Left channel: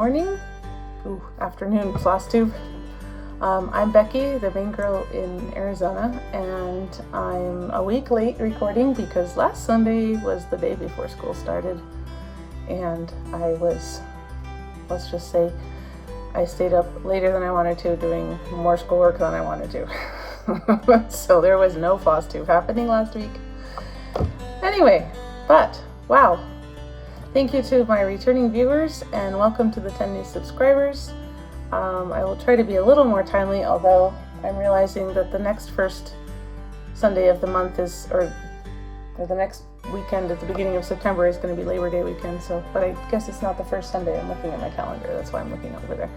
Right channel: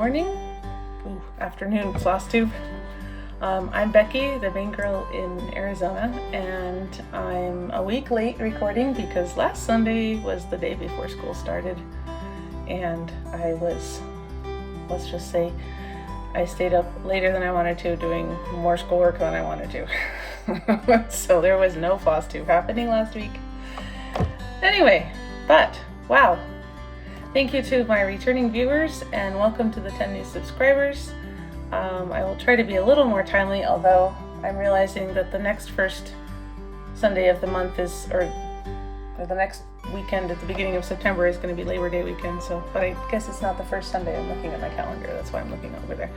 morning, afternoon, Flosstube. I'm Becky, the Maine girl in Arizona, and I'm a week late recording because last Sunday was the day before school started, and I was, let's just say, I stayed up later than I wanted to, doing more schoolwork than I wanted to. So there was no Flosstube happening last week. Anyway, but wow. Thank you to my returning viewers and welcome to the 10 new subscribers. I will try to be a little more timely, although I'm realizing that the next first Sunday of the month is, or the next weekend at the beginning of September is going to be Labor Day weekend. So, but I guess it's not the first Sunday. I'm looking at my calendar. That's why I'm looking over there.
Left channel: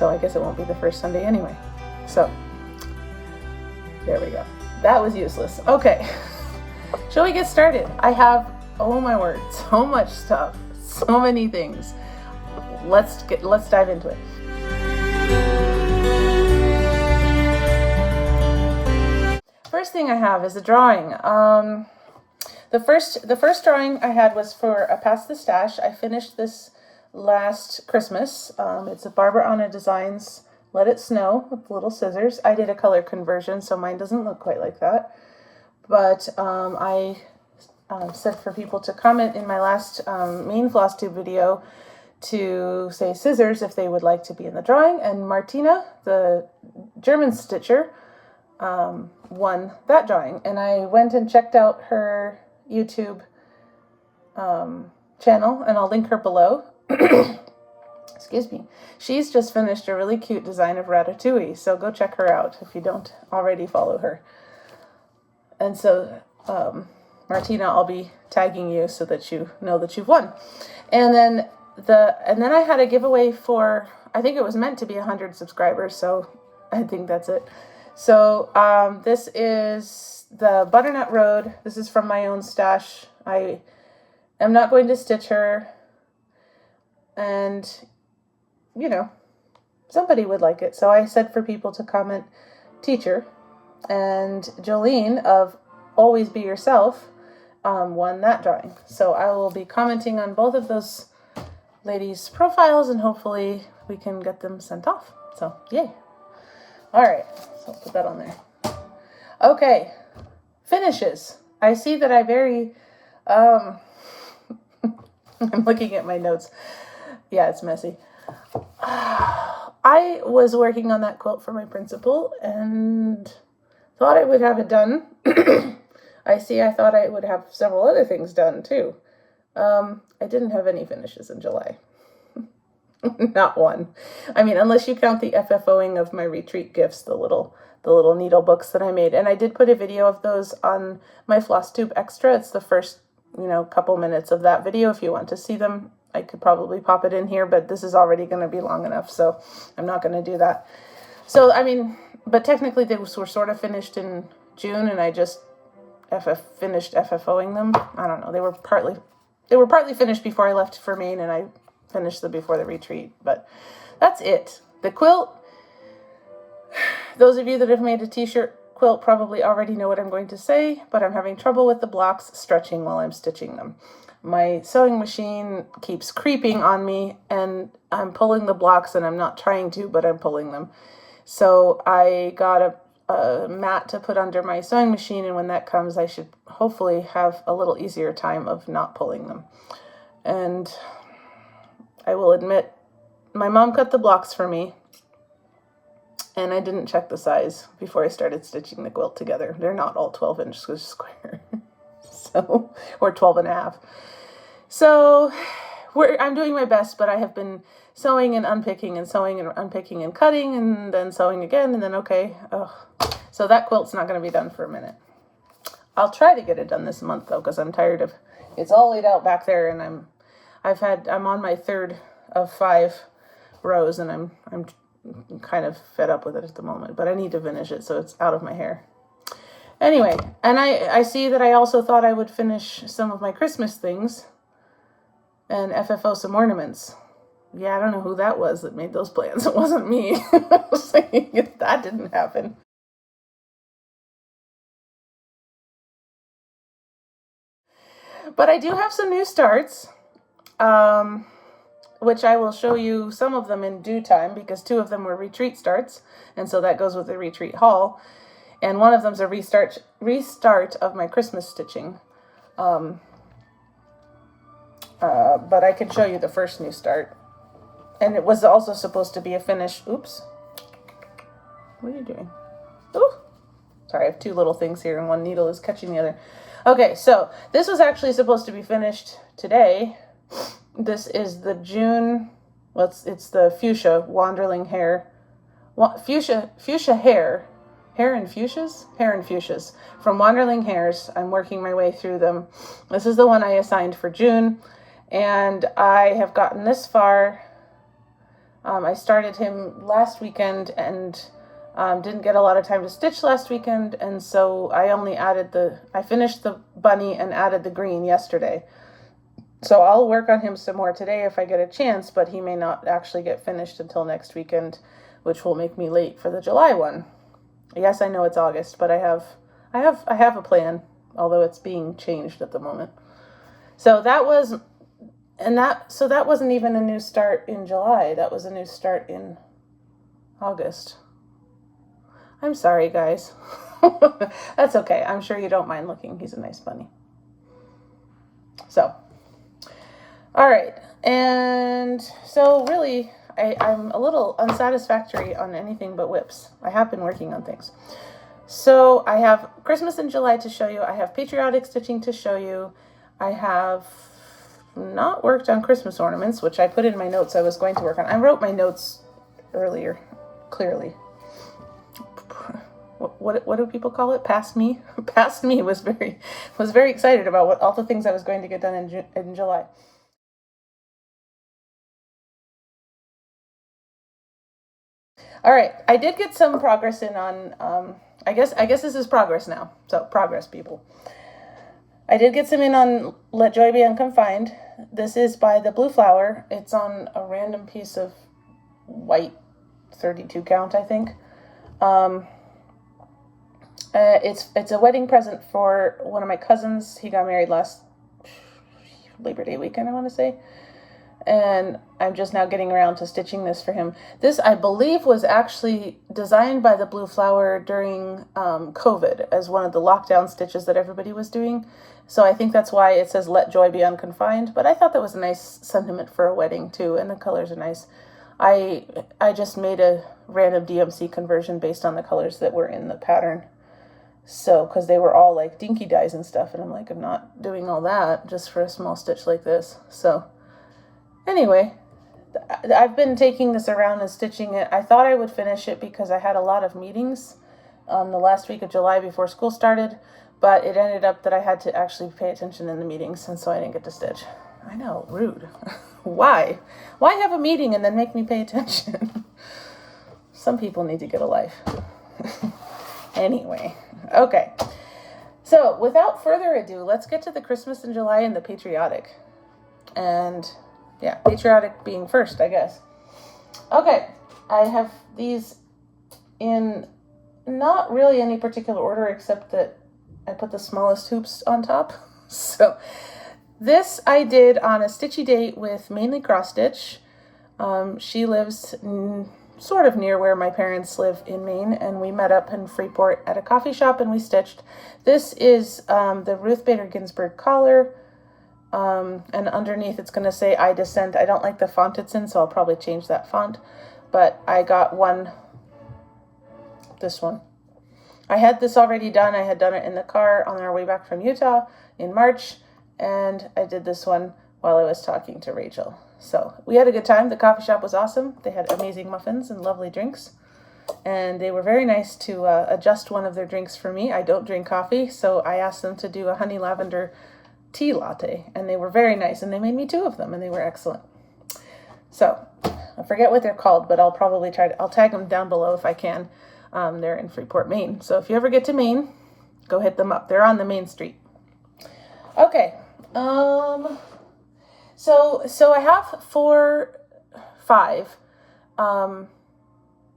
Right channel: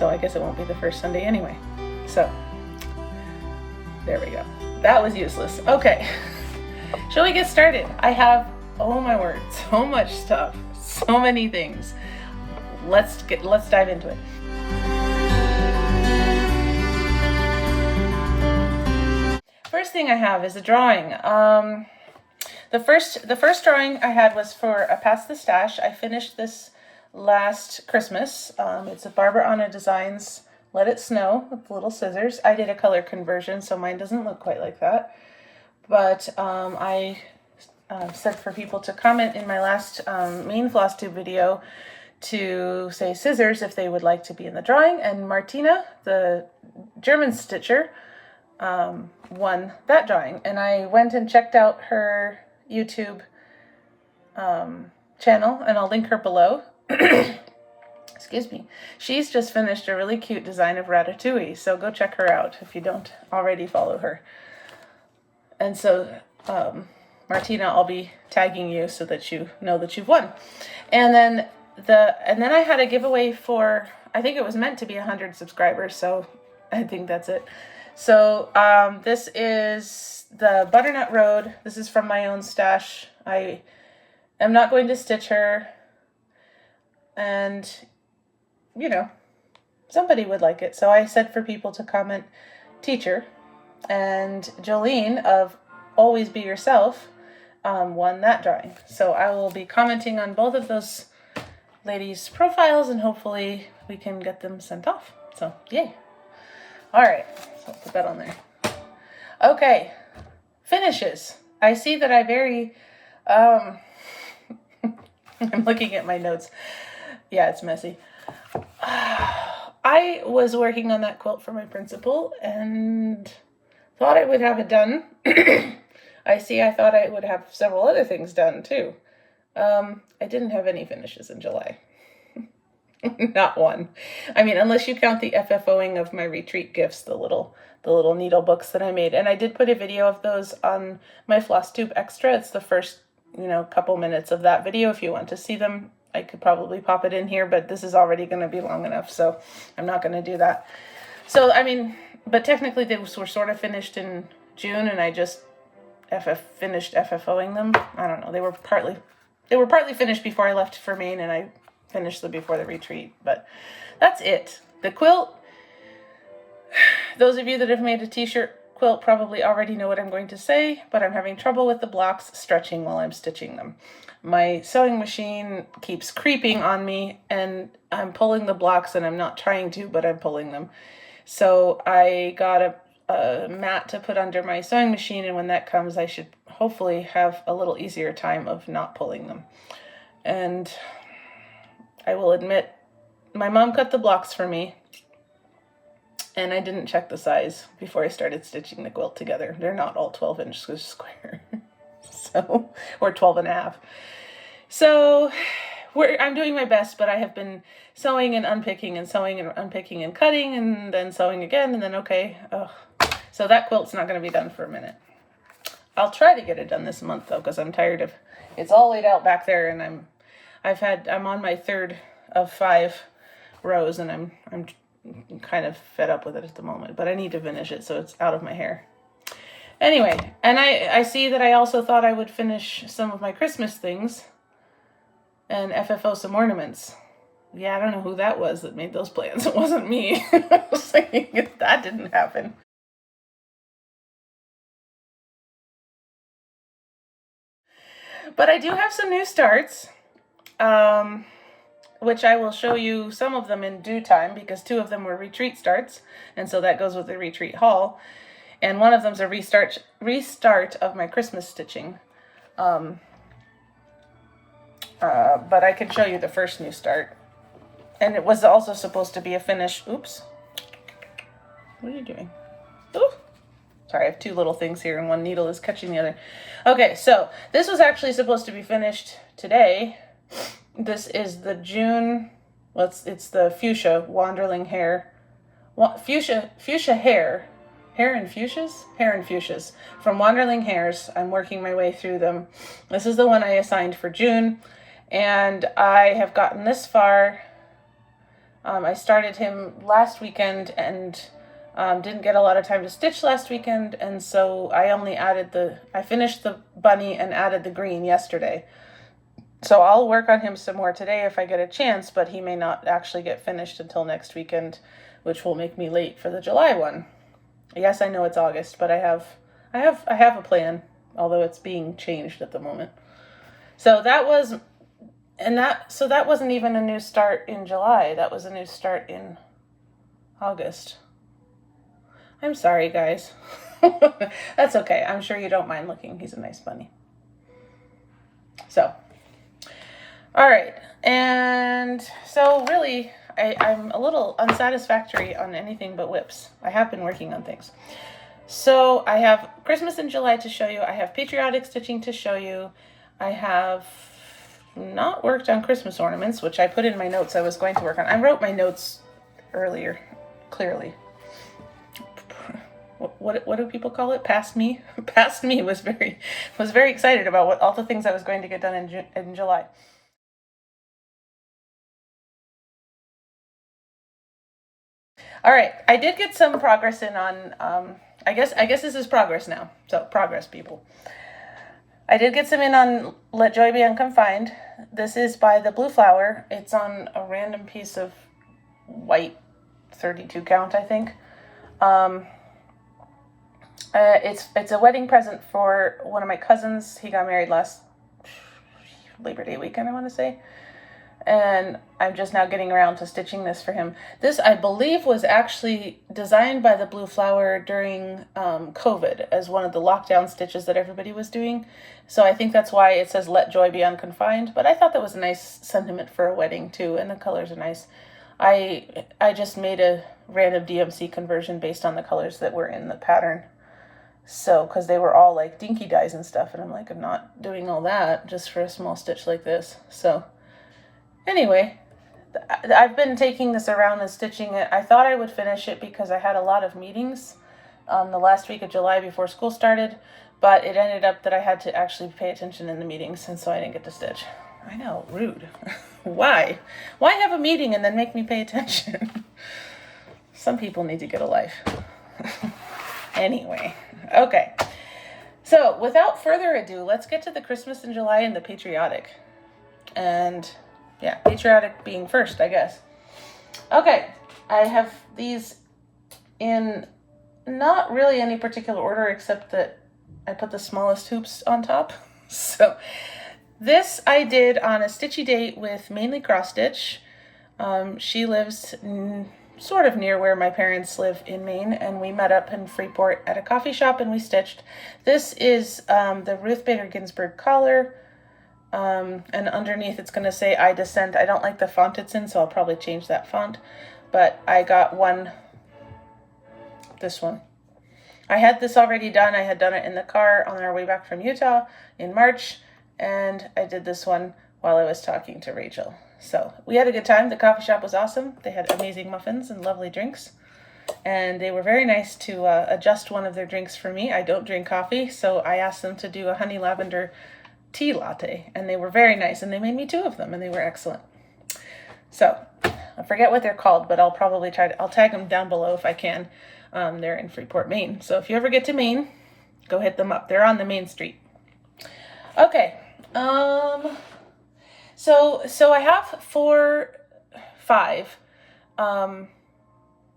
So I guess it won't be the first Sunday anyway. So there we go. That was useless. Okay. Shall we get started? I have, oh my word, so much stuff, so many things. Let's dive into it. First thing I have is a drawing. The first drawing I had was for a Pass the Stash. I finished this last Christmas. It's a Barbara Anna Designs Let It Snow with little scissors. I did a color conversion, so mine doesn't look quite like that. But I said for people to comment in my last Maine Flosstube video to say scissors if they would like to be in the drawing, and Martina, the German stitcher, won that drawing. And I went and checked out her YouTube channel, and I'll link her below. Excuse me. She's just finished a really cute design of Ratatouille, so go check her out if you don't already follow her. And so Martina, I'll be tagging you so that you know that you've won. And then I had a giveaway for, I think it was meant to be 100 subscribers, so I think that's it. So this is the Butternut Road. This is from my own stash. I am not going to stitch her, and you know, somebody would like it. So I said for people to comment teacher, and Jolene of Always Be Yourself won that drawing. So I will be commenting on both of those ladies' profiles, and hopefully we can get them sent off. So yay. All right, so I'll put that on there. Okay, finishes. I see that I very, I'm looking at my notes. Yeah, it's messy. I was working on that quilt for my principal and thought I would have it done. I thought I would have several other things done too. I didn't have any finishes in July. Not one. I mean, unless you count the FFOing of my retreat gifts, the little needle books that I made. And I did put a video of those on my Flosstube Extra. It's the first, couple minutes of that video. If you want to see them, I could probably pop it in here, but this is already going to be long enough, so I'm not going to do that. So, I mean, but technically they were sort of finished in June, and I just finished FFOing them. I don't know. They were partly finished before I left for Maine, and I finished them before the retreat, but that's it. The quilt, those of you that have made a t-shirt quilt probably already know what I'm going to say, but I'm having trouble with the blocks stretching while I'm stitching them. My sewing machine keeps creeping on me, and I'm pulling the blocks, and I'm not trying to, but I'm pulling them. So I got a mat to put under my sewing machine, and when that comes, I should hopefully have a little easier time of not pulling them. And I will admit, my mom cut the blocks for me, and I didn't check the size before I started stitching the quilt together. They're not all 12 inches square, so, or 12 and a half. So I'm doing my best, but I have been sewing and unpicking and sewing and unpicking and cutting and then sewing again, and then okay. Ugh. So that quilt's not going to be done for a minute. I'll try to get it done this month though, because I'm tired of, it's all laid out back there, and I'm on my third of 5 rows, and I'm kind of fed up with it at the moment, but I need to finish it so it's out of my hair. Anyway, and I see that I also thought I would finish some of my Christmas things and FFO some ornaments. Yeah, I don't know who that was that made those plans. It wasn't me. I was thinking that didn't happen. But I do have some new starts. which I will show you some of them in due time because 2 of them were retreat starts, and so that goes with the retreat haul. And one of them's a restart of my Christmas stitching. But I can show you the first new start. And it was also supposed to be a finish. Oops. What are you doing? Ooh. Sorry, I have 2 little things here and one needle is catching the other. Okay, so this was actually supposed to be finished today. This is the June, well, it's the Fuchsia Wanderling Hare. Fuchsia Hare. Hare and Fuchsias from Wanderling Hares. I'm working my way through them. This is the one I assigned for June, and I have gotten this far. I started him last weekend and didn't get a lot of time to stitch last weekend, and so I finished the bunny and added the green yesterday. So I'll work on him some more today if I get a chance, but he may not actually get finished until next weekend, which will make me late for the July one. Yes, I know it's August, but I have a plan, although it's being changed at the moment. So that wasn't even a new start in July. That was a new start in August. I'm sorry, guys. That's okay. I'm sure you don't mind looking. He's a nice bunny. So, all right. And so really, I'm a little unsatisfactory on anything but whips. I have been working on things. So I have Christmas in July to show you. I have patriotic stitching to show you. I have not worked on Christmas ornaments, which I put in my notes I was going to work on. I wrote my notes earlier, clearly. What do people call it? Past me? Past me was very excited about all the things I was going to get done in July. All right, I did get some progress in on, I guess this is progress now. So progress, people. I did get some in on Let Joy Be Unconfined. This is by the Blue Flower. It's on a random piece of white 32 count, I think. It's a wedding present for one of my cousins. He got married last Labor Day weekend, I want to say. And I'm just now getting around to stitching this for him. This, I believe, was actually designed by the Blue Flower during COVID as one of the lockdown stitches that everybody was doing. So I think that's why it says Let Joy Be Unconfined. But I thought that was a nice sentiment for a wedding too, and the colors are nice. I just made a random DMC conversion based on the colors that were in the pattern. So, because they were all like dinky dyes and stuff, and I'm like, I'm not doing all that just for a small stitch like this. So anyway, I've been taking this around and stitching it. I thought I would finish it because I had a lot of meetings the last week of July before school started, but it ended up that I had to actually pay attention in the meetings, and so I didn't get to stitch. I know, rude. Why? Why have a meeting and then make me pay attention? Some people need to get a life. Anyway, okay. So without further ado, let's get to the Christmas in July and the patriotic. And yeah, patriotic being first, I guess. Okay, I have these in not really any particular order except that I put the smallest hoops on top. So this I did on a stitchy date with Mainly Cross Stitch. She lives sort of near where my parents live in Maine, and we met up in Freeport at a coffee shop and we stitched. This is the Ruth Bader Ginsburg collar, and underneath it's going to say I Dissent. I don't like the font it's in, so I'll probably change that font, but I got this one. I had this already done. I had done it in the car on our way back from Utah in March, and I did this one while I was talking to Rachel. So we had a good time. The coffee shop was awesome. They had amazing muffins and lovely drinks, and they were very nice to adjust one of their drinks for me. I don't drink coffee, so I asked them to do a honey lavender tea latte, and they were very nice, and they made me 2 of them, and they were excellent. So I forget what they're called, but I'll probably I'll tag them down below if I can. They're in Freeport, Maine. So if you ever get to Maine, go hit them up. They're on the main street. Okay. So I have 5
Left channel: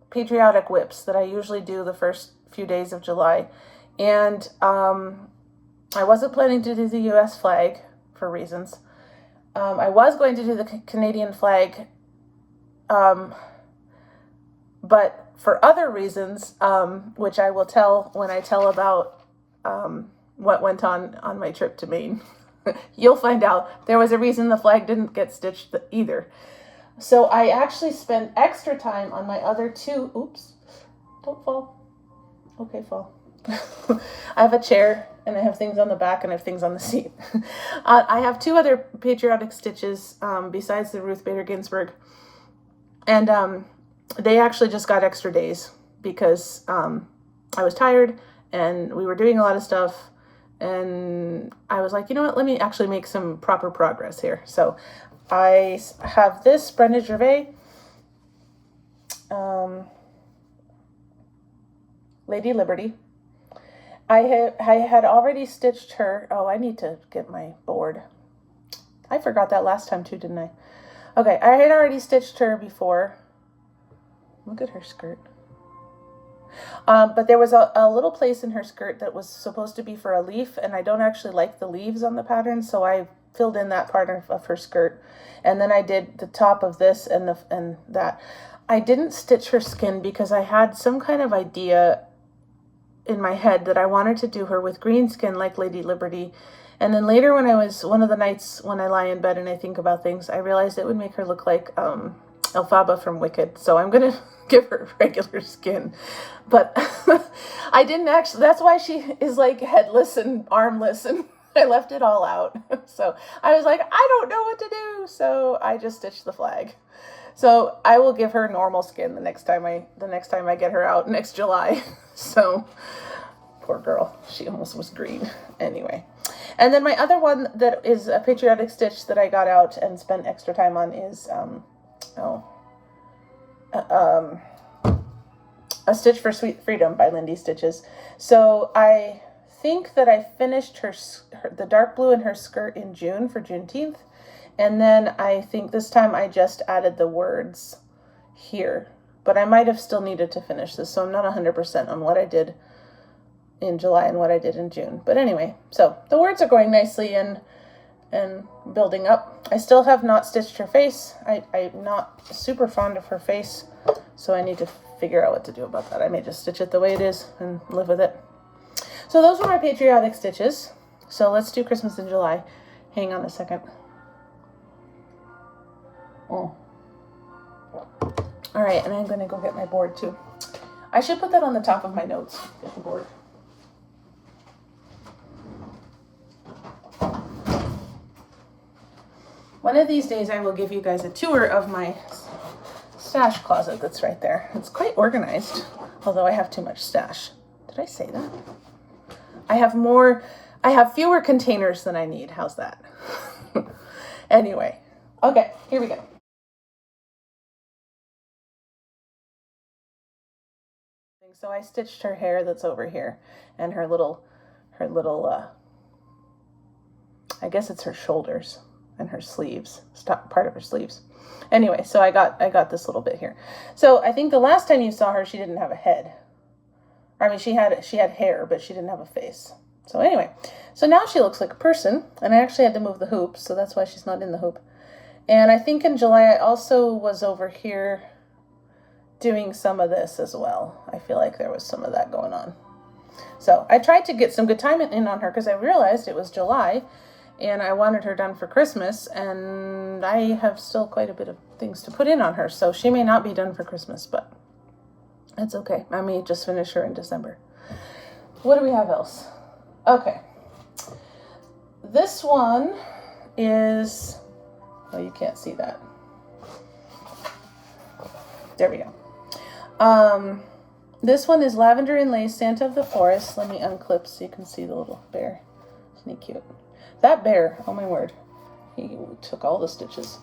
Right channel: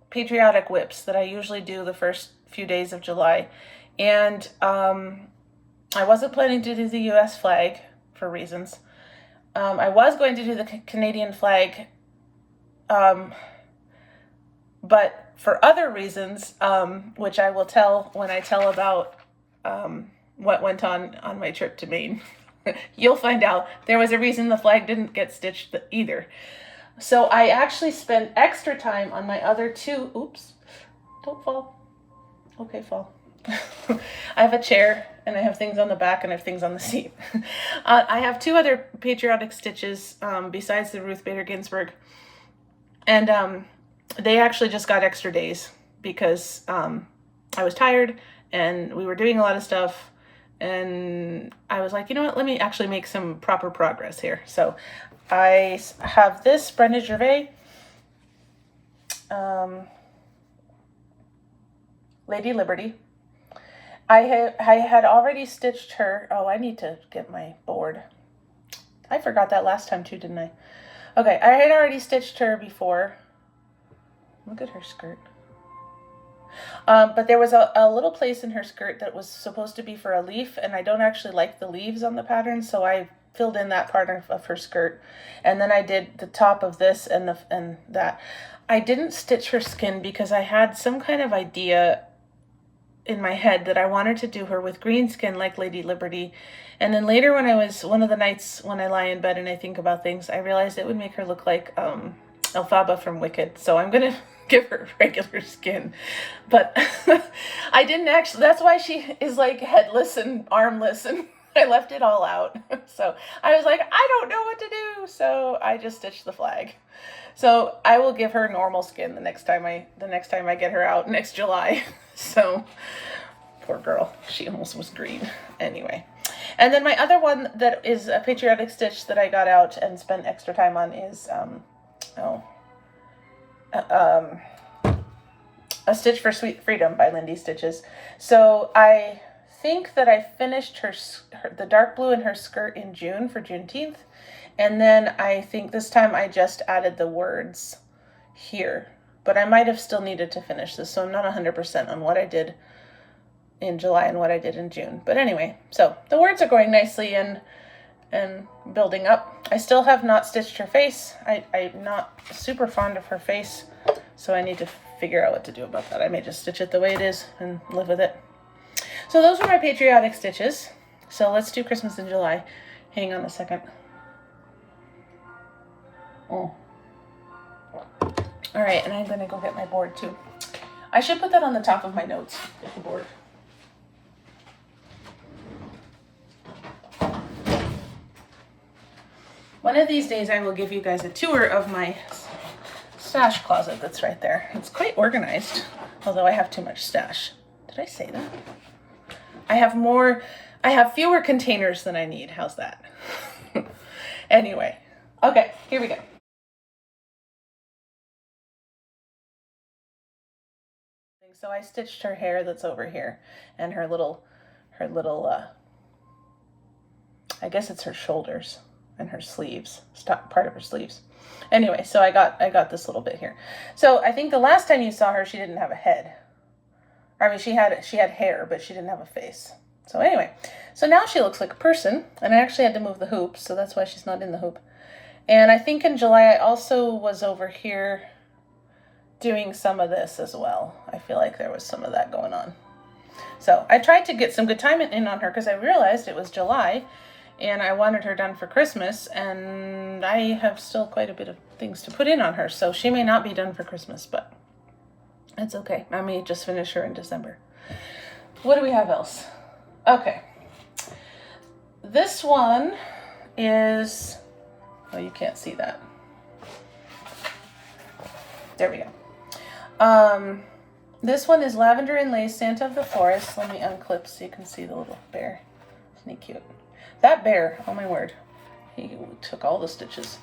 patriotic whips that I usually do the first few days of July. And I wasn't planning to do the US flag for reasons. I was going to do the Canadian flag, but for other reasons, which I will tell when I tell about what went on my trip to Maine. You'll find out there was a reason the flag didn't get stitched either. So I actually spent extra time on my other two. Oops, don't fall. Okay, fall. I have a chair and I have things on the back and I have things on the seat. I have two other patriotic stitches besides the Ruth Bader Ginsburg. And they actually just got extra days because I was tired and we were doing a lot of stuff. And I was like, you know what, let me actually make some proper progress here. So I have this Brenda Gervais Lady Liberty. I had already stitched her. Oh, I need to get my board. I forgot that last time too, didn't I? Okay, I had already stitched her before. Look at her skirt. But there was a little place in her skirt that was supposed to be for a leaf, and I don't actually like the leaves on the pattern, so I filled in that part of her skirt. And then I did the top of this and that. I didn't stitch her skin because I had some kind of idea in my head that I wanted to do her with green skin like Lady Liberty. And then later when one of the nights when I lie in bed and I think about things, I realized it would make her look like Elphaba from Wicked. So I'm going to give her regular skin. But I didn't actually, that's why she is like headless and armless, and I left it all out. So I was like, I don't know what to do. So I just stitched the flag. So I will give her normal skin the next time I get her out next July. So poor girl, she almost was green anyway. And then my other one that is a patriotic stitch that I got out and spent extra time on is A Stitch for Sweet Freedom by Lindy Stitches. So I think that I finished the dark blue in her skirt in June for Juneteenth. And then I think this time I just added the words here, but I might have still needed to finish this. So I'm not 100% on what I did in July and what I did in June. But anyway, so the words are going nicely and building up. I still have not stitched her face. I'm not super fond of her face, so I need to figure out what to do about that. I may just stitch it the way it is and live with it. So those were my patriotic stitches. So let's do Christmas in July. Hang on a second. Oh. All right, and I'm gonna go get my board too. I should put that on the top of my notes, get the board. One of these days I will give you guys a tour of my stash closet that's right there. It's quite organized, although I have too much stash. Did I say that? I have fewer containers than I need. How's that? Anyway, okay, here we go. So I stitched her hair that's over here and her little, I guess it's her shoulders and her sleeves, part of her sleeves. Anyway, so I got this little bit here. So I think the last time you saw her, she didn't have a head. I mean, she had hair, but she didn't have a face. So anyway, so now she looks like a person, and I actually had to move the hoop, so that's why she's not in the hoop. And I think in July, I also was over here doing some of this as well. I feel like there was some of that going on. So I tried to get some good time in on her because I realized it was July and I wanted her done for Christmas, and I have still quite a bit of things to put in on her. So she may not be done for Christmas, but that's okay. I may just finish her in December. What do we have else? Okay. This one is, oh, you can't see that. There we go. This one is Lavender and Lace, Santa of the Forest. Let me unclip so you can see the little bear. Isn't he cute? That bear, oh my word, he took all the stitches.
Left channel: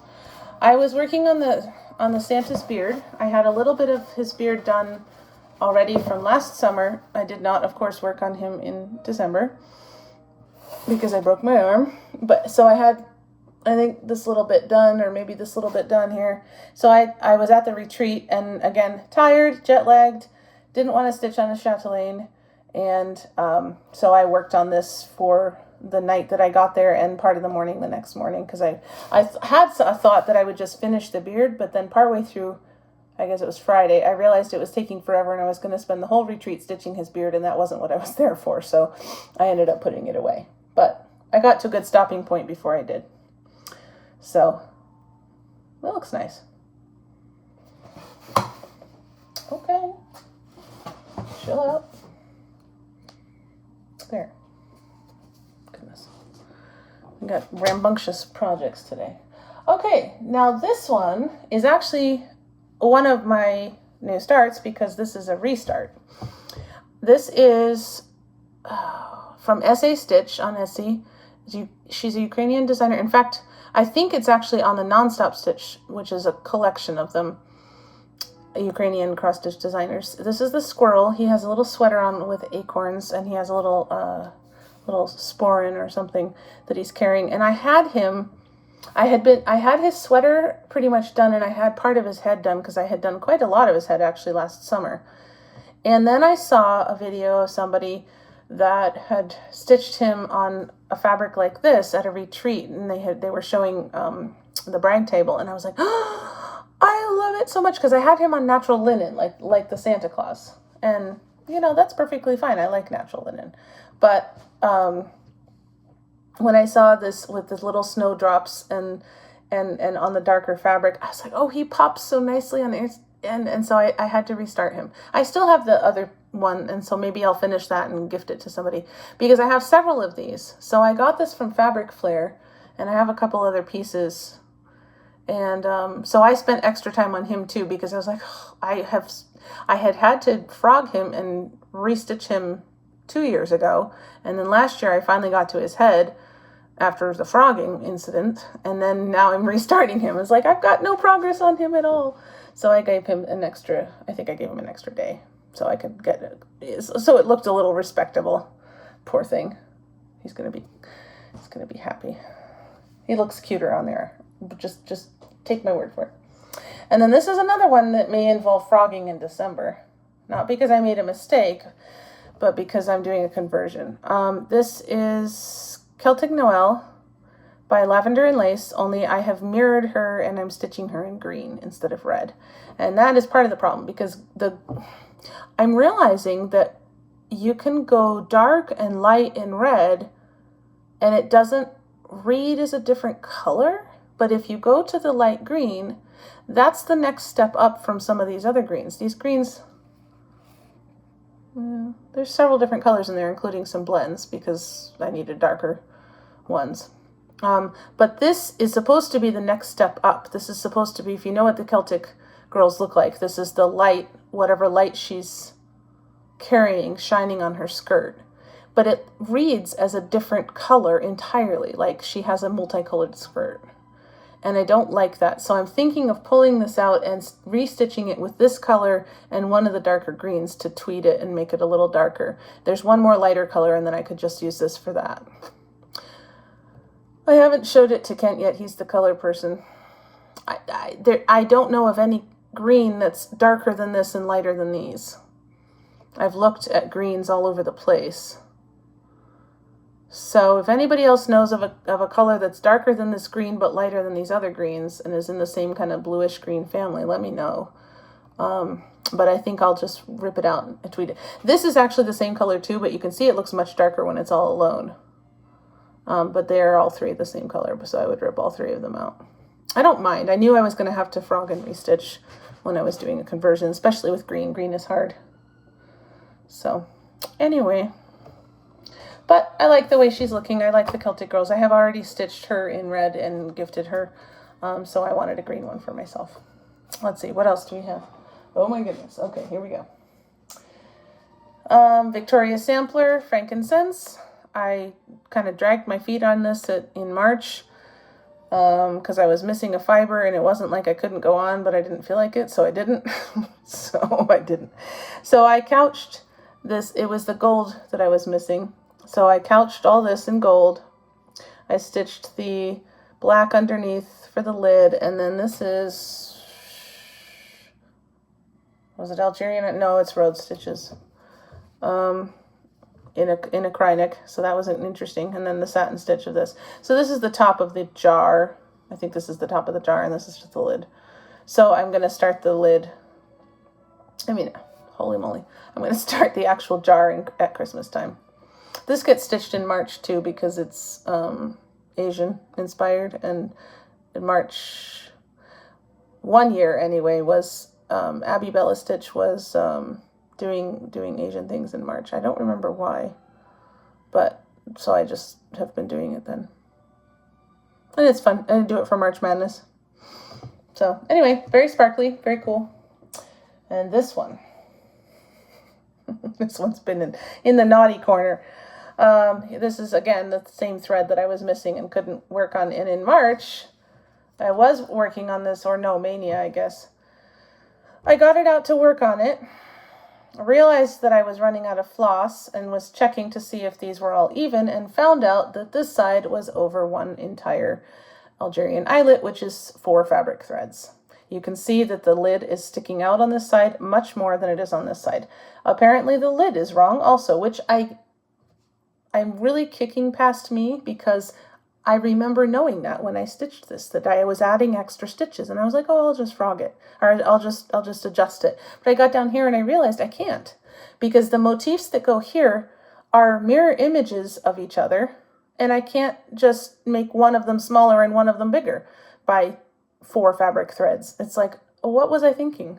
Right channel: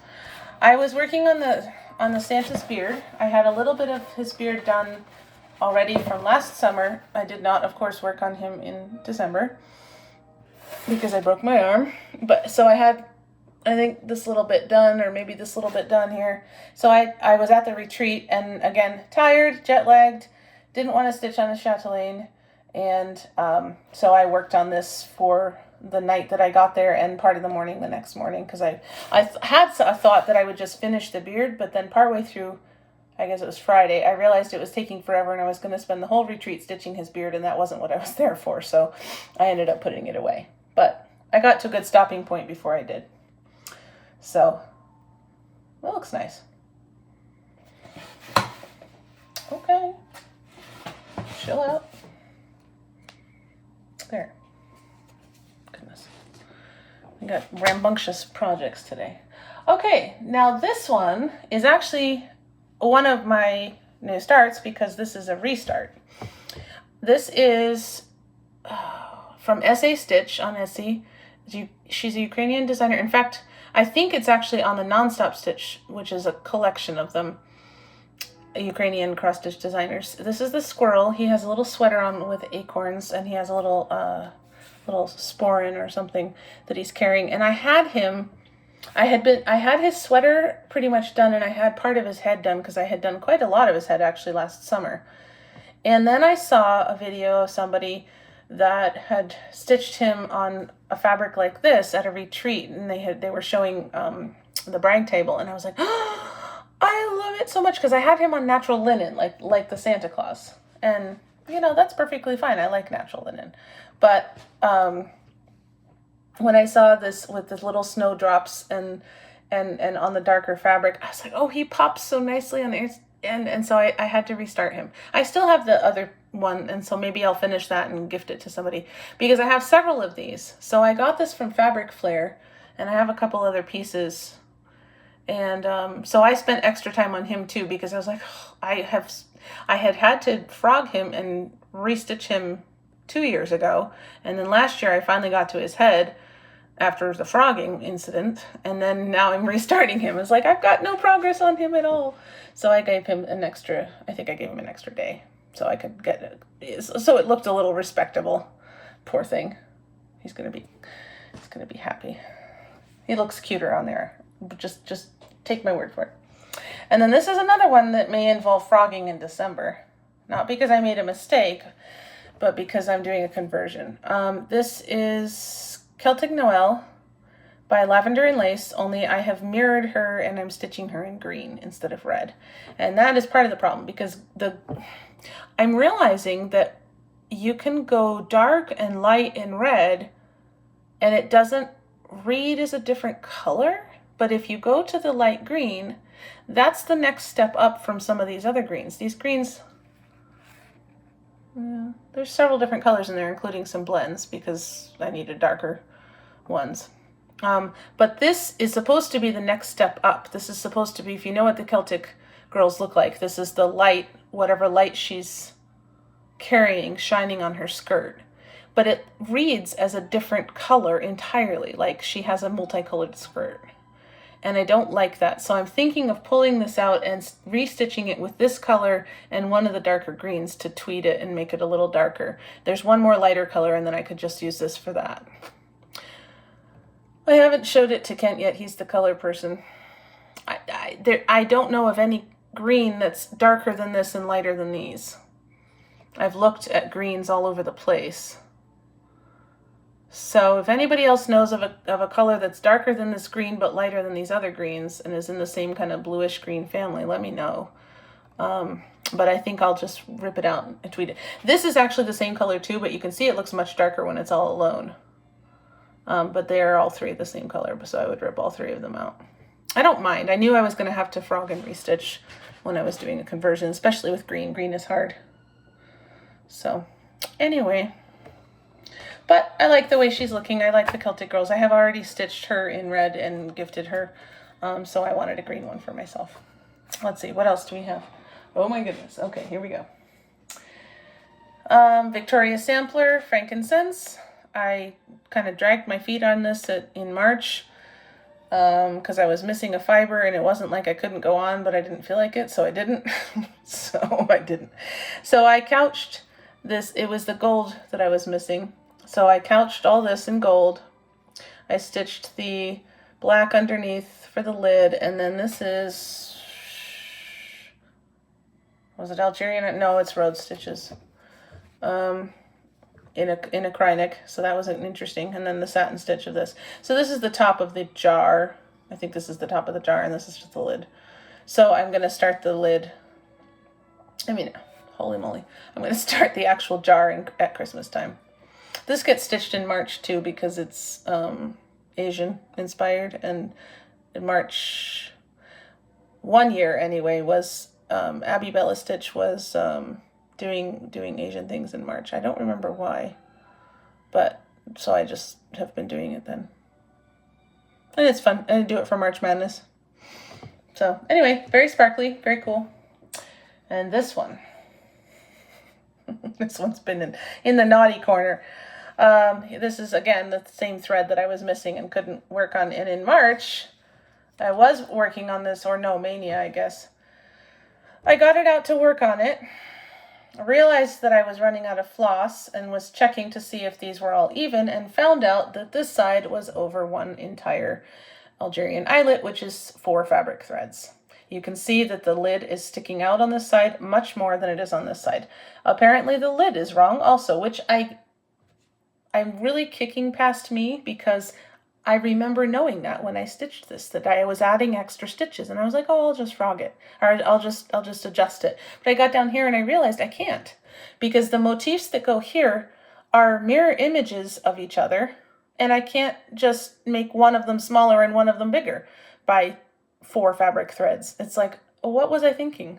I was working on the Santa's beard. I had a little bit of his beard done already from last summer. I did not, of course, work on him in December because I broke my arm. But so I had, I think, this little bit done, or maybe this little bit done here. So I was at the retreat, and again, tired, jet lagged, didn't want to stitch on a chatelaine, and so I worked on this for the night that I got there and part of the morning the next morning, because I had a thought that I would just finish the beard, but then partway through, I guess it was Friday, I realized it was taking forever and I was going to spend the whole retreat stitching his beard, and that wasn't what I was there for, so I ended up putting it away. But I got to a good stopping point before I did. So, that looks nice. Okay. Chill out. There. Goodness. We got rambunctious projects today. Okay, now this one is actually one of my new starts because this is a restart. This is from SA Stitch on Etsy. She's a Ukrainian designer. In fact, I think it's actually on the Nonstop Stitch, which is a collection of them. Ukrainian cross-stitch designers. This is the Squirrel. He has a little sweater on with acorns, and he has a little sporin or something that he's carrying. And I had his sweater pretty much done, and I had part of his head done because I had done quite a lot of his head actually last summer. And then I saw a video of somebody that had stitched him on a fabric like this at a retreat, and they were showing the brag table, and I was like, oh, I love it so much because I had him on natural linen, like the Santa Claus. And, you know, that's perfectly fine. I like natural linen. But when I saw this with the little snowdrops and on the darker fabric, I was like, oh, he pops so nicely on the and so I had to restart him. I still have the other one, and so maybe I'll finish that and gift it to somebody because I have several of these. So I got this from Fabric Flair, and I have a couple other pieces. And so I spent extra time on him too because I was like, oh, I had to frog him and restitch him 2 years ago, and then last year I finally got to his head after the frogging incident, and then now I'm restarting him. It's like I've got no progress on him at all. So I gave him an extra. I think I gave him an extra day so I could get it. So it looked a little respectable. Poor thing. He's gonna be happy. He looks cuter on there. But just take my word for it. And then this is another one that may involve frogging in December. Not because I made a mistake, but because I'm doing a conversion. This is Celtic Noel by Lavender and Lace, only I have mirrored her and I'm stitching her in green instead of red. And that is part of the problem because I'm realizing that you can go dark and light and red and it doesn't read as a different color. But if you go to the light green, that's the next step up from some of these other greens. These greens, there's several different colors in there, including some blends because I needed darker ones. But this is supposed to be the next step up. This is supposed to be, if you know what the Celtic girls look like, this is the light, whatever light she's carrying, shining on her skirt. But it reads as a different color entirely, like she has a multicolored skirt. And I don't like that. So I'm thinking of pulling this out and restitching it with this color and one of the darker greens to tweed it and make it a little darker. There's one more lighter color and then I could just use this for that. I haven't showed it to Kent yet. He's the color person. I don't know of any green that's darker than this and lighter than these. I've looked at greens all over the place. So if anybody else knows of a color that's darker than this green but lighter than these other greens and is in the same kind of bluish green family, let me know. But I think I'll just rip it out and tweet it. This is actually the same color too, but you can see it looks much darker when it's all alone. But they are all three the same color, so I would rip all three of them out. I don't mind. I knew I was going to have to frog and restitch when I was doing a conversion, especially with green. Green is hard. So anyway, but I like the way she's looking. I like the Celtic girls. I have already stitched her in red and gifted her, so I wanted a green one for myself. Let's see, what else do we have? Oh my goodness. Okay, here we go. Victoria Sampler, Frankincense. I kind of dragged my feet on this in March because I was missing a fiber and it wasn't like I couldn't go on, but I didn't feel like it, so I didn't. So I couched this. It was the gold that I was missing. So I couched all this in gold. I stitched the black underneath for the lid, and then this is, was it Algerian? No, it's Rhodes stitches. in a cry neck. So that was interesting. And then the satin stitch of this. So this is the top of the jar. I think this is the top of the jar, and this is just the lid. So I'm going to start the lid. I mean, holy moly. I'm going to start the actual jar at Christmas time. This gets stitched in March too, because it's Asian inspired. And in March, one year anyway, was Abby Bella Stitch was doing Asian things in March. I don't remember why, but so I just have been doing it then. And it's fun. And I do it for March Madness. So anyway, very sparkly, very cool. And this one, this one's been in the naughty corner. This is, again, the same thread that I was missing and couldn't work on. And in March, I was working on this, or no, Mania, I guess. I got it out to work on it. I realized that I was running out of floss and was checking to see if these were all even, and found out that this side was over one entire Algerian eyelet, which is 4 fabric threads. You can see that the lid is sticking out on this side much more than it is on this side. Apparently the lid is wrong also, which I'm really kicking past me, because I remember knowing that when I stitched this, that I was adding extra stitches, and I was like, oh, I'll just frog it, or I'll just adjust it. But I got down here and I realized I can't, because the motifs that go here are mirror images of each other, and I can't just make one of them smaller and one of them bigger by 4 fabric threads. It's like, what was I thinking?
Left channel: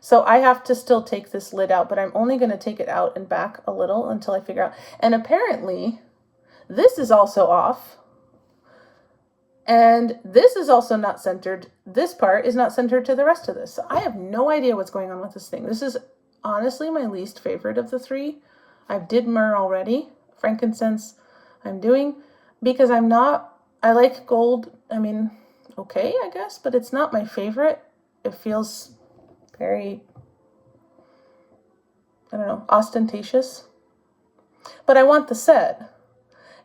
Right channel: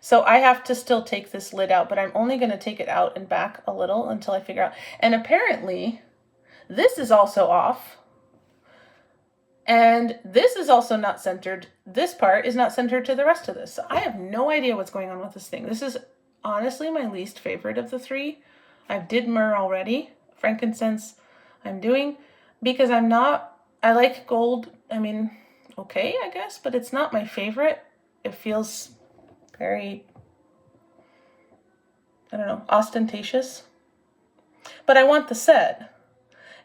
So I have to still take this lid out, but I'm only going to take it out and back a little until I figure out. And apparently this is also off. And this is also not centered. This part is not centered to the rest of this. So I have no idea what's going on with this thing. This is honestly my least favorite of the 3. I did myrrh already. Frankincense I'm doing, because I like gold. I mean, okay, I guess, but it's not my favorite. It feels very, I don't know, ostentatious. But I want the set.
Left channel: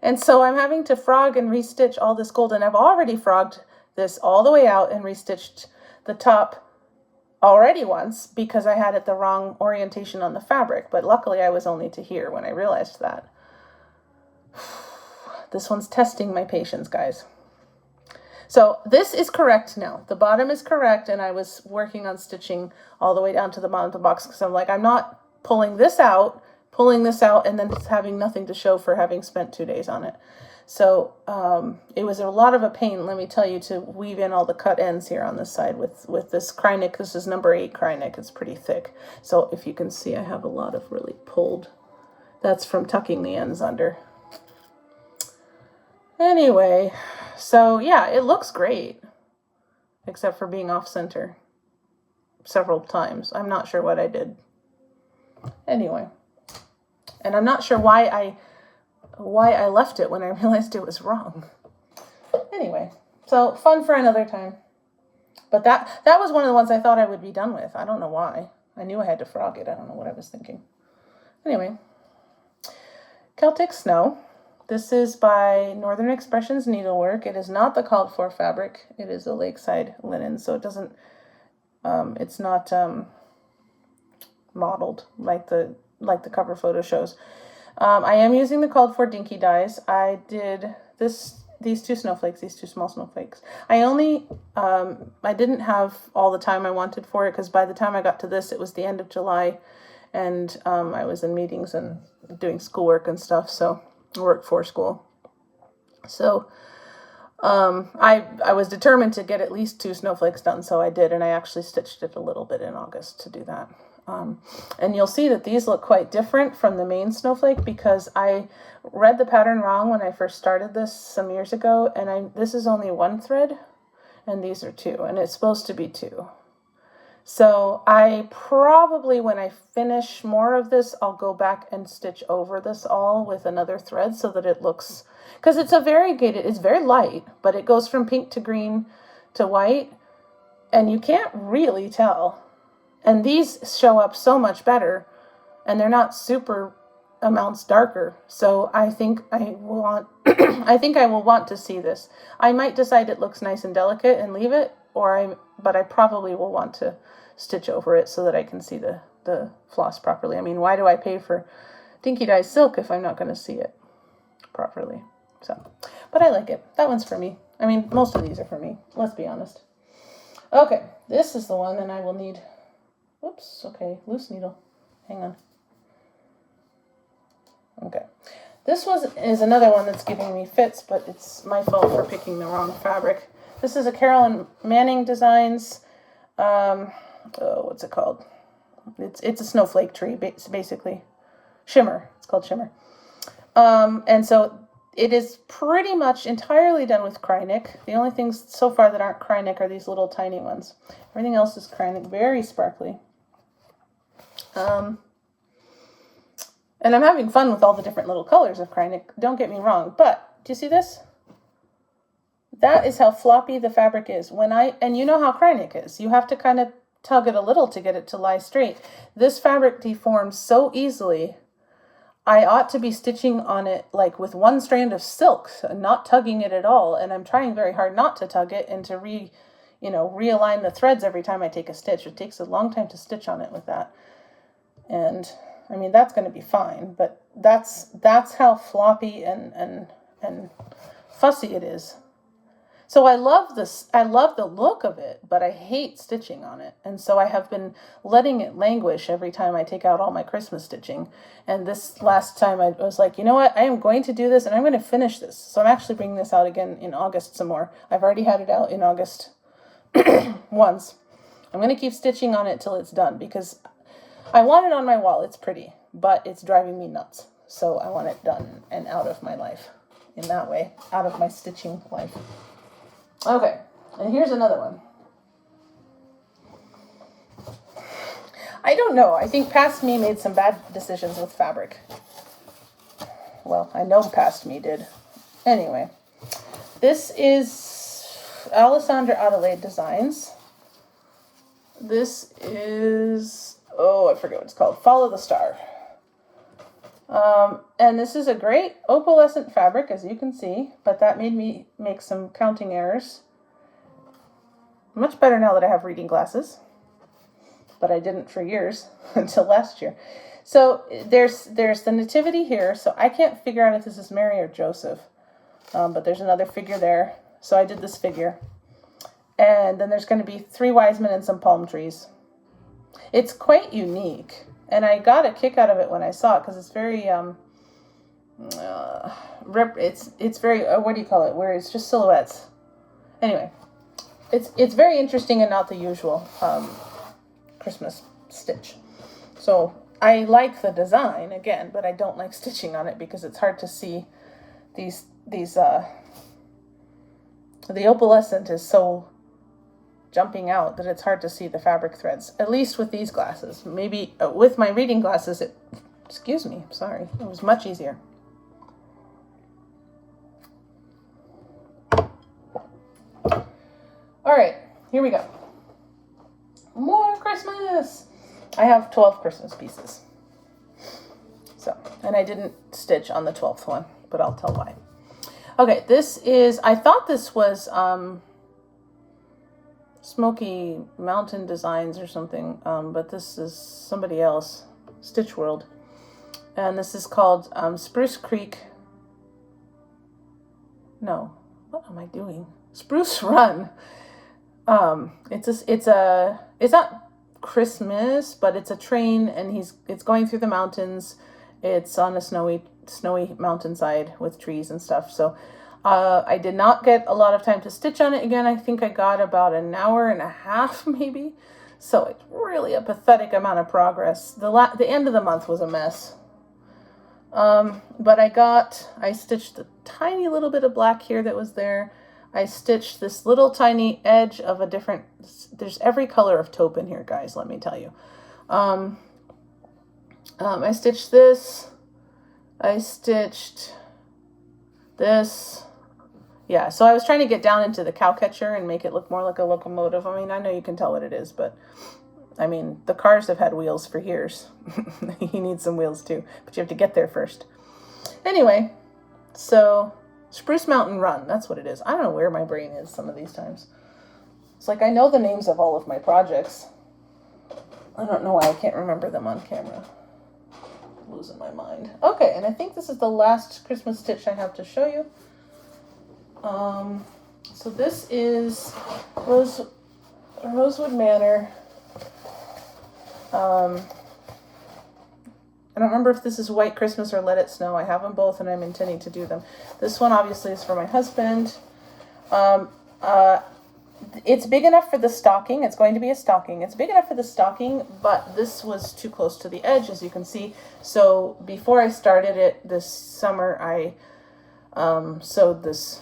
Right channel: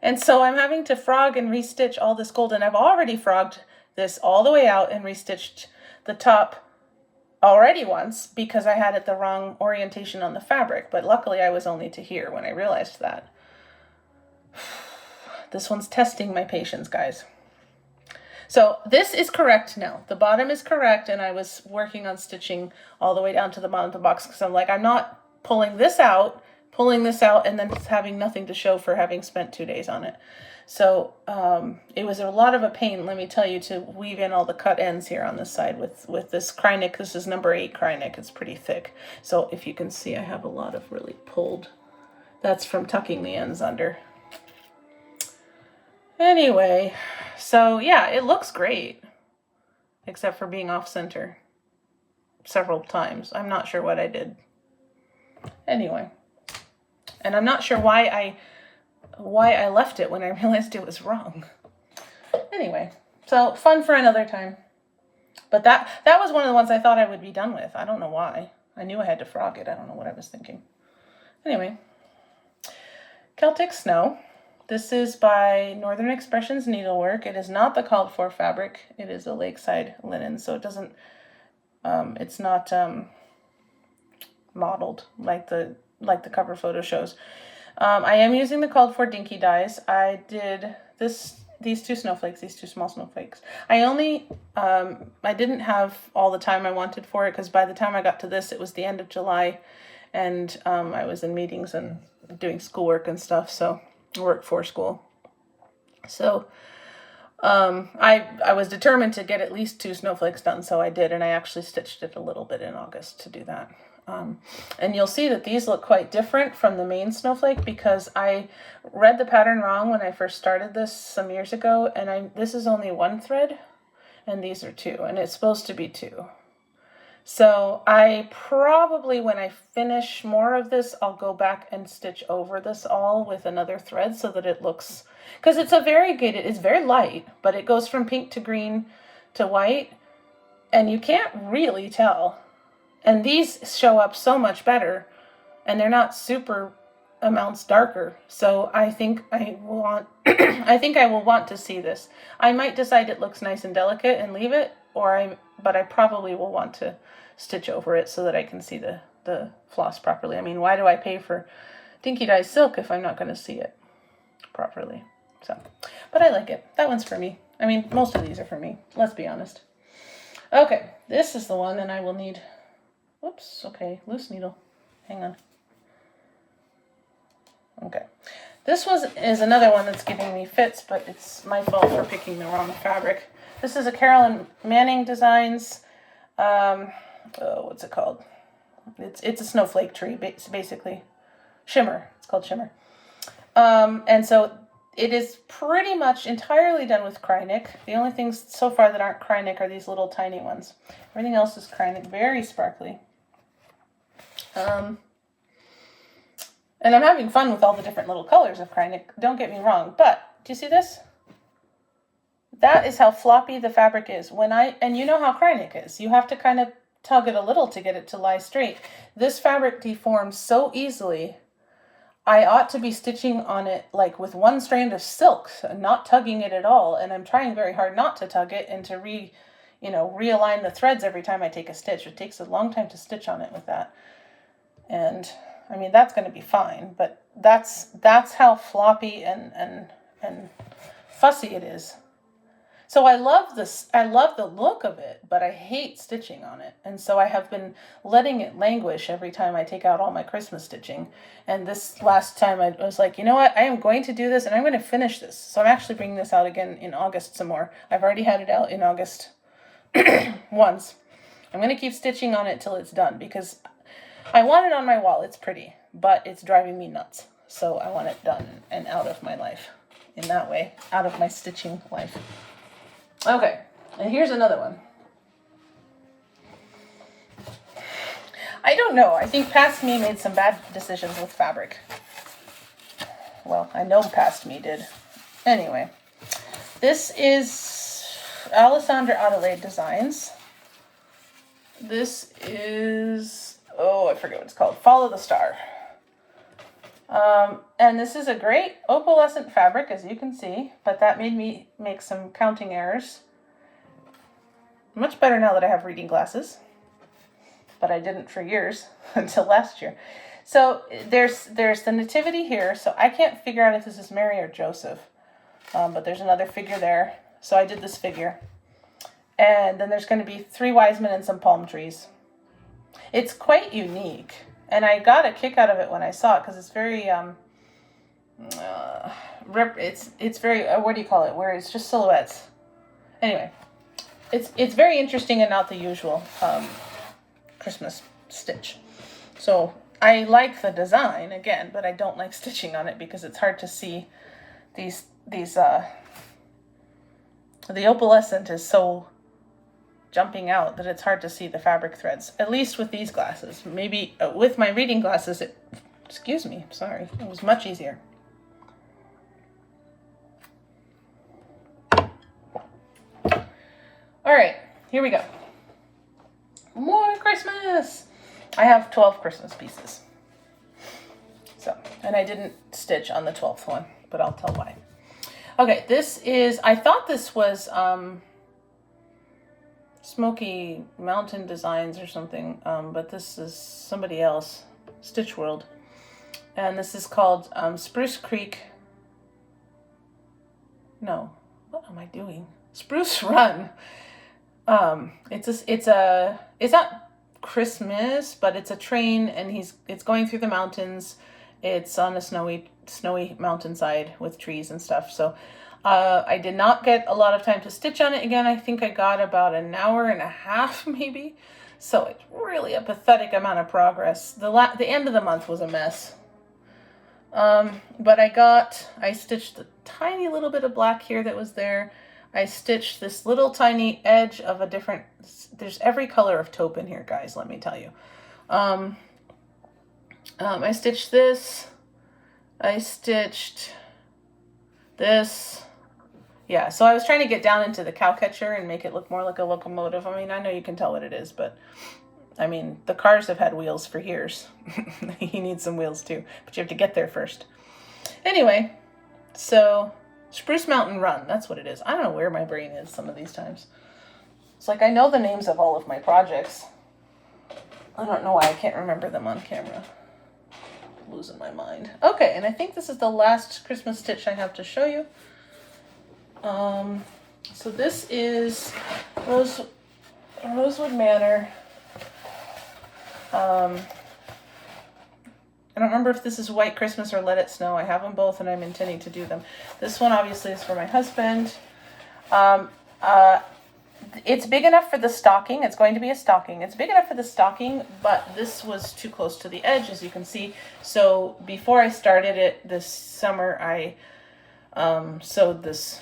And so I'm having to frog and restitch all this gold, and I've already frogged this all the way out and restitched the top already once because I had it the wrong orientation on the fabric, but luckily I was only to here when I realized that. This one's testing my patience, guys. So this is correct now. The bottom is correct, and I was working on stitching all the way down to the bottom of the box because I'm like, I'm not pulling this out, and then having nothing to show for having spent 2 days on it. So it was a lot of a pain, let me tell you, to weave in all the cut ends here on this side with this cry neck. This is number 8 cry neck. It's pretty thick. So if you can see, I have a lot of really pulled. That's from tucking the ends under. Anyway, so yeah, it looks great, except for being off center several times. I'm not sure what I did. Anyway, and I'm not sure why I left it when I realized it was wrong. Anyway, so fun for another time. But that was one of the ones I thought I would be done with. I don't know why. I knew I had to frog it. I don't know what I was thinking. Anyway, Celtic Snow. This is by Northern Expressions Needlework. It is not the called for fabric. It is a lakeside linen, so it doesn't, it's not modeled like the cover photo shows. I am using the called for dinky dyes. I did these two snowflakes, these two small snowflakes. I didn't have all the time I wanted for it, because by the time I got to this, it was the end of July, and I was in meetings and doing schoolwork and stuff, so work for school. So I was determined to get at least 2 snowflakes done, so I did, and I actually stitched it a little bit in August to do that. And you'll see that these look quite different from the main snowflake, because I read the pattern wrong when I first started this some years ago, and this is only 1 thread and these are 2, and it's supposed to be 2. So I probably, when I finish more of this, I'll go back and stitch over this all with another thread so that it looks, because it's it's very light, but it goes from pink to green to white, and you can't really tell. And these show up so much better, and they're not super amounts darker. So I think I will want to see this. I might decide it looks nice and delicate and leave it, but I probably will want to stitch over it so that I can see the floss properly. I mean, why do I pay for dinky dye silk if I'm not going to see it properly. So, but I like it. That one's for me. I mean, most of these are for me. Let's be honest. Okay, this is the one, and I will need, whoops, okay, loose needle. Hang on. Okay. This is another one that's giving me fits, but it's my fault for picking the wrong fabric. This is a Carolyn Manning Designs, what's it called? It's a snowflake tree, basically. Shimmer. It's called Shimmer. And so it is pretty much entirely done with Krynic. The only things so far that aren't Krynic are these little tiny ones. Everything else is Krynic, very sparkly. And I'm having fun with all the different little colors of Krynic, don't get me wrong, but do you see this? That is how floppy the fabric is. And you know how Krynic is. You have to kind of tug it a little to get it to lie straight. This fabric deforms so easily. I ought to be stitching on it like with one strand of silk, not tugging it at all. And I'm trying very hard not to tug it and to realign the threads every time I take a stitch. It takes a long time to stitch on it with that. And I mean, that's going to be fine, but that's how floppy and fussy it is. So I love this. I love the look of it, but I hate stitching on it. And so I have been letting it languish every time I take out all my Christmas stitching. And this last time I was like, you know what? I am going to do this and I'm going to finish this. So I'm actually bringing this out again in August some more. I've already had it out in August once. I'm going to keep stitching on it till it's done because I want it on my wall. It's pretty, but it's driving me nuts. So I want it done and out of my life in that way, out of my stitching life. Okay, and here's another one. I don't know. I think past me made some bad decisions with fabric. Well, I know past me did. Anyway, this is Alessandra Adelaide Designs. This is, I forget what it's called. Follow the Star. And this is a great opalescent fabric, as you can see, but that made me make some counting errors. Much better now that I have reading glasses, but I didn't for years until last year. So there's the nativity here, so I can't figure out if this is Mary or Joseph, but there's another figure there. So I did this figure. And then there's going to be 3 wise men and some palm trees. It's quite unique. And I got a kick out of it when I saw it because it's very, it's very, what do you call it? Where it's just silhouettes. Anyway, it's very interesting and not the usual Christmas stitch. So I like the design again, but I don't like stitching on it because it's hard to see these the opalescent is so jumping out that it's hard to see the fabric threads, at least with these glasses. Maybe with my reading glasses, it was much easier. All right, here we go. More Christmas. I have 12 Christmas pieces. So, and I didn't stitch on the 12th one, but I'll tell why. Okay, I thought this was, Smoky Mountain Designs or something, but this is somebody else, Stitch World, and this is called Spruce Creek. No, what am I doing? Spruce Run. It's not Christmas, but it's a train, and it's going through the mountains. It's on a snowy mountainside with trees and stuff. So. I did not get a lot of time to stitch on it again. I think I got about an hour and a half maybe. So it's really a pathetic amount of progress. The end of the month was a mess. But I stitched a tiny little bit of black here that was there. I stitched this little tiny edge of there's every color of taupe in here, guys, let me tell you. I stitched this. I stitched this. Yeah, so I was trying to get down into the cow catcher and make it look more like a locomotive. I mean, I know you can tell what it is, but I mean, the cars have had wheels for years. He needs some wheels too, but you have to get there first. Anyway, so Spruce Mountain Run, that's what it is. I don't know where my brain is some of these times. It's like I know the names of all of my projects. I don't know why I can't remember them on camera. losing my mind. Okay, and I think this is the last Christmas stitch I have to show you. So this is Rosewood Manor. I don't remember if this is White Christmas or Let It Snow. I have them both and I'm intending to do them. This one obviously is for my husband. It's big enough for the stocking. It's going to be a stocking. It's big enough for the stocking, but this was too close to the edge, as you can see. So before I started it this summer, I sewed this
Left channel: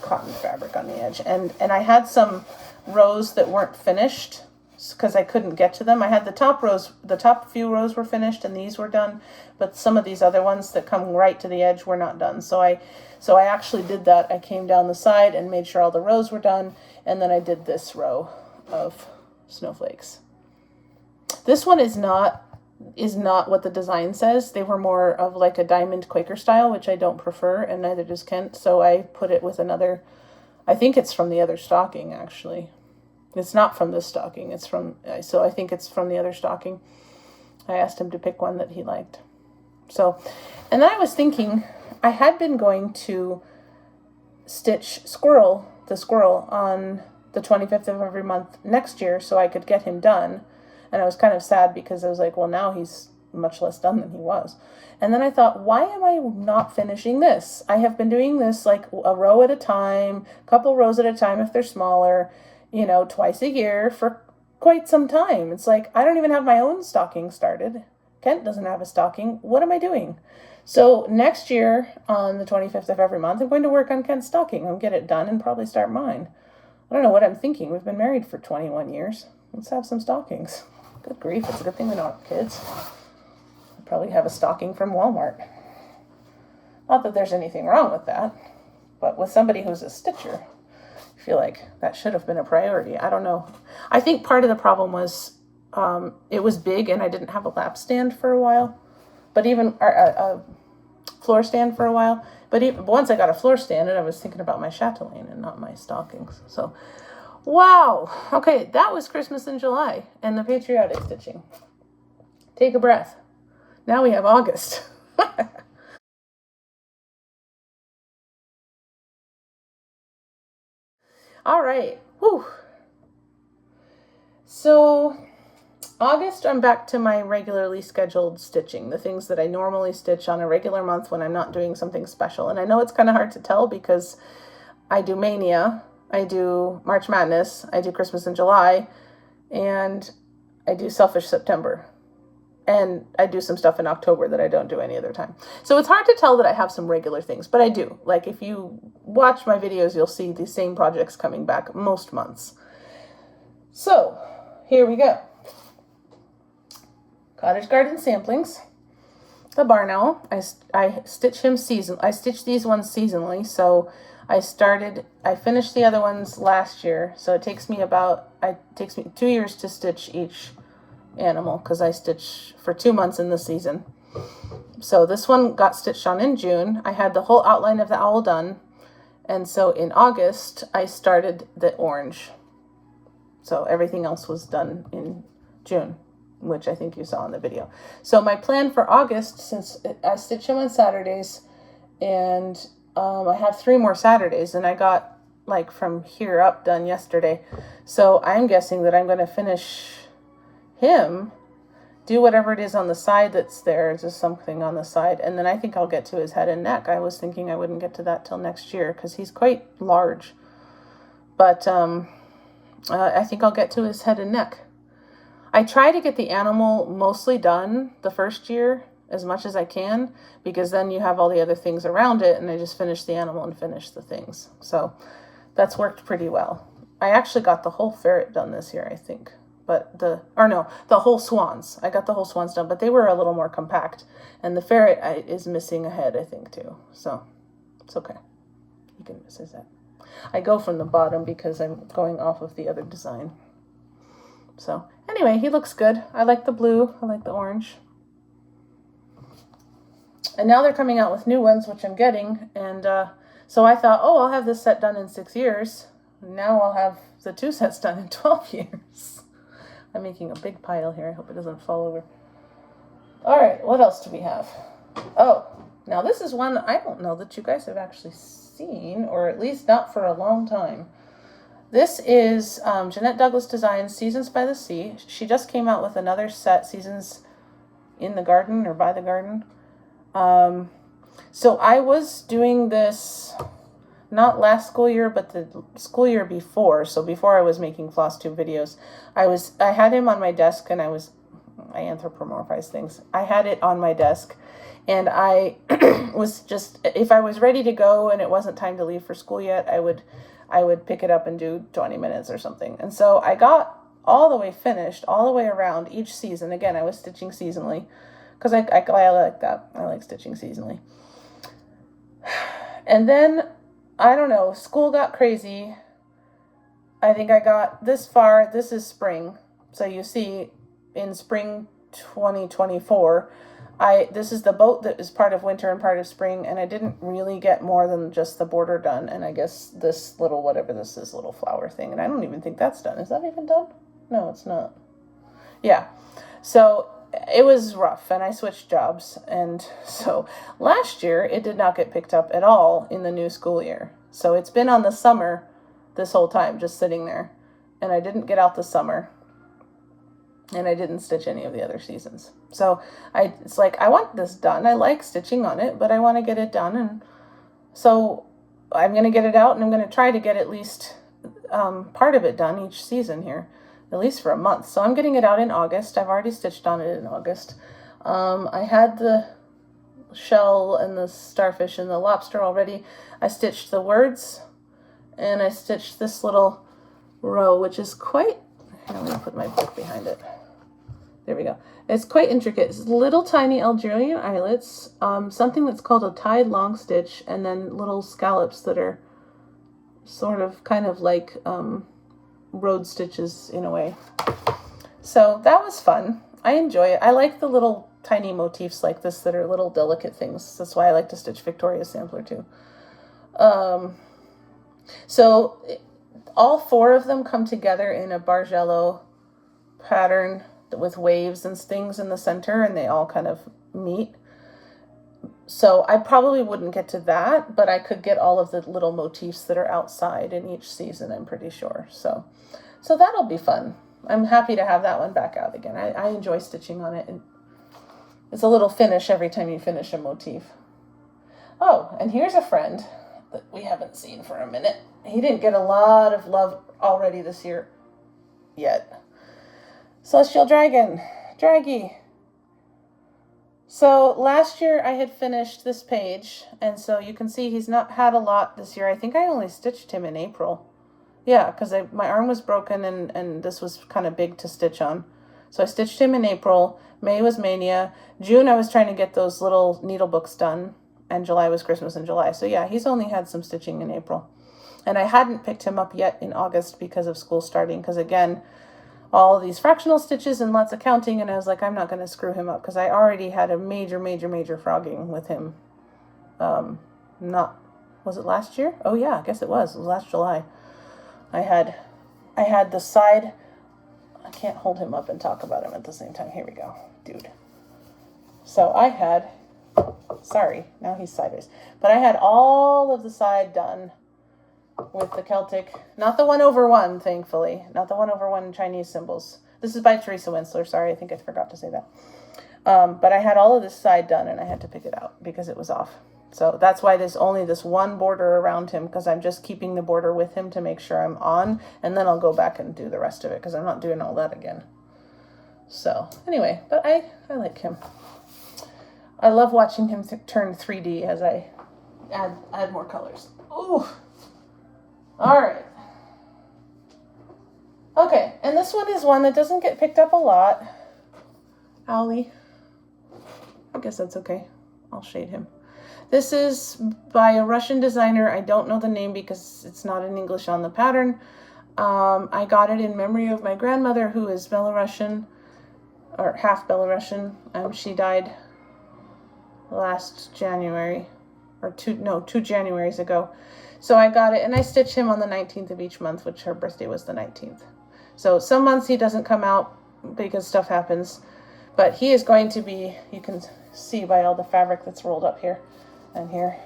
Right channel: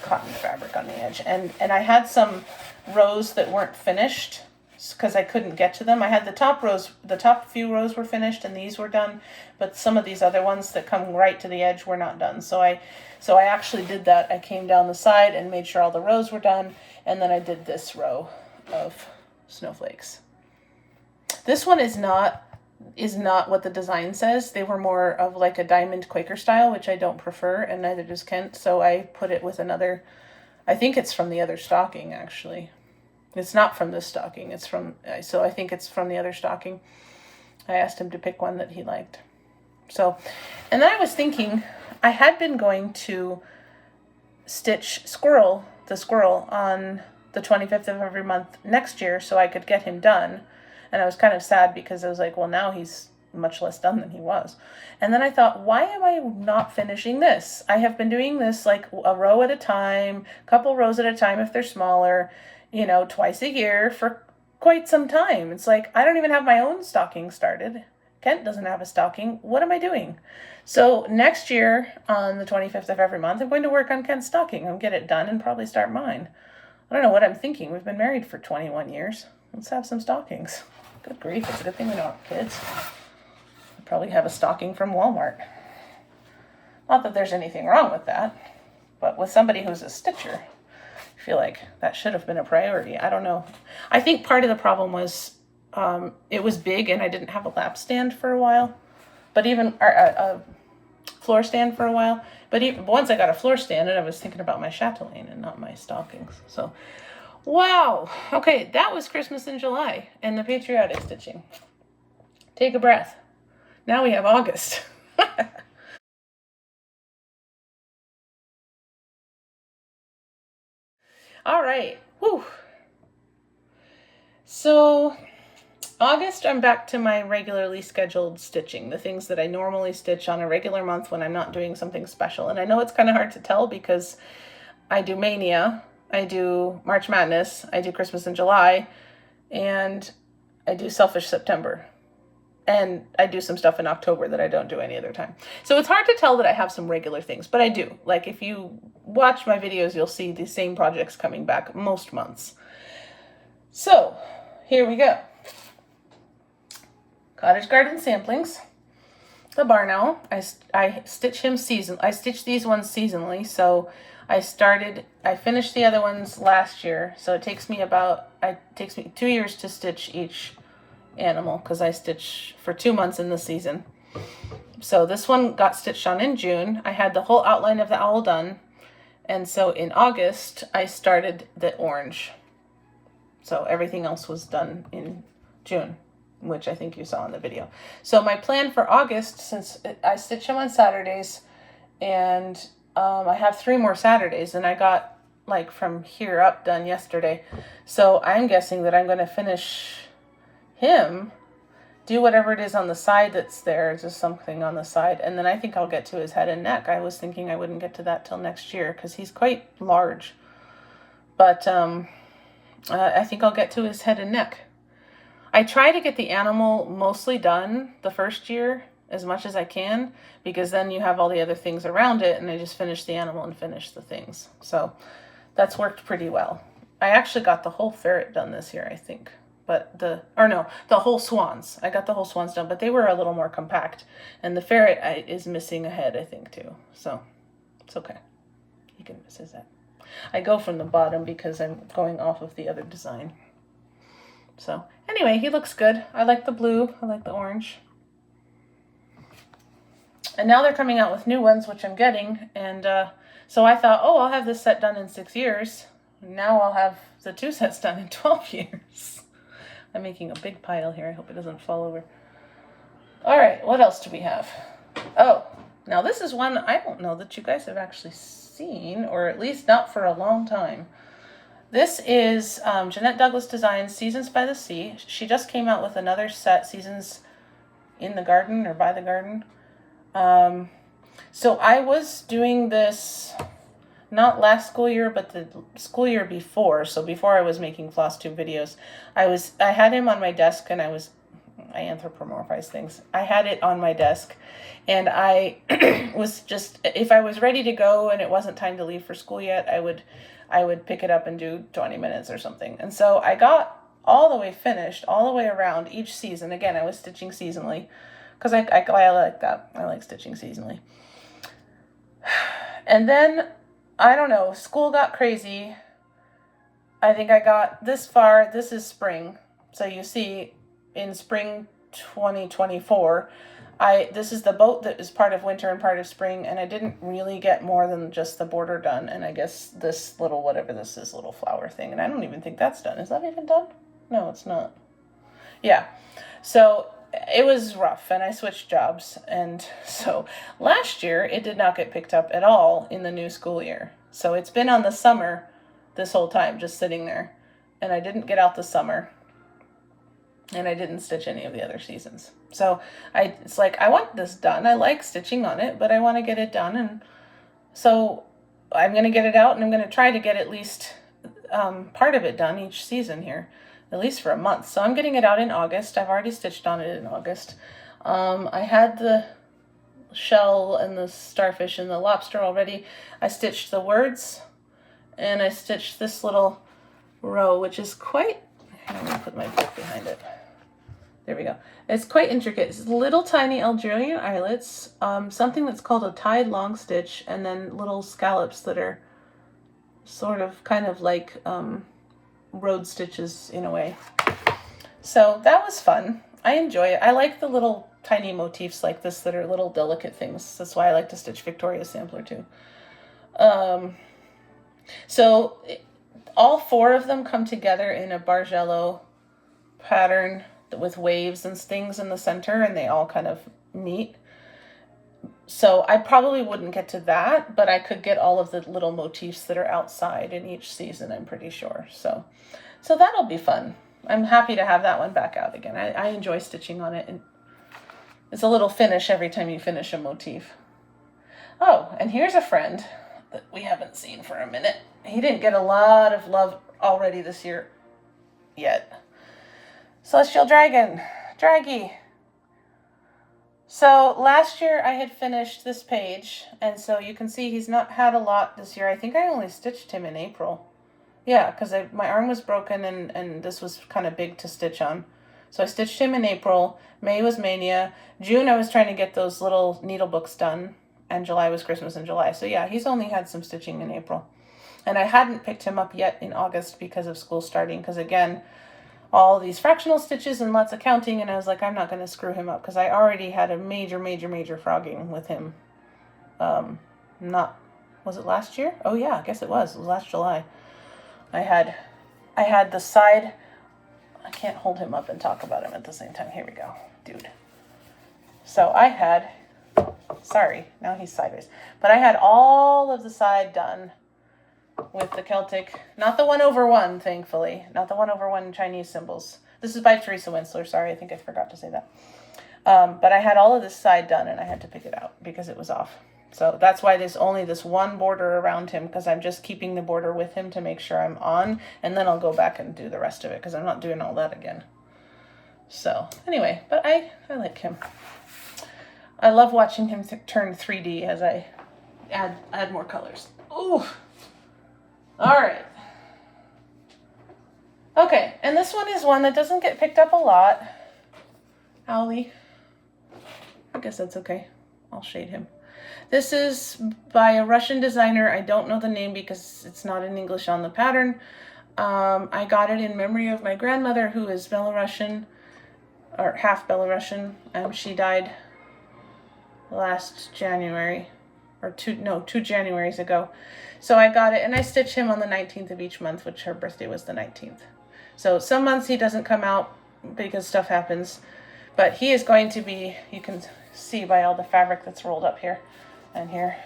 cotton fabric on the edge. And I had some rows that weren't finished because I couldn't get to them. I had the top few rows were finished and these were done, but some of these other ones that come right to the edge were not done. So I actually did that. I came down the side and made sure all the rows were done, and then I did this row of snowflakes. This one is not what the design says. They were more of like a diamond Quaker style, which I don't prefer, and neither does Kent. So I put it with another, I think it's from the other stocking actually. It's not from this stocking. It's from, so I think it's from the other stocking. I asked him to pick one that he liked. So, and then I was thinking, I had been going to stitch the squirrel on the 25th of every month next year so I could get him done. And I was kind of sad because I was like, well, now he's much less done than he was. And then I thought, why am I not finishing this? I have been doing this like a row at a time, a couple rows at a time if they're smaller, twice a year for quite some time. It's like, I don't even have my own stocking started. Kent doesn't have a stocking. What am I doing? So next year on the 25th of every month, I'm going to work on Kent's stocking. I'll get it done and probably start mine. I don't know what I'm thinking. We've been married for 21 years. Let's have some stockings. Good grief. It's a good thing we don't have kids. I probably have a stocking from Walmart. Not that there's anything wrong with that, but with somebody who's a stitcher, I feel like that should have been a priority. I don't know. I think part of the problem was it was big and I didn't have a lap stand for a while, but even a floor stand for a while. But even once I got a floor stand, and I was thinking about my chatelaine and not my stockings. So, wow. Okay, that was Christmas in July and the patriotic stitching. Take a breath. Now we have August. All right. Whew. So August, I'm back to my regularly scheduled stitching, the things that I normally stitch on a regular month when I'm not doing something special. And I know it's kind of hard to tell because I do Mania, I do March Madness, I do Christmas in July, and I do Selfish September. And I do some stuff in October that I don't do any other time. So it's hard to tell that I have some regular things, but I do. Like if you watch my videos, you'll see the same projects coming back most months. So here we go. Cottage Garden Samplings. The Barn Owl. I stitch him I stitch these ones seasonally. So I finished the other ones last year. So it takes me 2 years to stitch each animal because I stitch for 2 months in the season. So this one got stitched on in June. I had the whole outline of the owl done, and so in August I started the orange. So everything else was done in June, which I think you saw in the video. So my plan for August, since I stitch him on Saturdays, and I have 3 more Saturdays, and I got like from here up done yesterday. So I'm guessing that I'm going to finish him, do whatever it is on the side that's there, just something on the side, and then I think I'll get to his head and neck. I was thinking I wouldn't get to that till next year because he's quite large, but I think I'll get to his head and neck. I try to get the animal mostly done the first year as much as I can, because then you have all the other things around it, and I just finish the animal and finish the things. So that's worked pretty well. I actually got the whole ferret done this year, I think. But the whole swans. I got the whole swans done, but they were a little more compact. And the ferret is missing a head, I think, too. So it's okay. He can miss his head. I go from the bottom because I'm going off of the other design. So anyway, he looks good. I like the blue. I like the orange. And now they're coming out with new ones, which I'm getting. And so I thought, oh, I'll have this set done in 6 years. Now I'll have the 2 sets done in 12 years. I'm making a big pile here. I hope it doesn't fall over. All right, what else do we have? Oh, now this is one I don't know that you guys have actually seen, or at least not for a long time. This is Jeannette Douglas Designs Seasons by the Sea. She just came out with another set, Seasons in the Garden or by the Garden. So I was doing this not last school year, but the school year before. So before I was making Flosstube videos, I had him on my desk, and I anthropomorphize things. I had it on my desk, and I was just, if I was ready to go and it wasn't time to leave for school yet, I would pick it up and do 20 minutes or something. And so I got all the way finished, all the way around each season. Again, I was stitching seasonally because I like that. I like stitching seasonally. And then, I don't know, school got crazy. I think I got this far. This is spring. So you see, in spring 2024, this is the boat that is part of winter and part of spring, and I didn't really get more than just the border done, and I guess this little, whatever this is, little flower thing, and I don't even think that's done. Is that even done? No, it's not. Yeah. So it was rough, and I switched jobs, and so last year it did not get picked up at all in the new school year. So it's been on the summer this whole time, just sitting there, and I didn't get out the summer, and I didn't stitch any of the other seasons. So it's like, I want this done. I like stitching on it, but I want to get it done, and so I'm going to get it out, and I'm going to try to get at least part of it done each season here, at least for a month. So I'm getting it out in August. I've already stitched on it in August. I had the shell and the starfish and the lobster already. I stitched the words, and I stitched this little row, which is quite, I'm going to put my book behind it. There we go. It's quite intricate. It's little tiny Algerian eyelets, something that's called a tied long stitch, and then little scallops that are sort of kind of like road stitches in a way. So that was fun. I enjoy it. I like the little tiny motifs like this that are little delicate things. That's why I like to stitch Victoria's Sampler too. So all four of them come together in a Bargello pattern with waves and things in the center, and they all kind of meet. So I probably wouldn't get to that, but I could get all of the little motifs that are outside in each season, I'm pretty sure. So that'll be fun. I'm happy to have that one back out again. I enjoy stitching on it, and it's a little finish every time you finish a motif. Oh, and here's a friend that we haven't seen for a minute. He didn't get a lot of love already this year yet. Celestial Dragon, Draggy. So last year I had finished this page, and so you can see he's not had a lot this year. I think I only stitched him in April. Yeah, because my arm was broken, and this was kind of big to stitch on. So I stitched him in April. May was Mania. June I was trying to get those little needle books done, and July was Christmas in July. So yeah, he's only had some stitching in April. And I hadn't picked him up yet in August because of school starting, because again, all these fractional stitches and lots of counting, and I was like, I'm not going to screw him up, because I already had a major frogging with him. Was it last year? Oh yeah, I guess it was last July. I had the side, I can't hold him up and talk about him at the same time. Here we go, dude. So I had, sorry, now he's sideways, but I had all of the side done with the Celtic, not the 1/1, thankfully, not the 1/1 Chinese symbols. This is by Teresa Winsler. Sorry, I think I forgot to say that. But I had all of this side done, and I had to pick it out because it was off. So that's why there's only this one border around him, because I'm just keeping the border with him to make sure I'm on, and then I'll go back and do the rest of it, because I'm not doing all that again. So anyway, but I like him. I love watching him turn 3D as I add more colors. Ooh. All right. Okay, and this one is one that doesn't get picked up a lot. Owlie. I guess that's okay. I'll shade him. This is by a Russian designer. I don't know the name because it's not in English on the pattern. I got it in memory of my grandmother, who is Belarusian, or half Belarusian. She died last January, or two Januaries ago. So I got it, and I stitch him on the 19th of each month, which her birthday was the 19th. So some months he doesn't come out because stuff happens. But he is going to be, you can see by all the fabric that's rolled up here and here,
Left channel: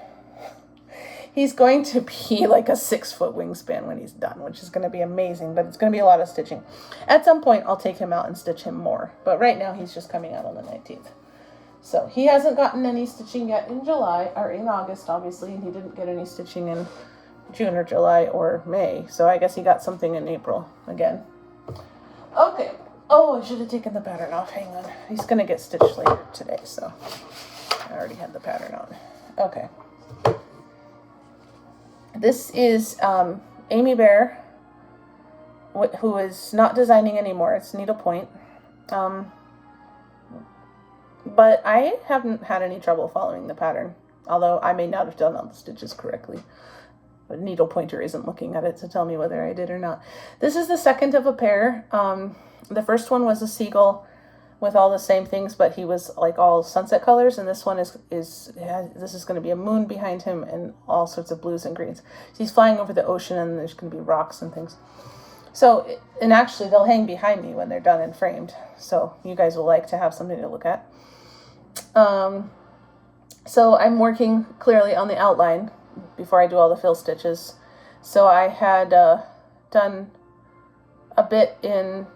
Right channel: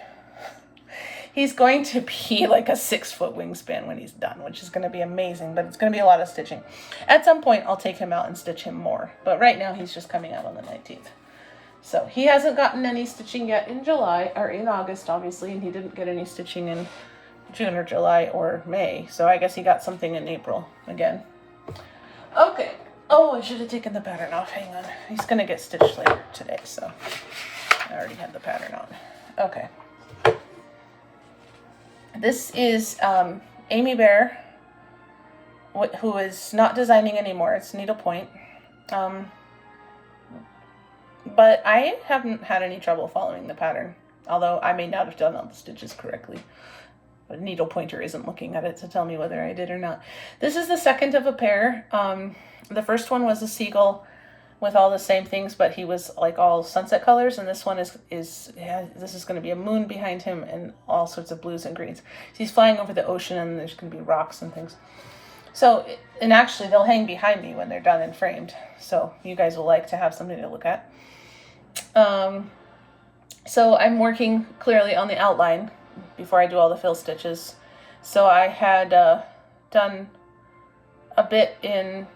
he's going to be like a 6-foot wingspan when he's done, which is going to be amazing, but it's going to be a lot of stitching. At some point, I'll take him out and stitch him more, but right now he's just coming out on the 19th. So he hasn't gotten any stitching yet in July, or in August, obviously, and he didn't get any stitching in June or July or May, so I guess he got something in April again. Okay. Oh, I should have taken the pattern off. Hang on. He's going to get stitched later today, so I already had the pattern on. Okay. This is Amybear, who is not designing anymore. It's Needlepoint. But I haven't had any trouble following the pattern, although I may not have done all the stitches correctly. But needle pointer isn't looking at it to tell me whether I did or not. This is the second of a pair. The first one was a seagull with all the same things, but he was like all sunset colors, and this one this is going to be a moon behind him and all sorts of blues and greens. So he's flying over the ocean, and there's going to be rocks and things. So, and actually they'll hang behind me when they're done and framed, so you guys will like to have something to look at. So I'm working clearly on the outline before I do all the fill stitches. So I had done a bit in,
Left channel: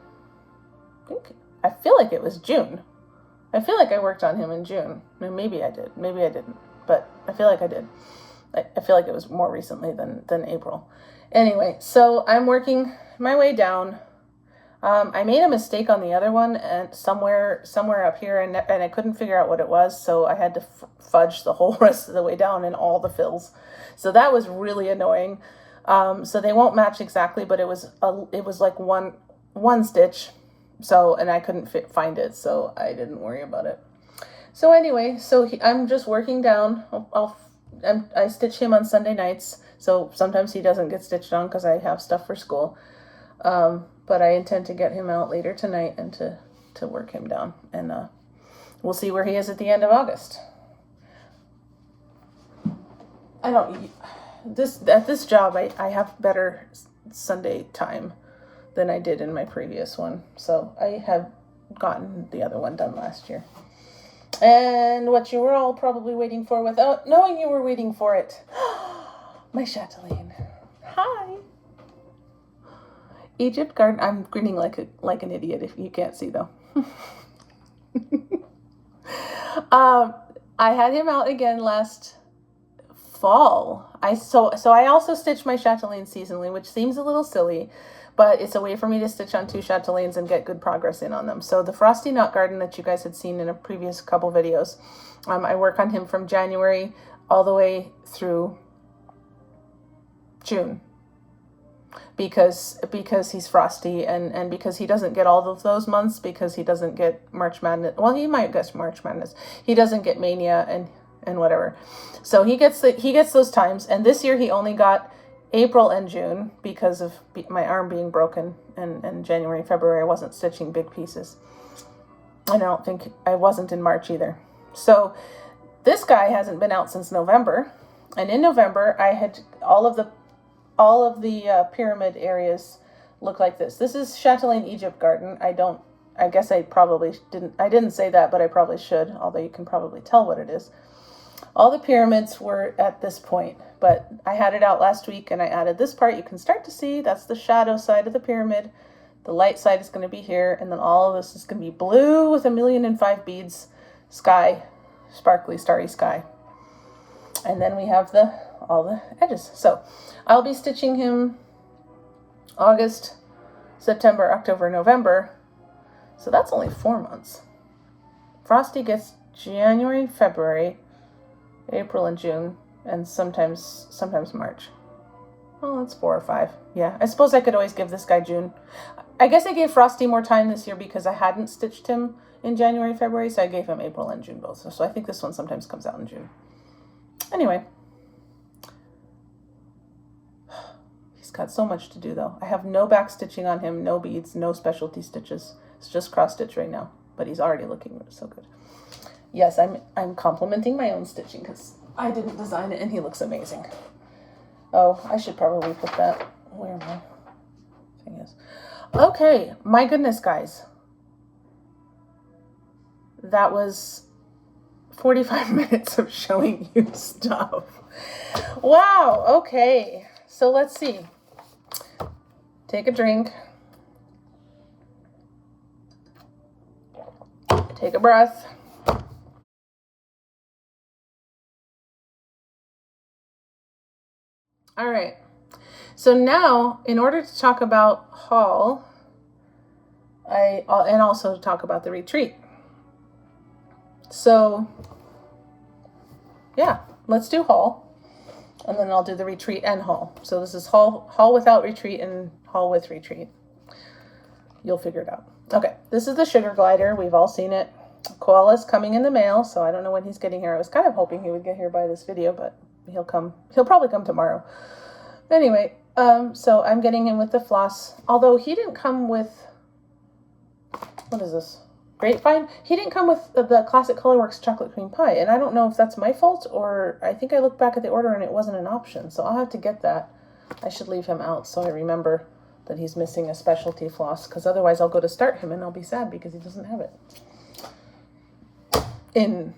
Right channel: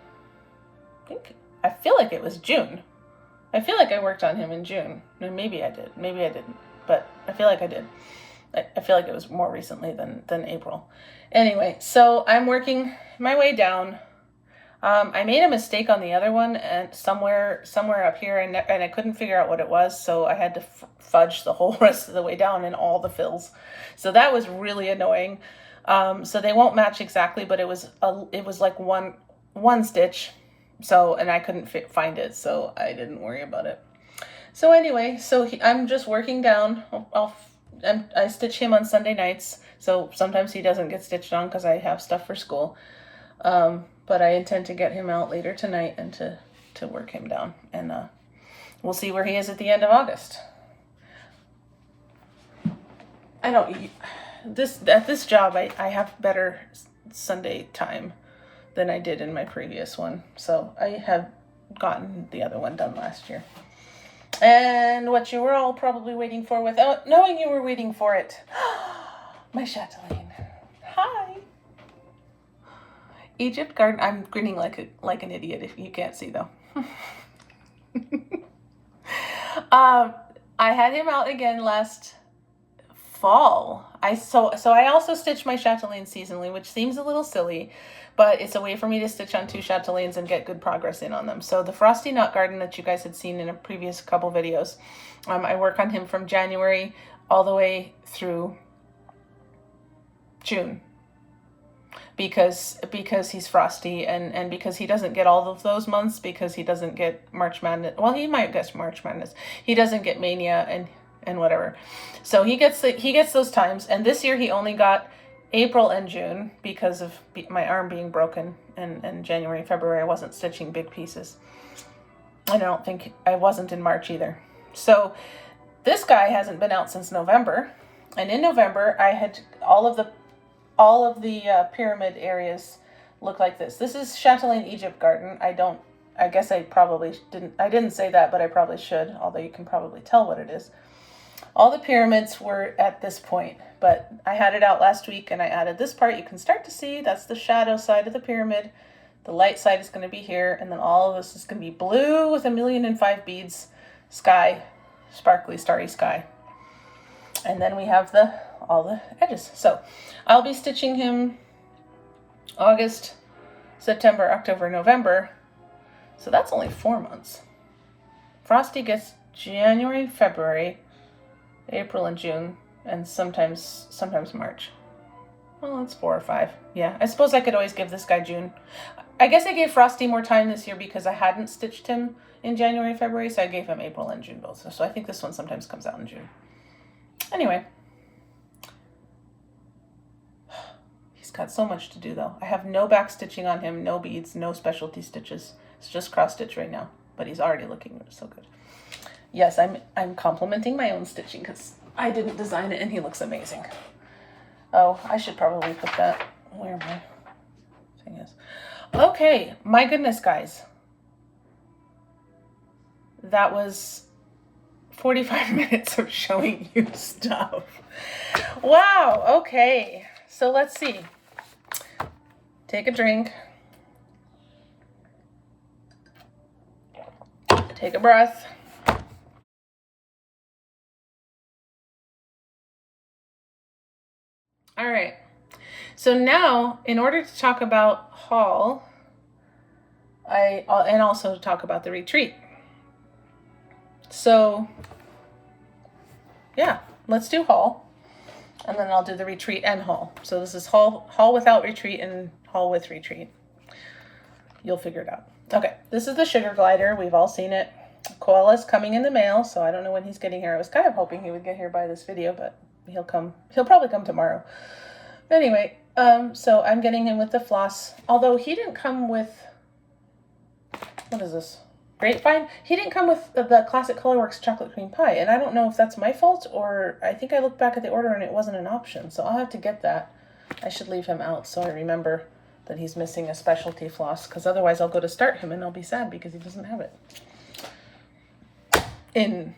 I feel like it was June. I feel like I worked on him in June. Maybe I did, maybe I didn't, but I feel like I did. I feel like it was more recently than April. Anyway, so I'm working my way down. I made a mistake on the other one and somewhere up here, and I couldn't figure out what it was, so I had to fudge the whole rest of the way down in all the fills. So that was really annoying. So they won't match exactly, but it was like one stitch. So, and I couldn't find it, so I didn't worry about it. So anyway, I'm just working down. I stitch him on Sunday nights, so sometimes he doesn't get stitched on because I have stuff for school. But I intend to get him out later tonight and to work him down, and we'll see where he is at the end of August. At this job, I have better Sunday time than I did in my previous one, so I have gotten the other one done last year. And what you were all probably waiting for, without knowing you were waiting for it, my Chatelaine. Hi. Egypt garden. I'm grinning like an idiot if you can't see though. I had him out again last fall. So I also stitched my Chatelaine seasonally, which seems a little silly, but it's a way for me to stitch on 2 Chatelaines and get good progress in on them. So the Frosty Knot Garden that you guys had seen in a previous couple videos, I work on him from January all the way through June. Because he's Frosty and because he doesn't get all of those months, because he doesn't get March Madness. Well, he might get March Madness. He doesn't get Mania and whatever. So he gets those times. And this year he only got April and June because of my arm being broken. And January, February, I wasn't stitching big pieces. And I don't think I wasn't in March either. So this guy hasn't been out since November. And in November, I had all of the pyramid areas look like this. This is Chatelaine Egypt Garden. I guess I probably didn't say that, but I probably should, although you can probably tell what it is. All the pyramids were at this point, but I had it out last week and I added this part. You can start to see that's the shadow side of the pyramid. The light side is going to be here, and then all of this is going to be blue with 1,000,005 beads, sky, sparkly, starry sky. And then we have all the edges. So I'll be stitching him August, September, October, November. So that's only 4 months. Frosty gets January, February, April and June, and sometimes March. Well, it's 4 or 5. Yeah, I suppose I could always give this guy June. I guess I gave Frosty more time this year because I hadn't stitched him in January, February, so I gave him April and June both. So I think this one sometimes comes out in June. Anyway. He's got so much to do though. I have no back stitching on him, no beads, no specialty stitches. It's just cross stitch right now, but he's already looking so good. Yes, I'm complimenting my own stitching because I didn't design it and he looks amazing. Oh, I should probably put that where my thing is. Okay, my goodness, guys. that was 45 minutes of showing you stuff. Wow, okay. So let's see. Take a drink. Take a breath. All right. So now, in order to talk about haul, and also to talk about the retreat. So, yeah, let's do haul, and then I'll do the retreat and haul. So this is haul without retreat and haul with retreat. You'll figure it out. Okay, this is the sugar glider. We've all seen it. Koala's coming in the mail, so I don't know when he's getting here. I was kind of hoping he would get here by this video, but he'll probably come tomorrow. Anyway, so I'm getting him with the floss, although he didn't come with, what is this? Grapevine? He didn't come with the Classic Colorworks chocolate cream pie, and I don't know if that's my fault, or I think I looked back at the order and it wasn't an option, so I'll have to get that. I should leave him out so I remember that he's missing a specialty floss, because otherwise I'll go to start him and I'll be sad because he doesn't have it. In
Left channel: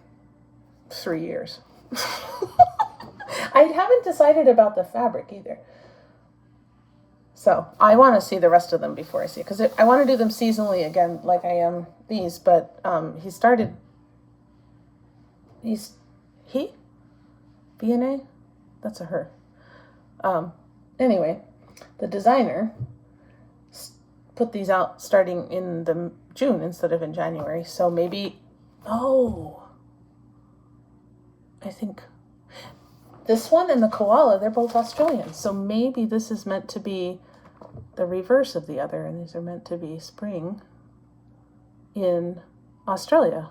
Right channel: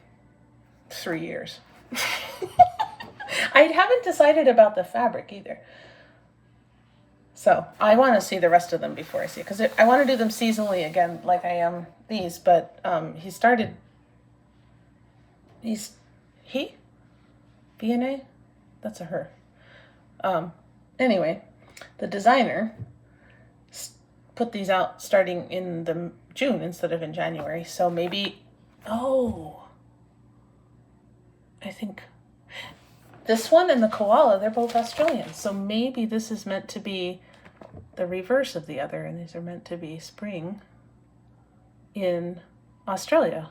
3 years. I haven't decided about the fabric either. So I want to see the rest of them before I see it, because I want to do them seasonally again, like I am these. But he B&A, that's a her. Anyway, the designer put these out starting in the June instead of in January. So maybe, I think this one and the koala, they're both Australian. So maybe this is meant to be the reverse of the other, and these are meant to be spring in Australia.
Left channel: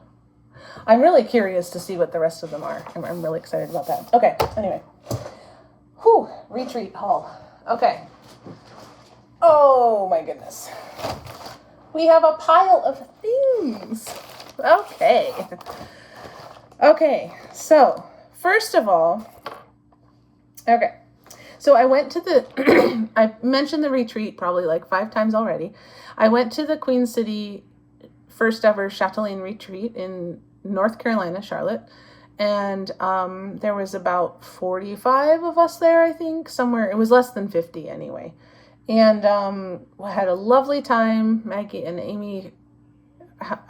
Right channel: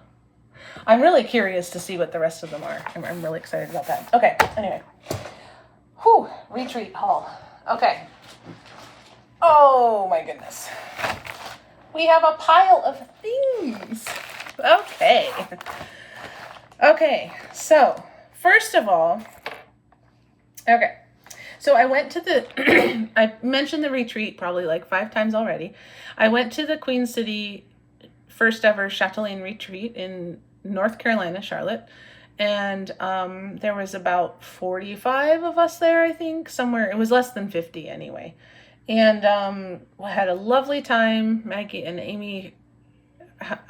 I'm really curious to see what the rest of them are. I'm really excited about that. Okay, anyway. Whew, retreat haul. Okay. Oh my goodness. We have a pile of things. Okay. Okay, so first of all, so I went to I mentioned the retreat probably like 5 times already. I went to the Queen City first ever Chatelaine retreat in North Carolina, Charlotte. And there was about 45 of us there, I think, somewhere. It was less than 50 anyway. And I had a lovely time. Maggie and Amy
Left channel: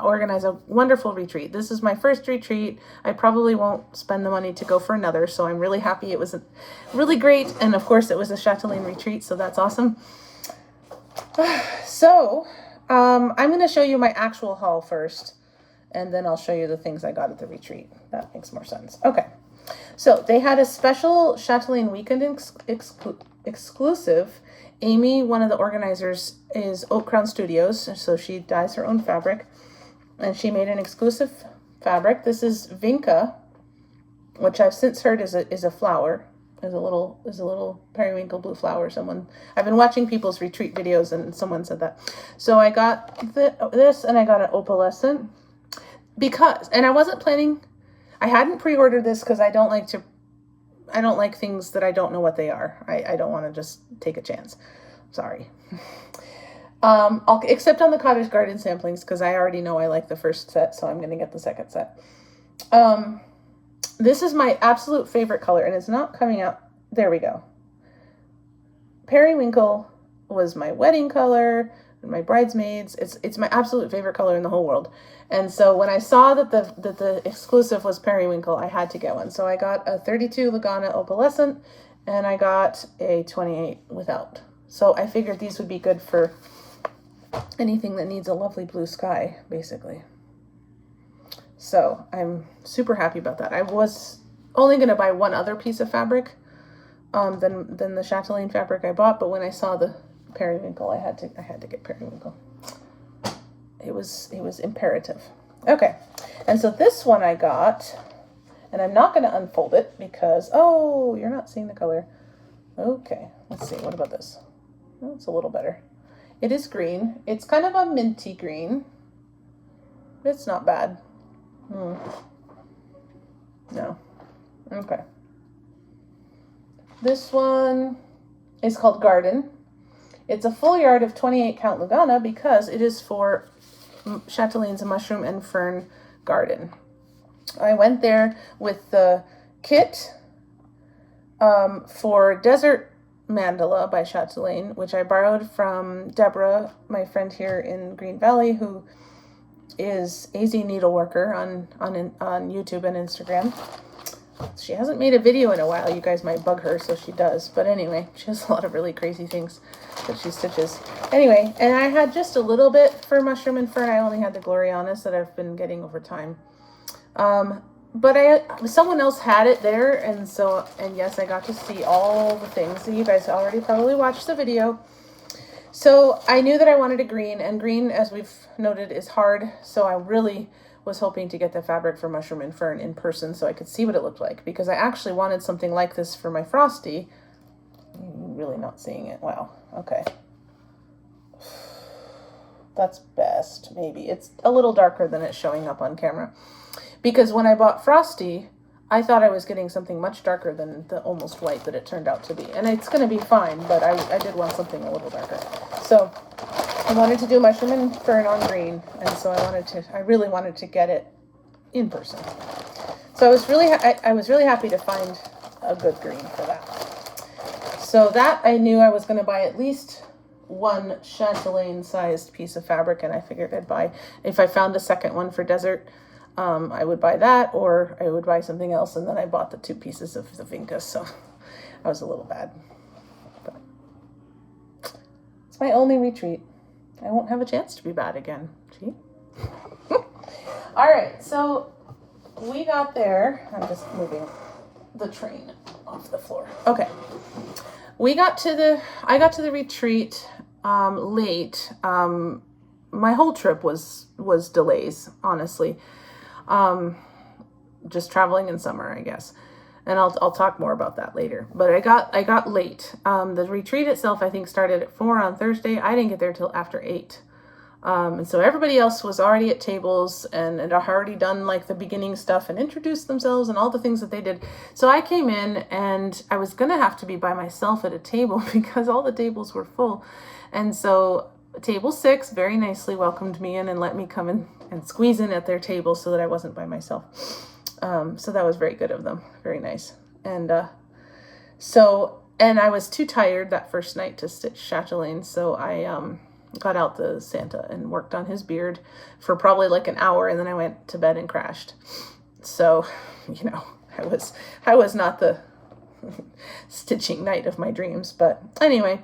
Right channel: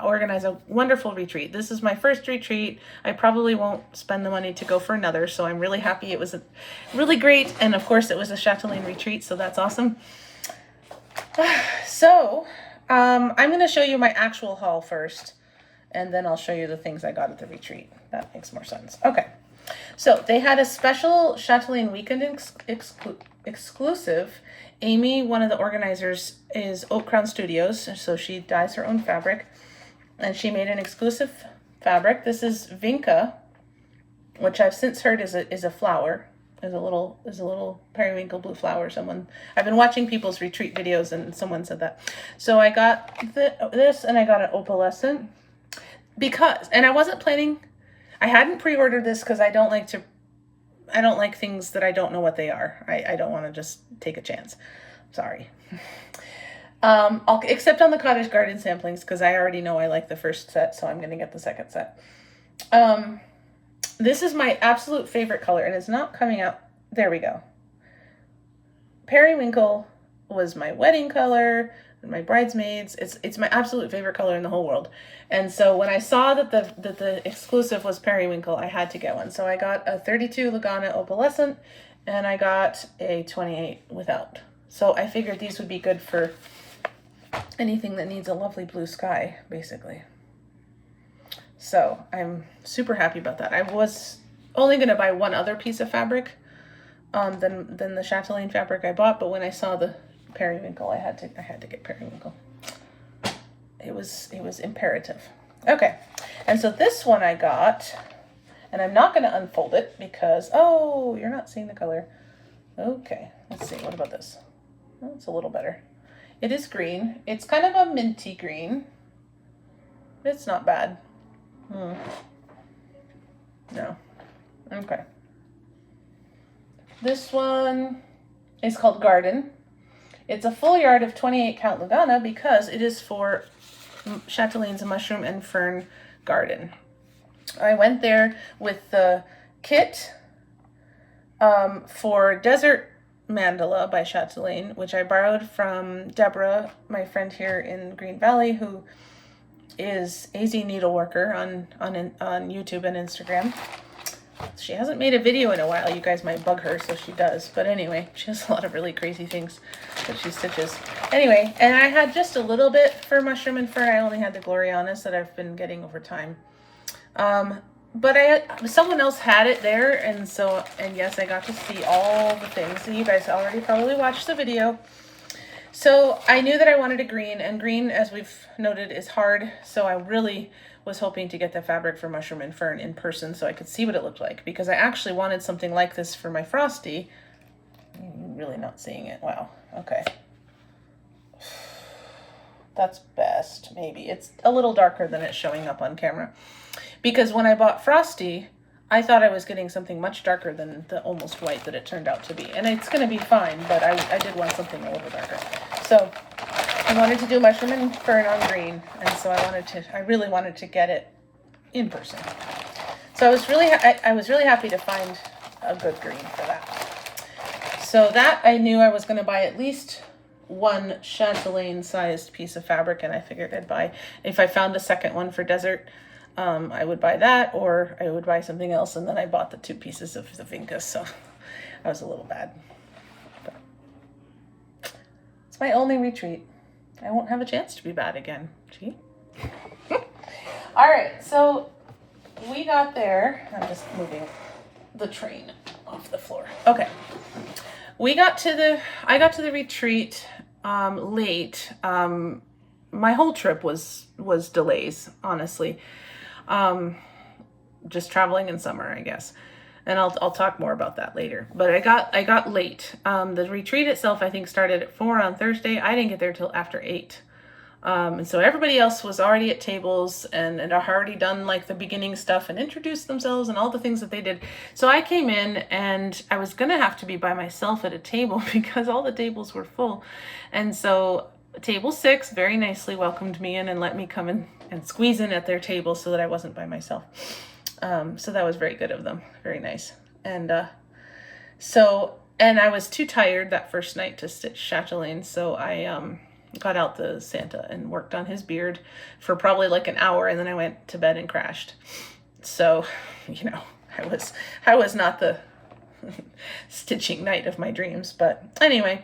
organized a wonderful retreat. This is my first retreat. I probably won't spend the money to go for another, so I'm really happy. It was really great, and of course it was a Chatelaine retreat, so that's awesome. So I'm going to show you my actual haul first, and then I'll show you the things I got at the retreat. That makes more sense. Okay, so they had a special Chatelaine weekend exclusive. Amy, one of the organizers, is Oak Crown Studios, so she dyes her own fabric, and she made an exclusive fabric. This is Vinca, which I've since heard is a flower, is a little periwinkle blue flower. I've been watching people's retreat videos, and someone said that. So I got this, and I got an opalescent and I wasn't planning. I hadn't pre-ordered this because I don't like things that I don't know what they are. I don't want to just take a chance. Sorry. Except on the Cottage garden samplings, because I already know I like the first set, so I'm going to get the second set. This is my absolute favorite color, and it's not coming out. There we go. Periwinkle was my wedding color and my bridesmaids. It's my absolute favorite color in the whole world. And so when I saw that the exclusive was periwinkle, I had to get one. So I got a 32 Lagana opalescent, and I got a 28 without. So I figured these would be good for anything that needs a lovely blue sky, basically. So I'm super happy about that. I was only going to buy one other piece of fabric than the Chatelaine fabric I bought, but when I saw the periwinkle, I had to get periwinkle. It was imperative. Okay, and so this one I got, and I'm not going to unfold it because, oh, you're not seeing the color. Okay, let's see. What about this? Oh, it's a little better. It is green. It's kind of a minty green. It's not bad. No. Okay. This one is called Garden. It's a full yard of 28 count Lagana because it is for Chatelaine's mushroom and fern garden. I went there with the kit for Desert Mandala by Chatelaine, which I borrowed from Deborah, my friend here in Green Valley, who is AZ Needleworker on YouTube and Instagram. She hasn't made a video in a while. You guys might bug her, so she does. But anyway, she has a lot of really crazy things that she stitches. Anyway, and I had just a little bit for Mushroom and Fern. I only had the Glorianas that I've been getting over time. But someone else had it there, and yes, I got to see all the things. So you guys already probably watched the video. So I knew that I wanted a green, and green, as we've noted, is hard. So I really was hoping to get the fabric for Mushroom and Fern in person so I could see what it looked like, because I actually wanted something like this for my Frosty. I'm really not seeing it. Wow. Okay. That's best, maybe. It's a little darker than it's showing up on camera. Because when I bought Frosty, I thought I was getting something much darker than the almost white that it turned out to be. And it's going to be fine, but I did want something a little darker. So I wanted to do Mushroom and Fern on green, and so I really wanted to get it in person. So I was really happy to find a good green for that. So that I knew I was going to buy at least one chatelaine sized piece of fabric, and I figured I'd buy, if I found a second one for desert, I would buy that, or I would buy something else. And then I bought the 2 pieces of the Vinca, so I was a little bad. But it's my only retreat. I won't have a chance to be bad again. Gee. All right, so we got there. I'm just moving the train off the floor. Okay. I got to the retreat late. My whole trip was delays, honestly. Just traveling in summer, I guess. And I'll talk more about that later. But I got late. The retreat itself, I think, started at 4 on Thursday. I didn't get there till after 8. And so everybody else was already at tables and had already done like the beginning stuff and introduced themselves and all the things that they did. So I came in and I was gonna have to be by myself at a table because all the tables were full. And so table 6 very nicely welcomed me in and let me come in and squeeze in at their table so that I wasn't by myself. So that was very good of them. Very nice. And and I was too tired that first night to stitch Chatelaine, so I got out the Santa and worked on his beard for probably like an hour, and then I went to bed and crashed. So, you know, I was not the stitching knight of my dreams, but anyway.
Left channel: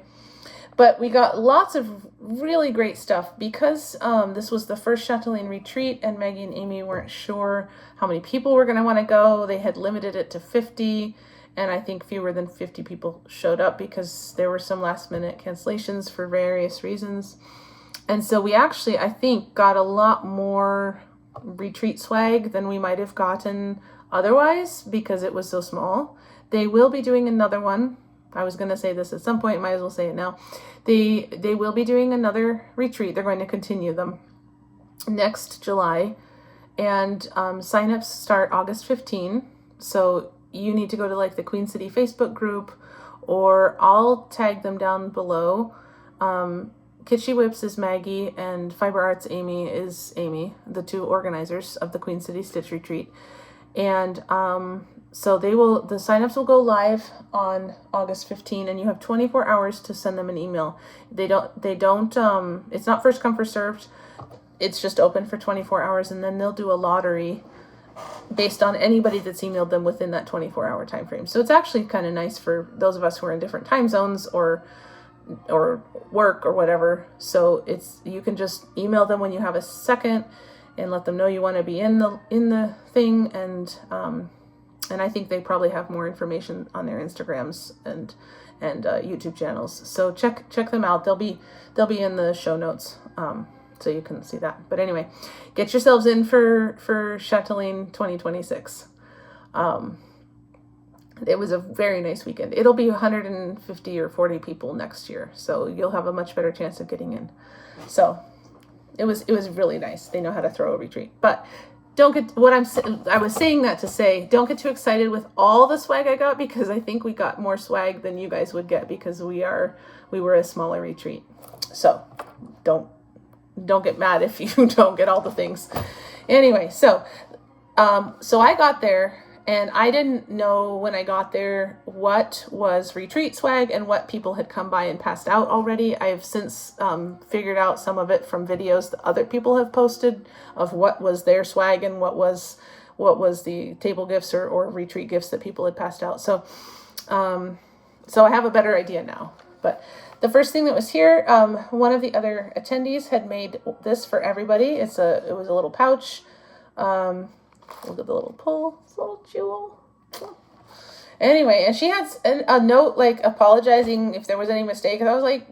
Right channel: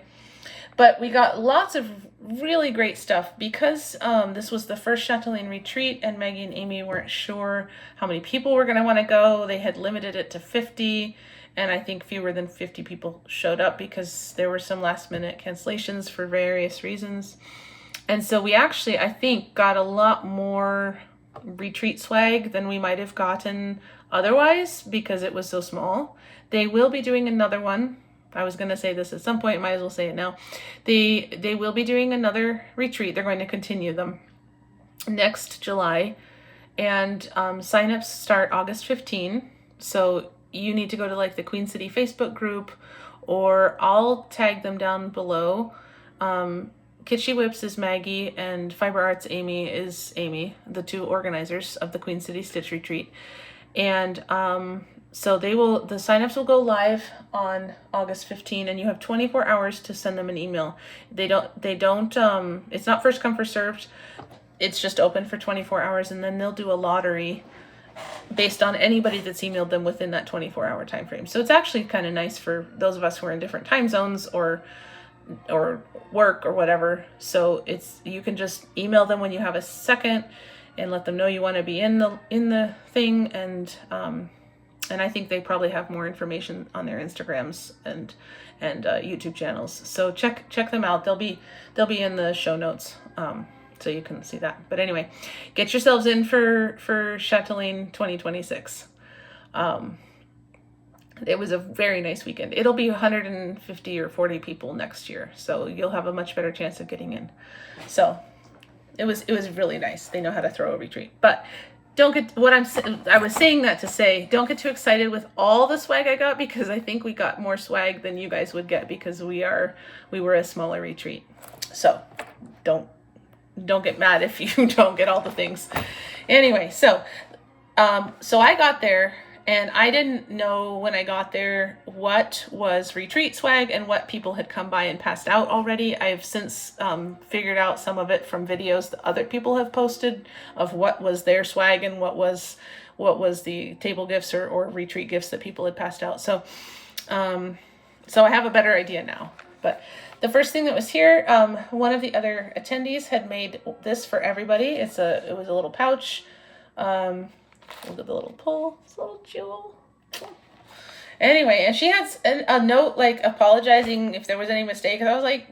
But we got lots of really great stuff because this was the first Chatelaine retreat, and Maggie and Amy weren't sure how many people were going to want to go. They had limited it to 50, and I think fewer than 50 people showed up because there were some last minute cancellations for various reasons. And so we actually, I think, got a lot more retreat swag than we might have gotten otherwise because it was so small. They will be doing another one. I was going to say this at some point, might as well say it now. They will be doing another retreat. They're going to continue them next July. And signups start August 15. So you need to go to like the Queen City Facebook group, or I'll tag them down below. Kitschy Whips is Maggie, and Fiber Arts Amy is Amy, the 2 organizers of the Queen City Stitch Retreat. And so the signups will go live on August 15, and you have 24 hours to send them an email. They don't, it's not first come, first served. It's just open for 24 hours, and then they'll do a lottery based on anybody that's emailed them within that 24-hour time frame. So it's actually kind of nice for those of us who are in different time zones or work or whatever. So you can just email them when you have a second and let them know you want to be in the thing, and I think they probably have more information on their Instagrams and YouTube channels. So check them out. They'll be in the show notes, so you can see that. But anyway, get yourselves in for Chatelaine 2026. It was a very nice weekend. It'll be 150 or 40 people next year, so you'll have a much better chance of getting in. So it was really nice. They know how to throw a retreat. But don't get I was saying that to say, don't get too excited with all the swag I got, because I think we got more swag than you guys would get because we were a smaller retreat. So don't don't get mad if you don't get all the things. Anyway, so I got there, and I didn't know when I got there what was retreat swag and what people had come by and passed out already. I've since figured out some of it from videos that other people have posted of what was their swag and what was the table gifts or retreat gifts that people had passed out. So I have a better idea now. But the first thing that was here, one of the other attendees had made this for everybody. It was a little pouch. Look at the little pull, this little jewel. Anyway, and she had a note like apologizing if there was any mistake. And I was like,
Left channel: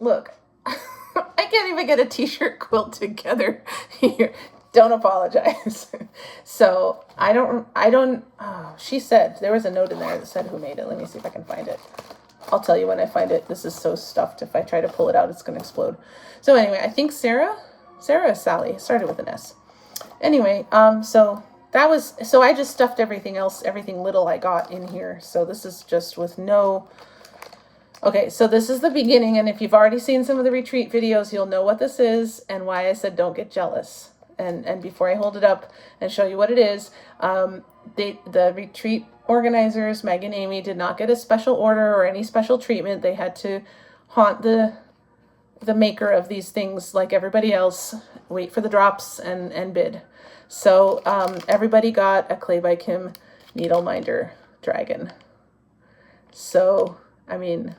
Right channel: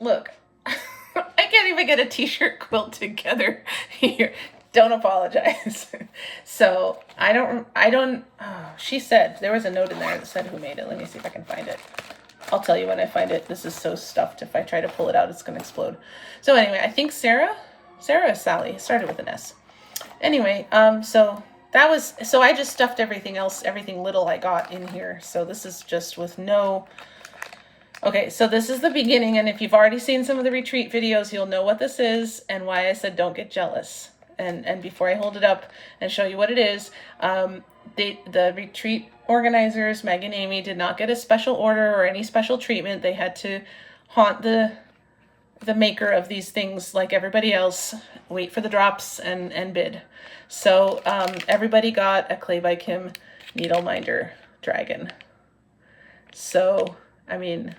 look, I can't even get a t-shirt quilt together here. Don't apologize. So I don't, she said, there was a note in there that said who made it. Let me see if I can find it. I'll tell you when I find it. This is so stuffed. If I try to pull it out, it's going to explode. So anyway, I think Sarah is Sally. It started with an S. Anyway, so I just stuffed everything else, everything little I got in here. So this is just with no, okay, so this is the beginning. And if you've already seen some of the retreat videos, you'll know what this is and why I said don't get jealous. And before I hold it up and show you what it is, the retreat organizers, Meg and Amy, did not get a special order or any special treatment. They had to haunt the maker of these things like everybody else, wait for the drops and bid. So everybody got a Clay by Kim Needleminder dragon. So I mean,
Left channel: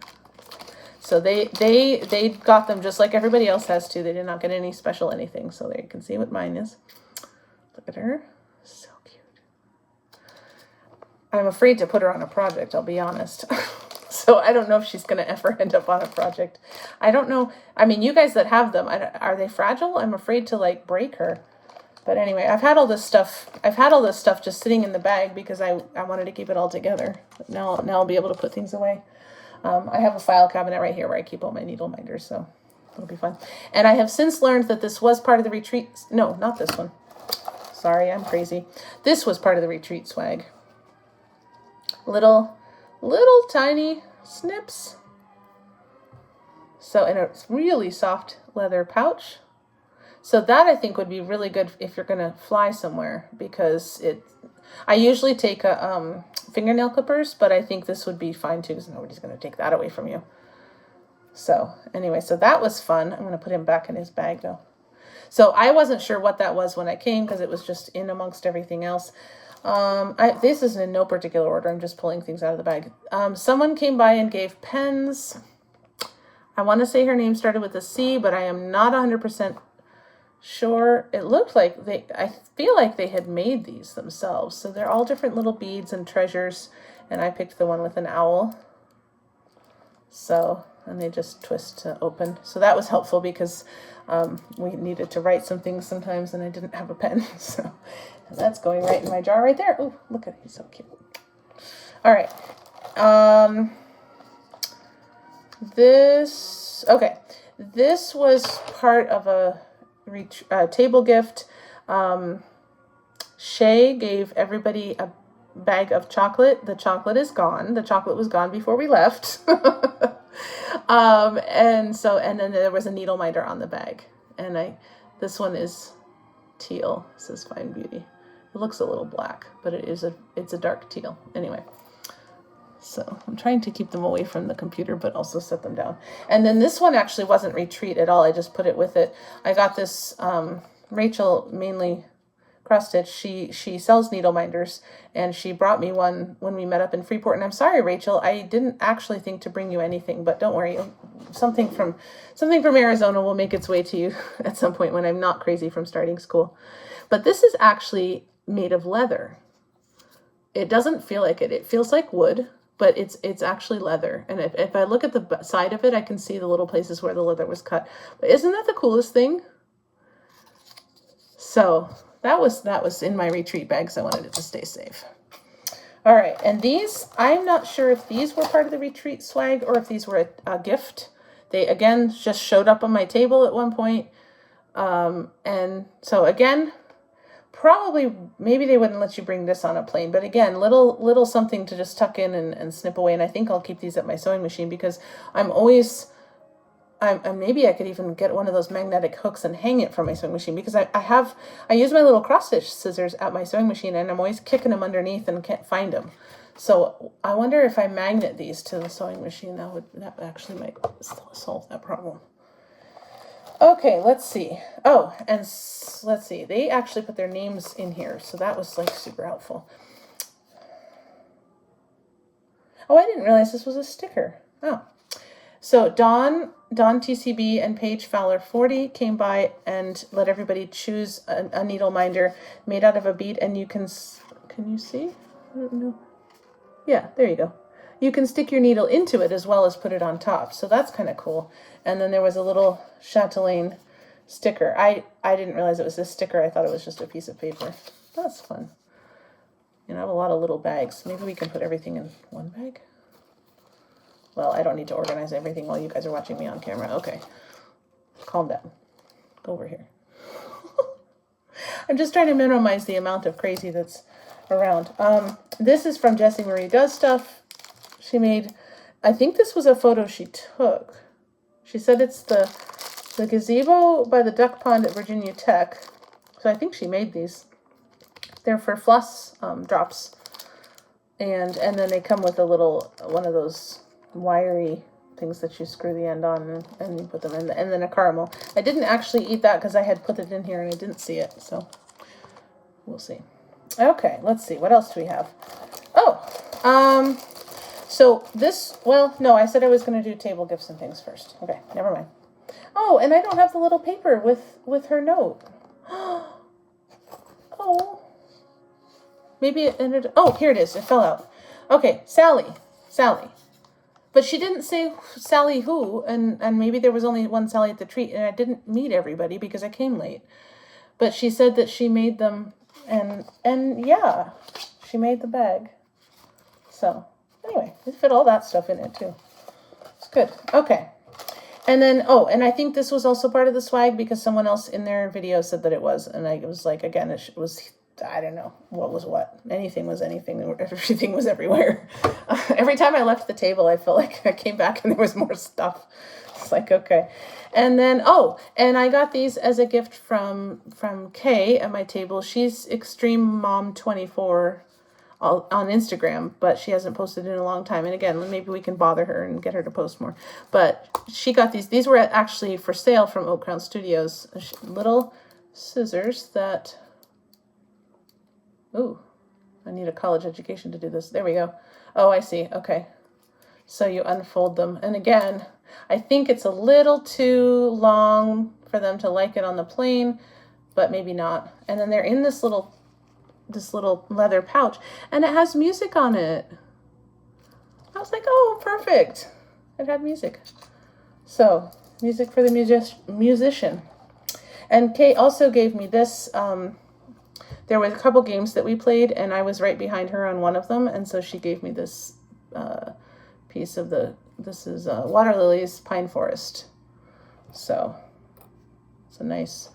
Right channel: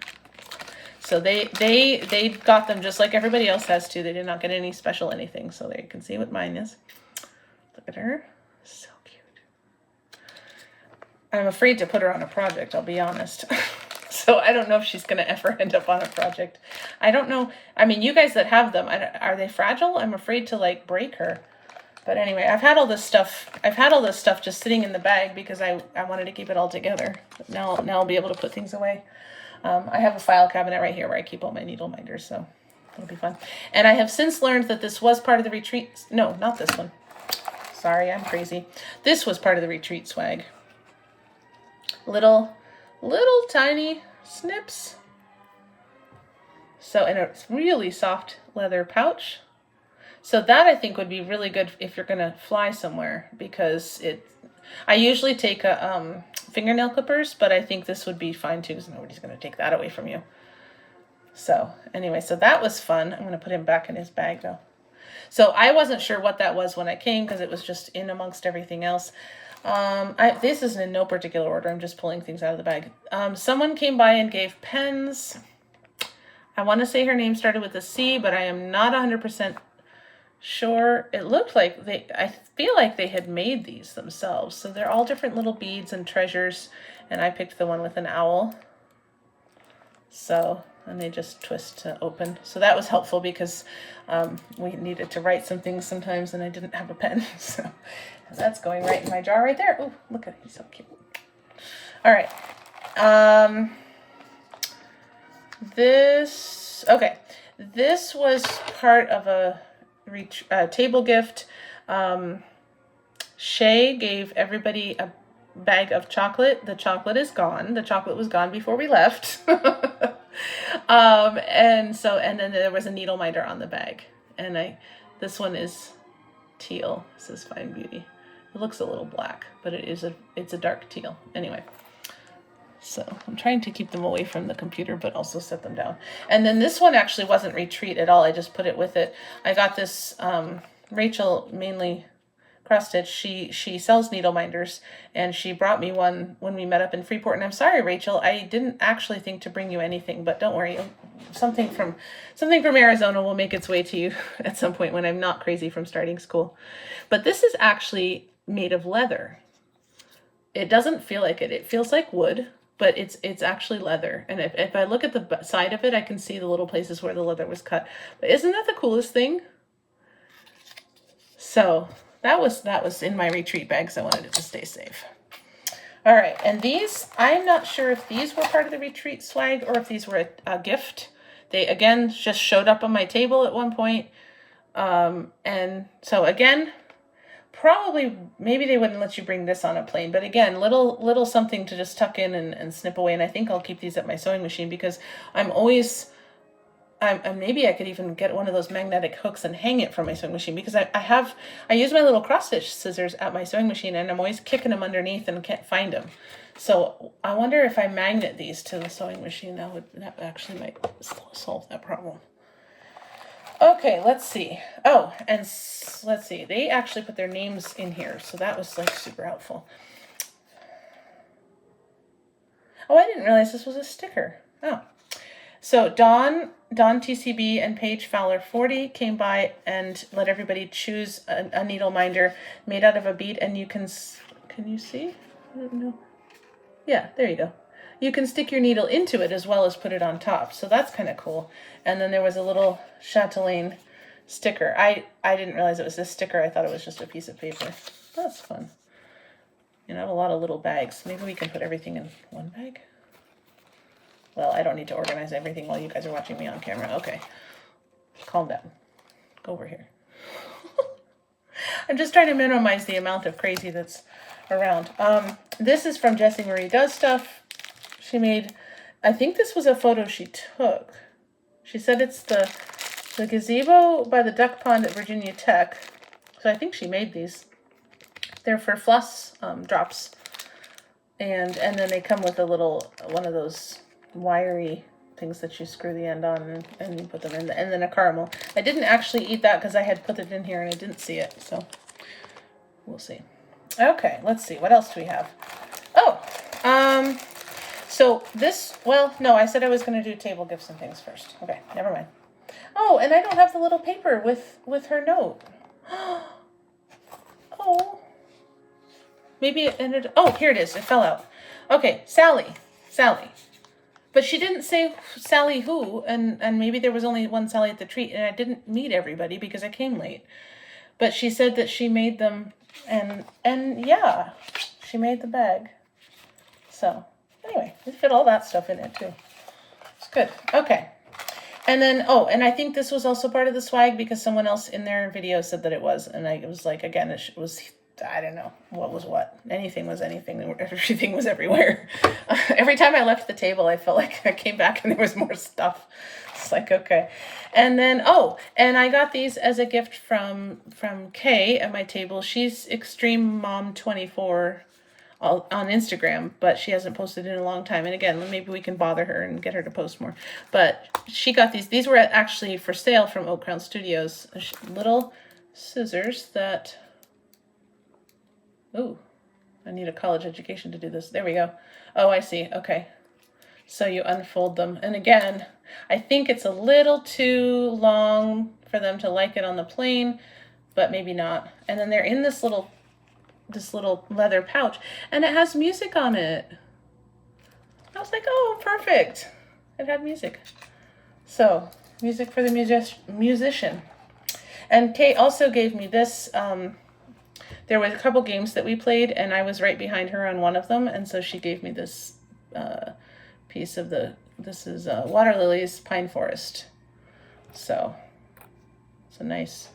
so they got them just like everybody else has to. They did not get any special anything. So there you can see what mine is. Look at her, so cute. I'm afraid to put her on a project, I'll be honest. So I don't know if she's going to ever end up on a project. I don't know. I mean, you guys that have them, are they fragile? I'm afraid to like break her. But anyway, I've had all this stuff just sitting in the bag because I wanted to keep it all together. But now I'll be able to put things away. I have a file cabinet right here where I keep all my needle minders, so it'll be fun. And I have since learned that this was part of the retreat. No, not this one. Sorry, I'm crazy. This was part of the retreat swag. Little tiny snips. So in a really soft leather pouch. So that I think would be really good if you're going to fly somewhere, because I usually take a fingernail clippers, but I think this would be fine too because nobody's going to take that away from you. So anyway, so that was fun. I'm going to put him back in his bag though. So I wasn't sure what that was when I came because it was just in amongst everything else. This isn't in no particular order. I'm just pulling things out of the bag. Someone came by and gave pens. I want to say her name started with a C, but I am not 100% sure. It looked like I feel like they had made these themselves. So they're all different little beads and treasures. And I picked the one with an owl. So, and they just twist to open. So that was helpful because we needed to write some things sometimes and I didn't have a pen. So that's going right in my jar right there. Oh, look at it. He's so cute. All right. This was part of a table gift. Shay gave everybody a bag of chocolate. The chocolate is gone. The chocolate was gone before we left. And then there was a needle minder on the bag. And this one is teal. This is Fine Beauty. It looks a little black, but it's a dark teal. Anyway. So I'm trying to keep them away from the computer, but also set them down. And then this one actually wasn't retreat at all. I just put it with it. I got this, Rachel, mainly cross stitch. She sells needle minders and she brought me one when we met up in Freeport. And I'm sorry, Rachel, I didn't actually think to bring you anything, but don't worry. Something from Arizona will make its way to you at some point when I'm not crazy from starting school. But this is actually made of leather. It doesn't feel like it. It feels like wood. But it's actually leather. And if I look at the side of it, I can see the little places where the leather was cut. But isn't that the coolest thing? So that was in my retreat bag, so I wanted it to stay safe. All right, and these, I'm not sure if these were part of the retreat swag or if these were a gift. They, again, just showed up on my table at one point. And so, again, probably, maybe they wouldn't let you bring this on a plane, but again, little something to just tuck in and snip away. And I think I'll keep these at my sewing machine because I'm always maybe I could even get one of those magnetic hooks and hang it from my sewing machine, because I use my little cross stitch scissors at my sewing machine, and I'm always kicking them underneath and can't find them. So I wonder if I magnet these to the sewing machine, that actually might solve that problem. Okay, let's see. Oh, and let's see. They actually put their names in here, so that was like super helpful. Oh, I didn't realize this was a sticker. Oh. So Dawn TCB and Paige Fowler 40 came by and let everybody choose a needle minder made out of a bead, and you can you see? I don't know. Yeah, there you go. You can stick your needle into it as well as put it on top. So that's kind of cool. And then there was a little Chatelaine sticker. I didn't realize it was this sticker. I thought it was just a piece of paper. That's fun. And I have a lot of little bags. Maybe we can put everything in one bag. Well, I don't need to organize everything while you guys are watching me on camera. Okay. Calm down. Go over here. I'm just trying to minimize the amount of crazy that's around. This is from Jessie Marie Does Stuff. She made, I think this was a photo she took. She said it's the gazebo by the duck pond at Virginia Tech. So I think she made these. They're for floss drops. And then they come with a little, one of those wiry things that you screw the end on, and you put them in, and then a caramel. I didn't actually eat that because I had put it in here and I didn't see it, so we'll see. Okay, let's see, what else do we have? Oh, so this, well, no, I said I was going to do table gifts and things first. Okay, never mind. Oh, and I don't have the little paper with her note. Oh, maybe it ended, oh, here it is, it fell out. Okay, Sally. But she didn't say Sally who, and maybe there was only one Sally at the treat, and I didn't meet everybody because I came late. But she said that she made them, and yeah, she made the bag. So, anyway, it fit all that stuff in it, too. It's good. Okay. And then, oh, and I think this was also part of the swag because someone else in their video said that it was, and I was like, again, it was, I don't know what was what. Anything was anything. Everything was everywhere. Every time I left the table, I felt like I came back and there was more stuff. It's like, okay. And then, oh, and I got these as a gift from Kay at my table. She's Extreme Mom 24 on Instagram, but she hasn't posted in a long time. And again, maybe we can bother her and get her to post more. But she got these. These were actually for sale from Oak Crown Studios. Little scissors that... Ooh, I need a college education to do this. There we go. Oh, I see. Okay. So you unfold them. And again, I think it's a little too long for them to like it on the plane, but maybe not. And then they're in this little leather pouch, and it has music on it. I was like, oh, perfect. It had music. So, music for the musician. And Kate also gave me this. There were a couple games that we played, and I was right behind her on one of them, and so she gave me this piece of this is Waterlily's Pine Forest. So, it's a nice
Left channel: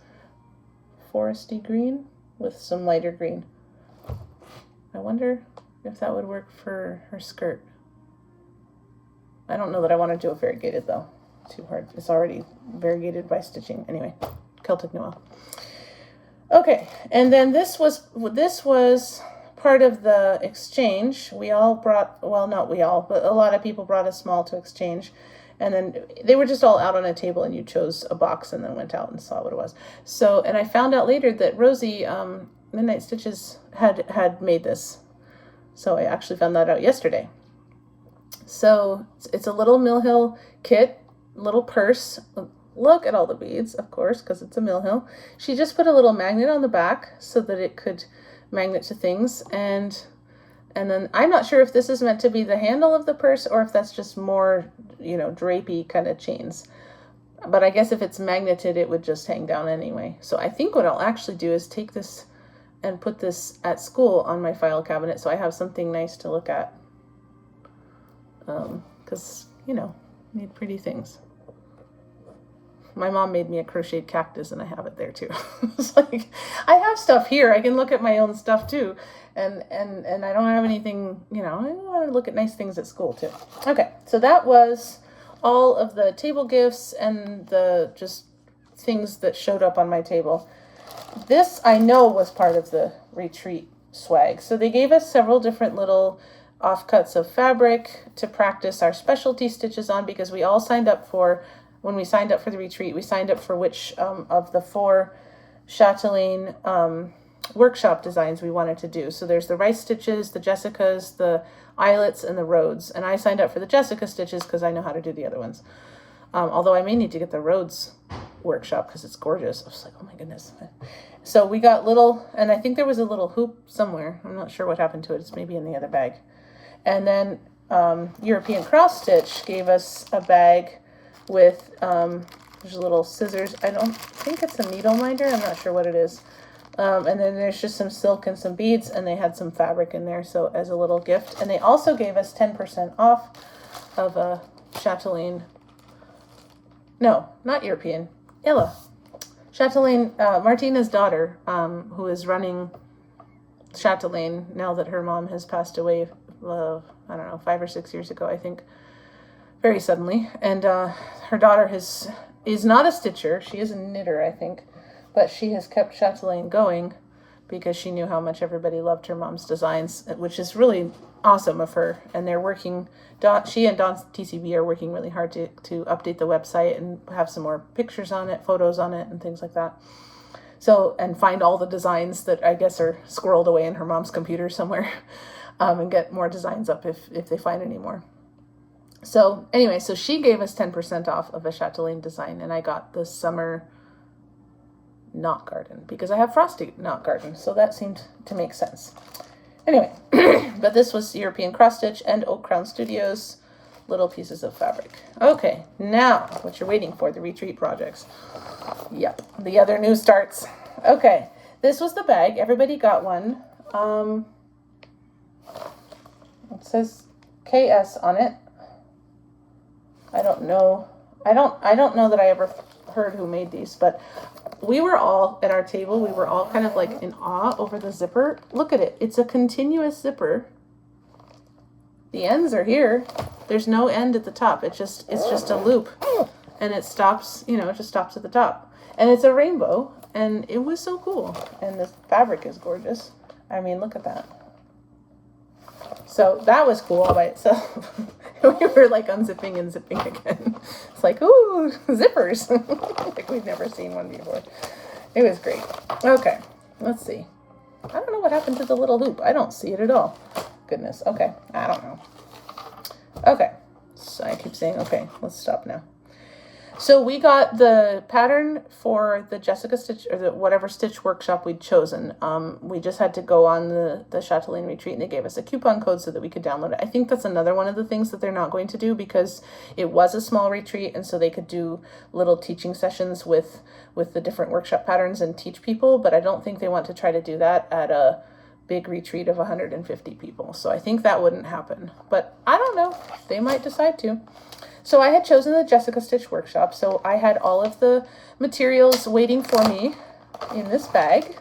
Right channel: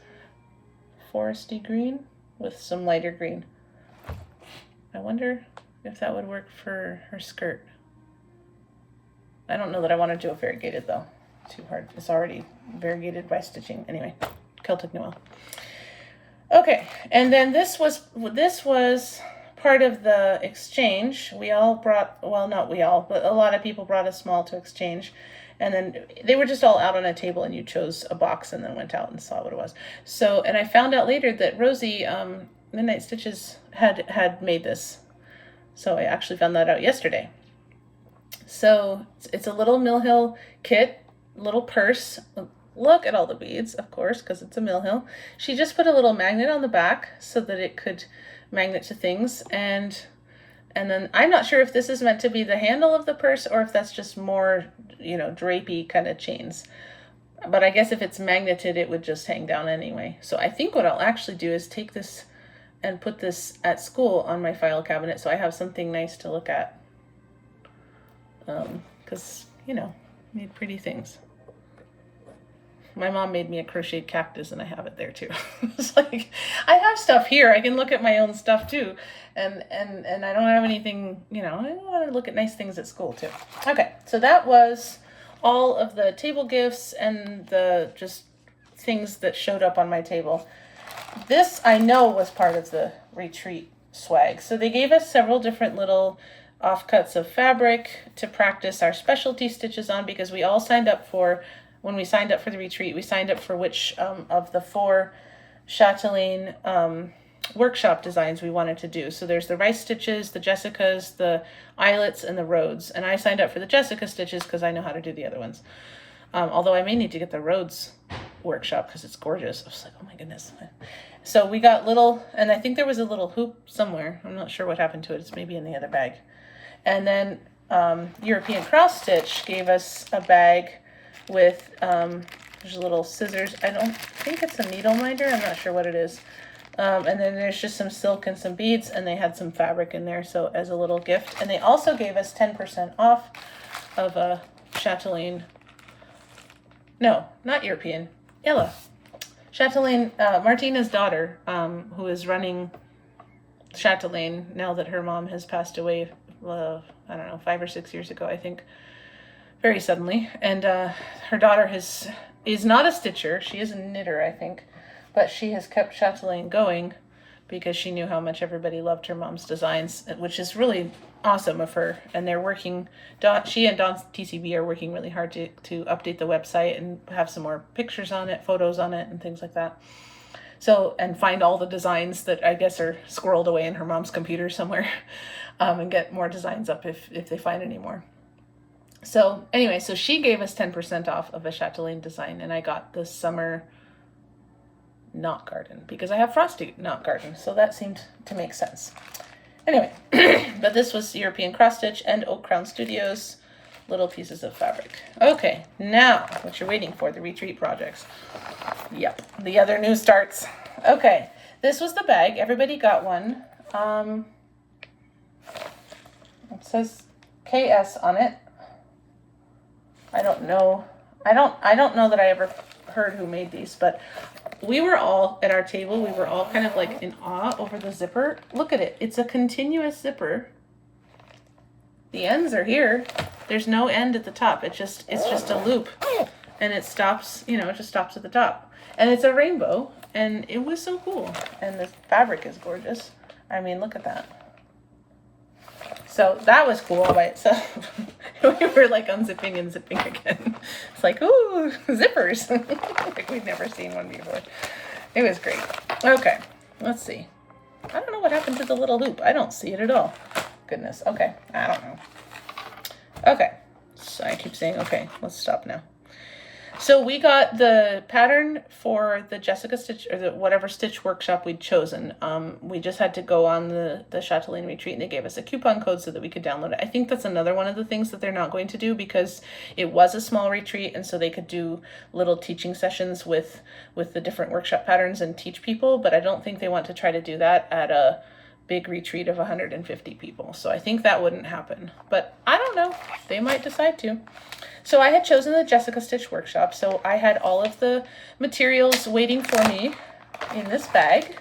foresty green with some lighter green. I wonder if that would work for her skirt. I don't know that I want to do it variegated, though. Too hard. It's already variegated by stitching. Anyway, Celtic Noel. Okay, and then this was part of the exchange. We all brought, well, not we all, but a lot of people brought a small to exchange. And then they were just all out on a table, and you chose a box and then went out and saw what it was. So, and I found out later that Rosie, Midnight Stitches, had made this. So I actually found that out yesterday. So it's a little Mill Hill kit, little purse. Look at all the beads, of course, because it's a Mill Hill. She just put a little magnet on the back so that it could magnet to things. And then I'm not sure if this is meant to be the handle of the purse or if that's just more, drapey kind of chains. But I guess if it's magneted, it would just hang down anyway. So I think what I'll actually do is take this and put this at school on my file cabinet so I have something nice to look at. Because, made pretty things. My mom made me a crocheted cactus, and I have it there too. It's like, I have stuff here. I can look at my own stuff too. And I don't have anything, I want to look at nice things at school too. Okay, so that was all of the table gifts and the just things that showed up on my table. This I know was part of the retreat swag. So they gave us several different little offcuts of fabric to practice our specialty stitches on, because we all signed up for, when we signed up for the retreat, we signed up for which of the 4 Chatelaine workshop designs we wanted to do. So there's the rice stitches, the Jessicas, the eyelets, and the Rhodes. And I signed up for the Jessica stitches because I know how to do the other ones. Although I may need to get the Rhodes workshop because it's gorgeous. I was like, oh my goodness. So we got little, and I think there was a little hoop somewhere. I'm not sure what happened to it. It's maybe in the other bag. And then European Cross Stitch gave us a bag with there's little scissors. I don't think it's a needle minder. I'm not sure what it is. And then there's just some silk and some beads, and they had some fabric in there, so as a little gift. And they also gave us 10% off of a Chatelaine. No, not European. Illa. Chatelaine, Martina's daughter, who is running Chatelaine now that her mom has passed away, I don't know, 5 or 6 years ago, I think, very suddenly. And her daughter is not a stitcher. She is a knitter, I think. But she has kept Chatelaine going because she knew how much everybody loved her mom's designs, which is really awesome of her. And they're working, she and Dawn's TCB are working really hard to update the website and have some more pictures on it, photos on it, and things like that. So, and find all the designs that I guess are squirreled away in her mom's computer somewhere, and get more designs up if they find any more. So anyway, so she gave us 10% off of a Chatelaine design, and I got the summer knot garden because I have frosty knot garden, so that seemed to make sense. Anyway, but this was European Cross Stitch and Oak Crown Studios little pieces of fabric. Okay, now what you're waiting for, the retreat projects. Yep, the other new starts. Okay, this was the bag. Everybody got one. It says KS on it. I don't know. I don't know that I ever heard who made these, but we were all at our table. We were all kind of like in awe over the zipper. Look at it. It's a continuous zipper. The ends are here. There's no end at the top. It's just a loop, and it stops, you know, it just stops at the top. And it's a rainbow, and it was so cool. And the fabric is gorgeous. I mean, look at that. So that was cool all by itself. We were like unzipping and zipping again. It's like, ooh, zippers. Like we'd never seen one before. It was great. Okay, let's see. I don't know what happened to the little hoop. I don't see it at all. Goodness. Okay, I don't know. Okay, so I keep saying okay. Let's stop now. So we got the pattern for the Jessica stitch, or the whatever stitch workshop we'd chosen. We just had to go on the Chatelaine retreat, and they gave us a coupon code so that we could download it. I think that's another one of the things that they're not going to do, because it was a small retreat, and so they could do little teaching sessions with the different workshop patterns and teach people, but I don't think they want to try to do that at a big retreat of 150 people. So I think that wouldn't happen, but I don't know. They might decide to. So I had chosen the Jessica Stitch Workshop, so I had all of the materials waiting for me in this bag.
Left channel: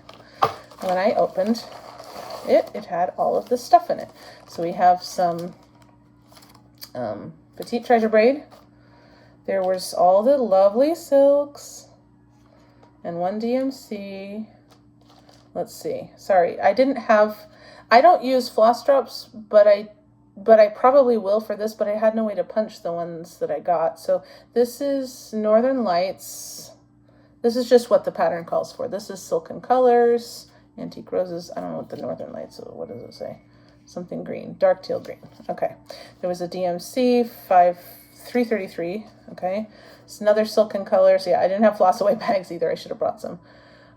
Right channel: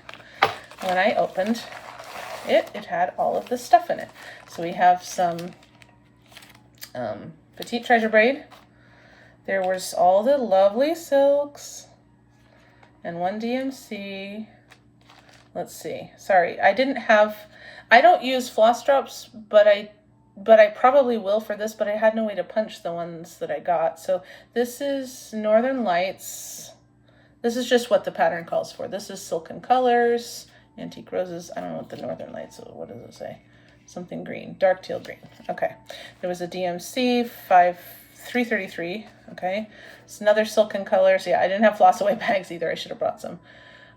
When I opened it, it had all of the stuff in it. So we have some petite treasure braid. There was all the lovely silks and one DMC. Let's see. Sorry, I don't use floss drops, but I probably will for this, but I had no way to punch the ones that I got. So this is Northern Lights. This is just what the pattern calls for. This is Silken Colors, Antique Roses. I don't know what the Northern Lights, what does it say? Something green, dark teal green. Okay. There was a DMC 333. Okay. It's another Silken Colors. Yeah, I didn't have floss away bags either. I should have brought some.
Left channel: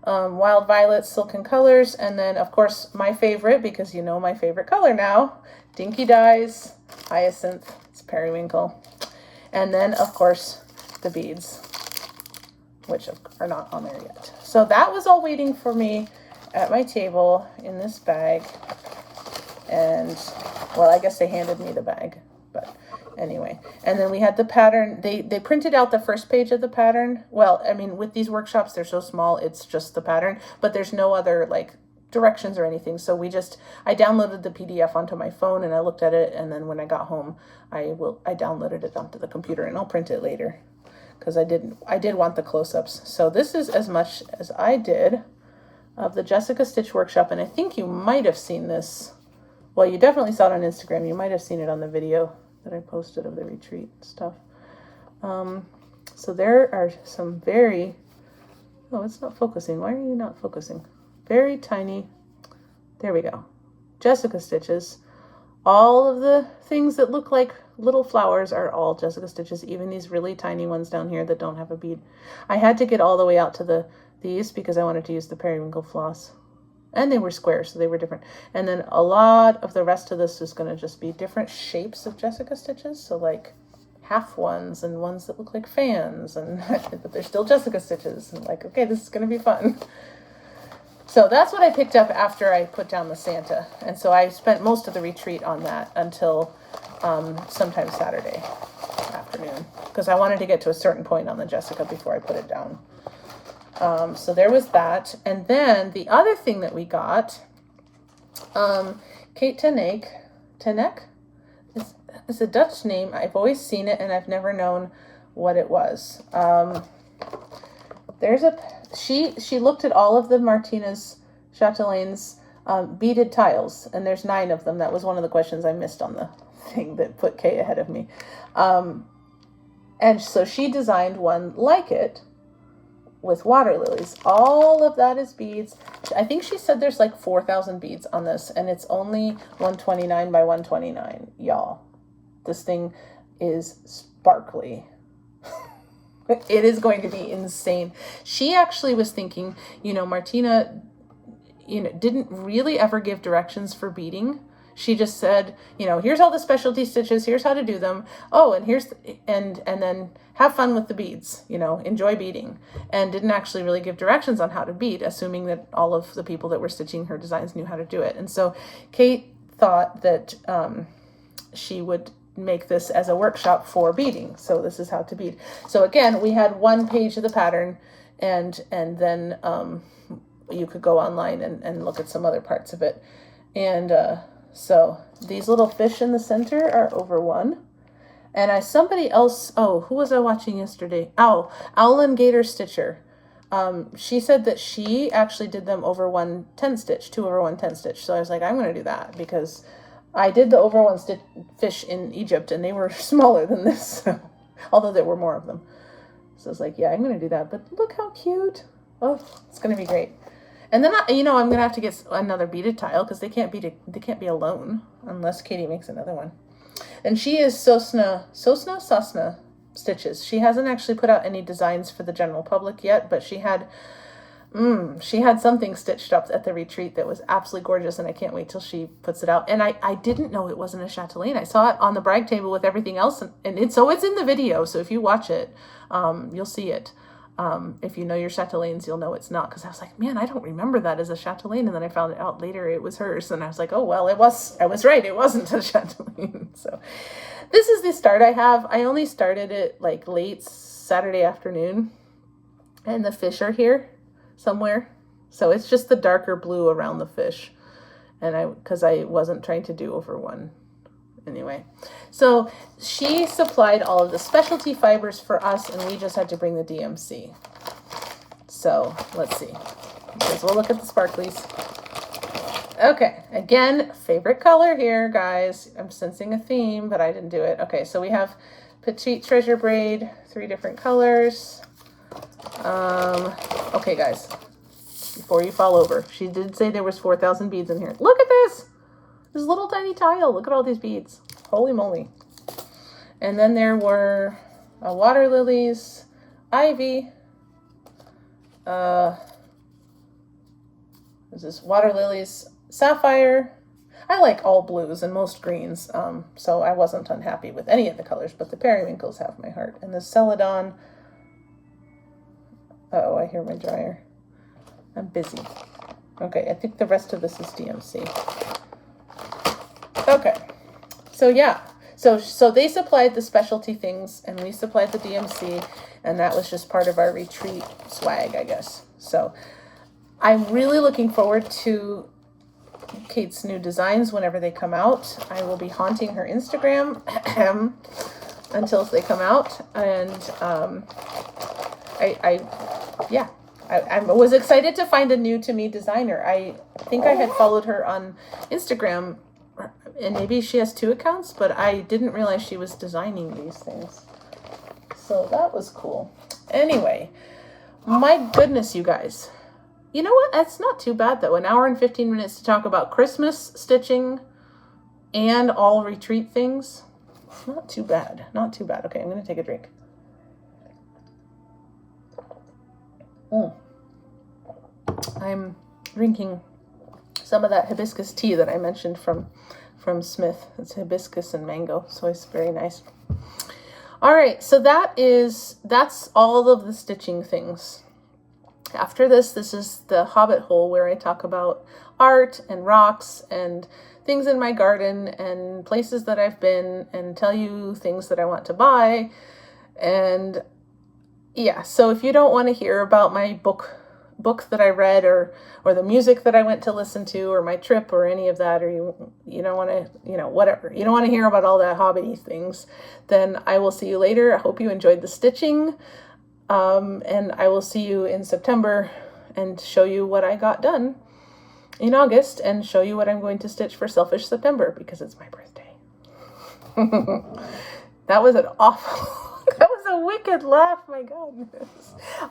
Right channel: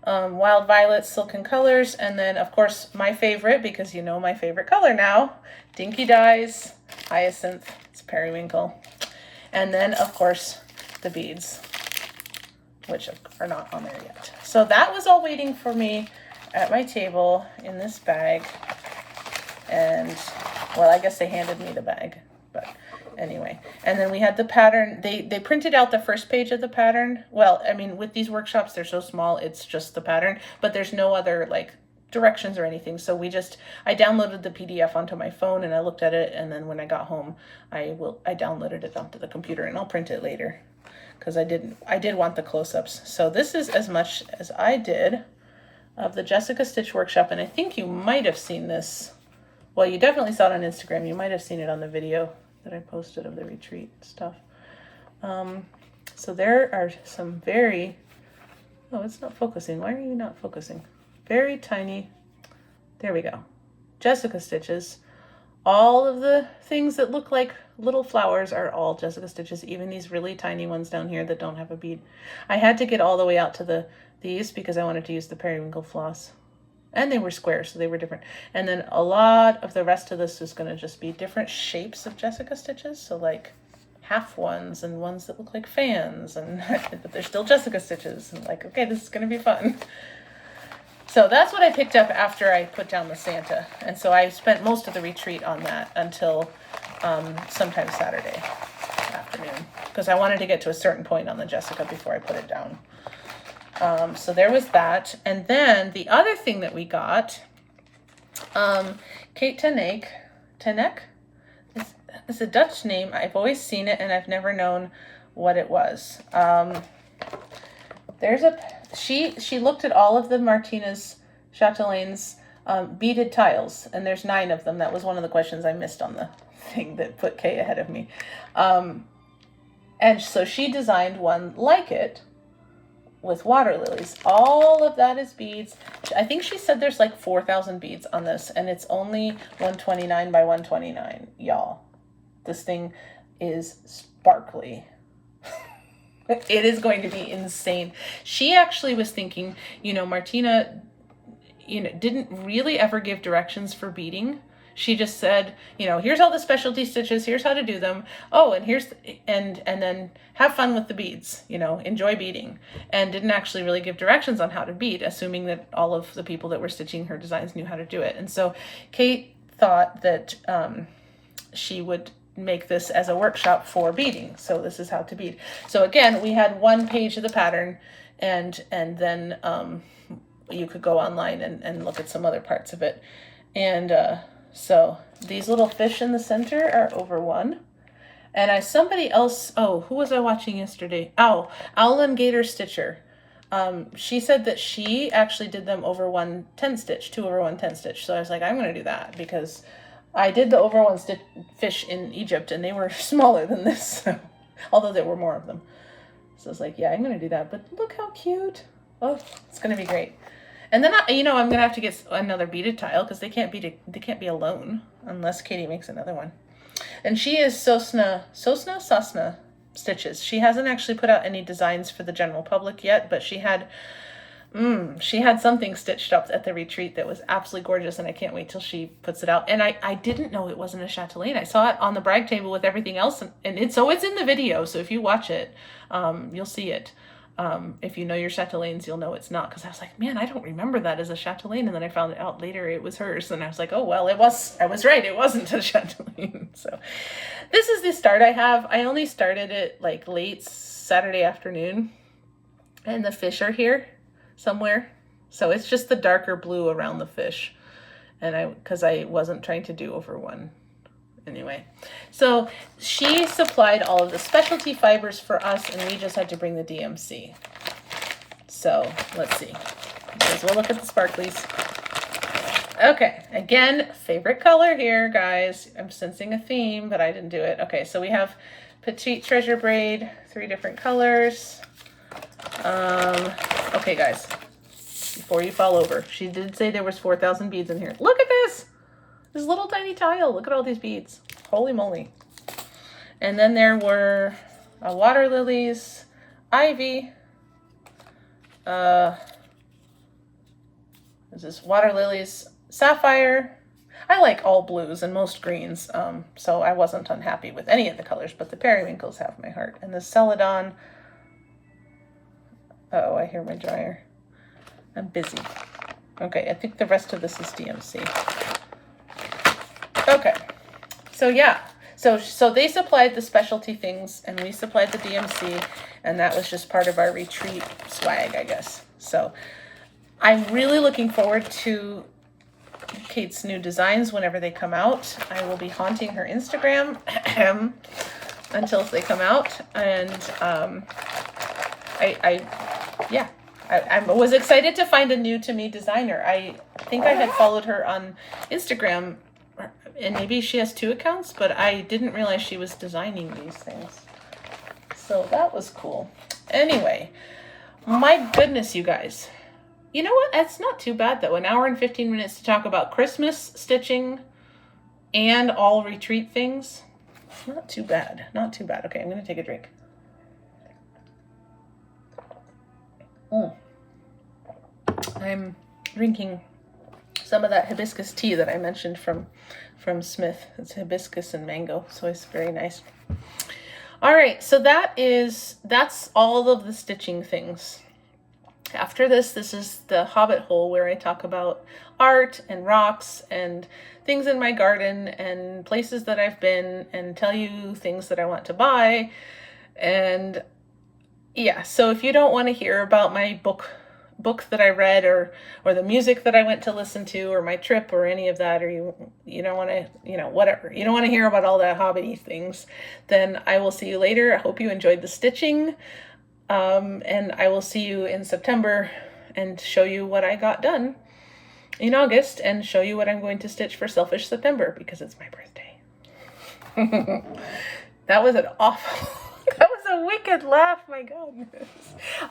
Wild Violet, Silken Colors, and then of course my favorite, because you know my favorite color now, Dinky Dyes, Hyacinth, it's Periwinkle, and then of course the beads, which are not on there yet. So that was all waiting for me at my table in this bag, and well, I guess they handed me the bag, but anyway. And then we had the pattern. They printed out the first page of the pattern. Well, I mean, with these workshops, they're so small, it's just the pattern, but there's no other like directions or anything. So I downloaded the PDF onto my phone and I looked at it. And then when I got home, I downloaded it onto the computer and I'll print it later because I did want the close-ups. So this is as much as I did of the Jessica Stitch Workshop. And I think you might have seen this. Well, you definitely saw it on Instagram. You might have seen it on the video that I posted of the retreat stuff. So there are some very, oh, it's not focusing. Why are you not focusing? Very tiny, there we go. Jessica stitches. All of the things that look like little flowers are all Jessica stitches, even these really tiny ones down here that don't have a bead. I had to get all the way out to these because I wanted to use the periwinkle floss. And they were square, so they were different. And then a lot of the rest of this is going to just be different shapes of Jessica stitches. So like half ones and ones that look like fans, and but they're still Jessica stitches. And like, okay, this is going to be fun. So that's what I picked up after I put down the Santa. And so I spent most of the retreat on that until sometime Saturday afternoon, because I wanted to get to a certain point on the Jessica before I put it down. So there was that. And then the other thing that we got, Kate Tenek is a Dutch name. I've always seen it and I've never known what it was. She looked at all of the Martina's Chatelaine's beaded tiles, and there's 9 of them. That was one of the questions I missed on the thing that put Kay ahead of me. And so she designed one like it with water lilies. All of that is beads. I think she said there's like 4,000 beads on this, and it's only 129 by 129, y'all. This thing is sparkly. It is going to be insane. She actually was thinking, Martina, didn't really ever give directions for beading. She just said, here's all the specialty stitches, here's how to do them. Oh, and and then have fun with the beads, enjoy beading. And didn't actually really give directions on how to bead, assuming that all of the people that were stitching her designs knew how to do it. And so Kate thought that she would make this as a workshop for beading. So this is how to bead. So again, we had 1 page of the pattern, and then you could go online and look at some other parts of it. And so these little fish in the center are over 1. And somebody else, who was I watching yesterday? Owlin Gator Stitcher. She said that she actually did them over 1 10 stitch, 2 over 1 10 stitch. So I was like, I'm going to do that because I did the over 1 stitch fish in Egypt and they were smaller than this, although there were more of them. So I was like, yeah, I'm going to do that. But look how cute. Oh, it's going to be great. And then, I'm going to have to get another beaded tile because they can't be alone unless Katie makes another one. And she is Sosna Stitches. She hasn't actually put out any designs for the general public yet, but she had something stitched up at the retreat that was absolutely gorgeous, and I can't wait till she puts it out. And I didn't know it wasn't a chatelaine. I saw it on the brag table with everything else, and it's in the video, so if you watch it, you'll see it. If you know your chatelaines, you'll know it's not, because I was like, man, I don't remember that as a chatelaine, and then I found out later it was hers, and I was like, oh, well, I was right, it wasn't a chatelaine. So this is the start I have. I only started it like late Saturday afternoon, and the fish are here somewhere, so it's just the darker blue around the fish, and because I wasn't trying to do over 1 anyway. So she supplied all of the specialty fibers for us, and we just had to bring the DMC. So let's see, because we'll look at the sparklies. Okay, again, favorite color here, guys. I'm sensing a theme, but I didn't do it. Okay, so we have Petite Treasure Braid, 3 different colors. Okay, guys, before you fall over, she did say there was 4,000 beads in here. Look at this little tiny tile. Look at all these beads. Holy moly. And then there were water lilies, ivy, this is water lilies, sapphire. I like all blues and most greens, so I wasn't unhappy with any of the colors, but the periwinkles have my heart. And the celadon. Uh-oh, I hear my dryer. I'm busy. Okay, I think the rest of this is DMC. Okay, so yeah, so they supplied the specialty things and we supplied the DMC, and that was just part of our retreat swag, I guess. So I'm really looking forward to Kate's new designs whenever they come out. I will be haunting her Instagram until they come out, and I was excited to find a new to me designer. I think I had followed her on Instagram, and maybe she has 2 accounts, but I didn't realize she was designing these things. So that was cool. Anyway, my goodness, you guys. You know what? That's not too bad, though. An hour and 15 minutes to talk about Christmas stitching and all retreat things. Not too bad. Not too bad. Okay, I'm going to take a drink. I'm drinking some of that hibiscus tea that I mentioned from Smith. It's hibiscus and mango, so it's very nice. All right, so that's all of the stitching things. After this is the Hobbit hole, where I talk about art and rocks and things in my garden and places that I've been, and tell you things that I want to buy. And yeah, so if you don't want to hear about my book that I read, or the music that I went to listen to, or my trip, or any of that, or you don't want to, whatever, you don't want to hear about all that hobbity things, then I will see you later. I hope you enjoyed the stitching, and I will see you in September and show you what I got done in August, and show you what I'm going to stitch for Selfish September, because it's my birthday. That was an awful that was a wicked laugh, my goodness.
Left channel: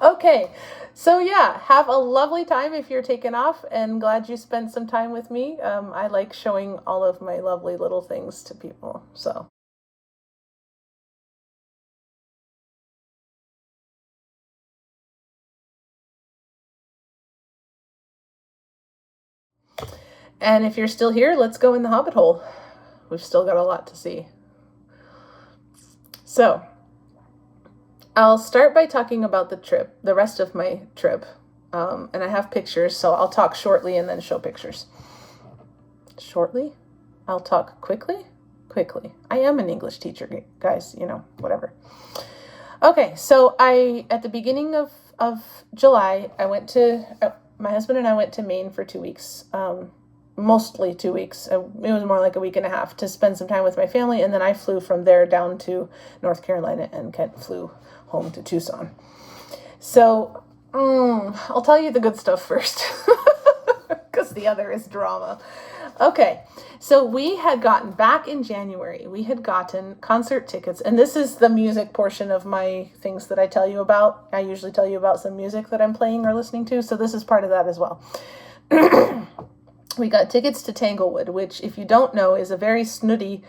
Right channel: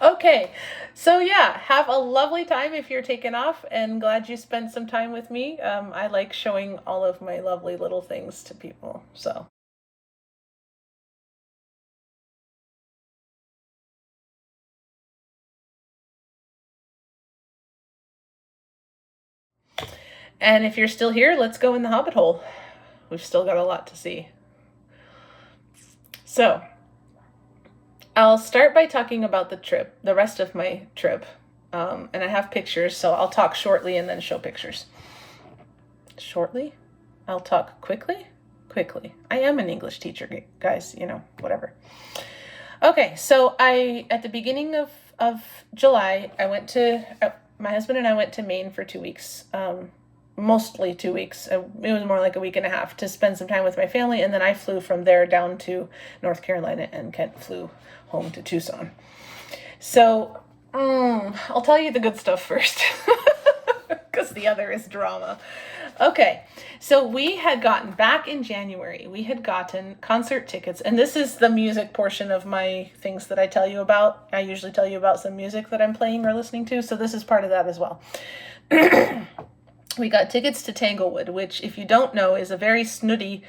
Okay, so yeah, have a lovely time if you're taking off, and glad you spent some time with me. I like showing all of my lovely little things to people, so. And if you're still here, let's go in the Hobbit hole. We've still got a lot to see. So, I'll start by talking about the rest of my trip. And I have pictures, so I'll talk shortly and then show pictures. Shortly? I'll talk quickly? Quickly. I am an English teacher, guys, whatever. Okay, so at the beginning of July, my husband and I went to Maine for 2 weeks. Mostly 2 weeks. It was more like a week and a half, to spend some time with my family, and then I flew from there down to North Carolina, and Kent flew home to Tucson. So I'll tell you the good stuff first, because the other is drama. Okay, so we had gotten, back in January, we had gotten concert tickets, and this is the music portion of my things that I tell you about. I usually tell you about some music that I'm playing or listening to, so this is part of that as well. We got tickets to Tanglewood, which, if you don't know, is a very snooty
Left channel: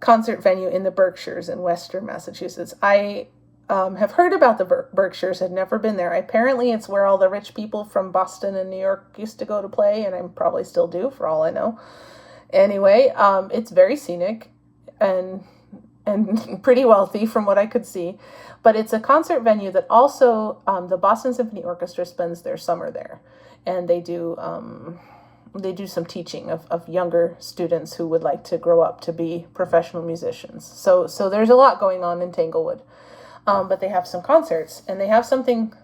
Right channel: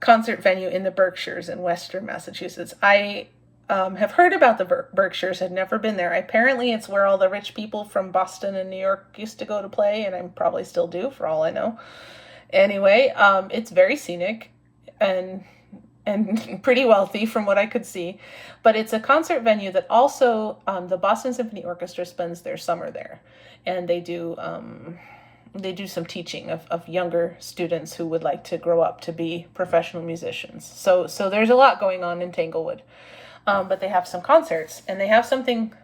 concert venue in the Berkshires in Western Massachusetts. I have heard about the Berkshires, had never been there. Apparently it's where all the rich people from Boston and New York used to go to play, and I probably still do, for all I know. Anyway, it's very scenic and pretty wealthy from what I could see. But it's a concert venue that also, the Boston Symphony Orchestra spends their summer there. And they do some teaching of younger students who would like to grow up to be professional musicians. So there's a lot going on in Tanglewood. But they have some concerts, and they have something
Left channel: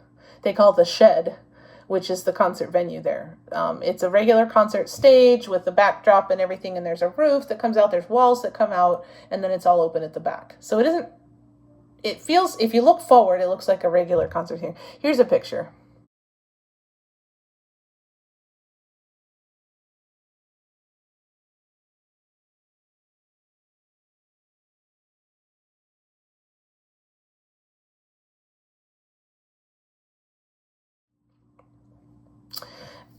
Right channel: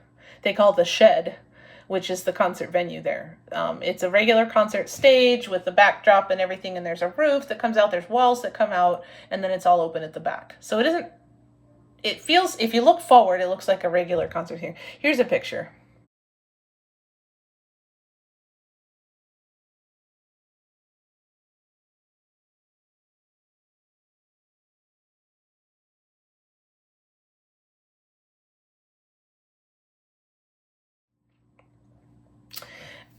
they call the Shed, which is the concert venue there. It's a regular concert stage with the backdrop and everything, and there's a roof that comes out, there's walls that come out, and then it's all open at the back. So it feels, if you look forward, it looks like a regular concert here. Here's a picture.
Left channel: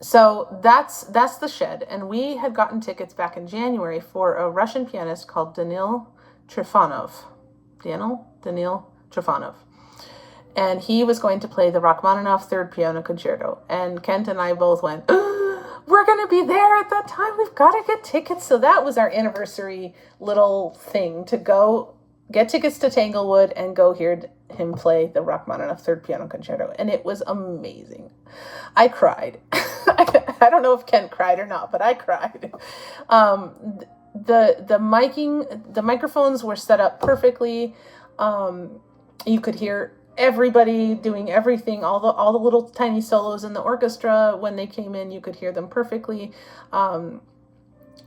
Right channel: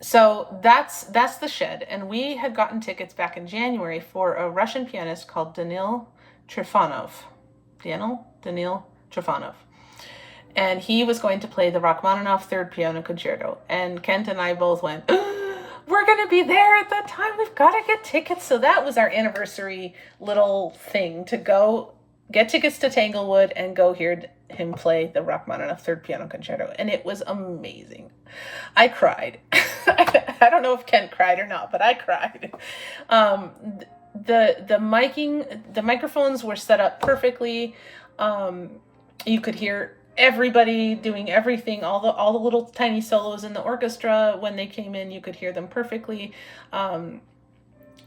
So that's the Shed, and we had gotten tickets back in January for a Russian pianist called Danil Trifonov. Danil Trifonov. And he was going to play the Rachmaninoff Third Piano Concerto. And Kent and I both went, we're going to be there at that time. We've got to get tickets. So that was our anniversary little thing, to go get tickets to Tanglewood and go hear him play the Rachmaninoff Third Piano Concerto. And it was amazing. I cried. I don't know if Kent cried or not, but I cried. The microphones were set up perfectly. You could hear everybody doing everything, all the little tiny solos in the orchestra. When they came in, you could hear them perfectly. And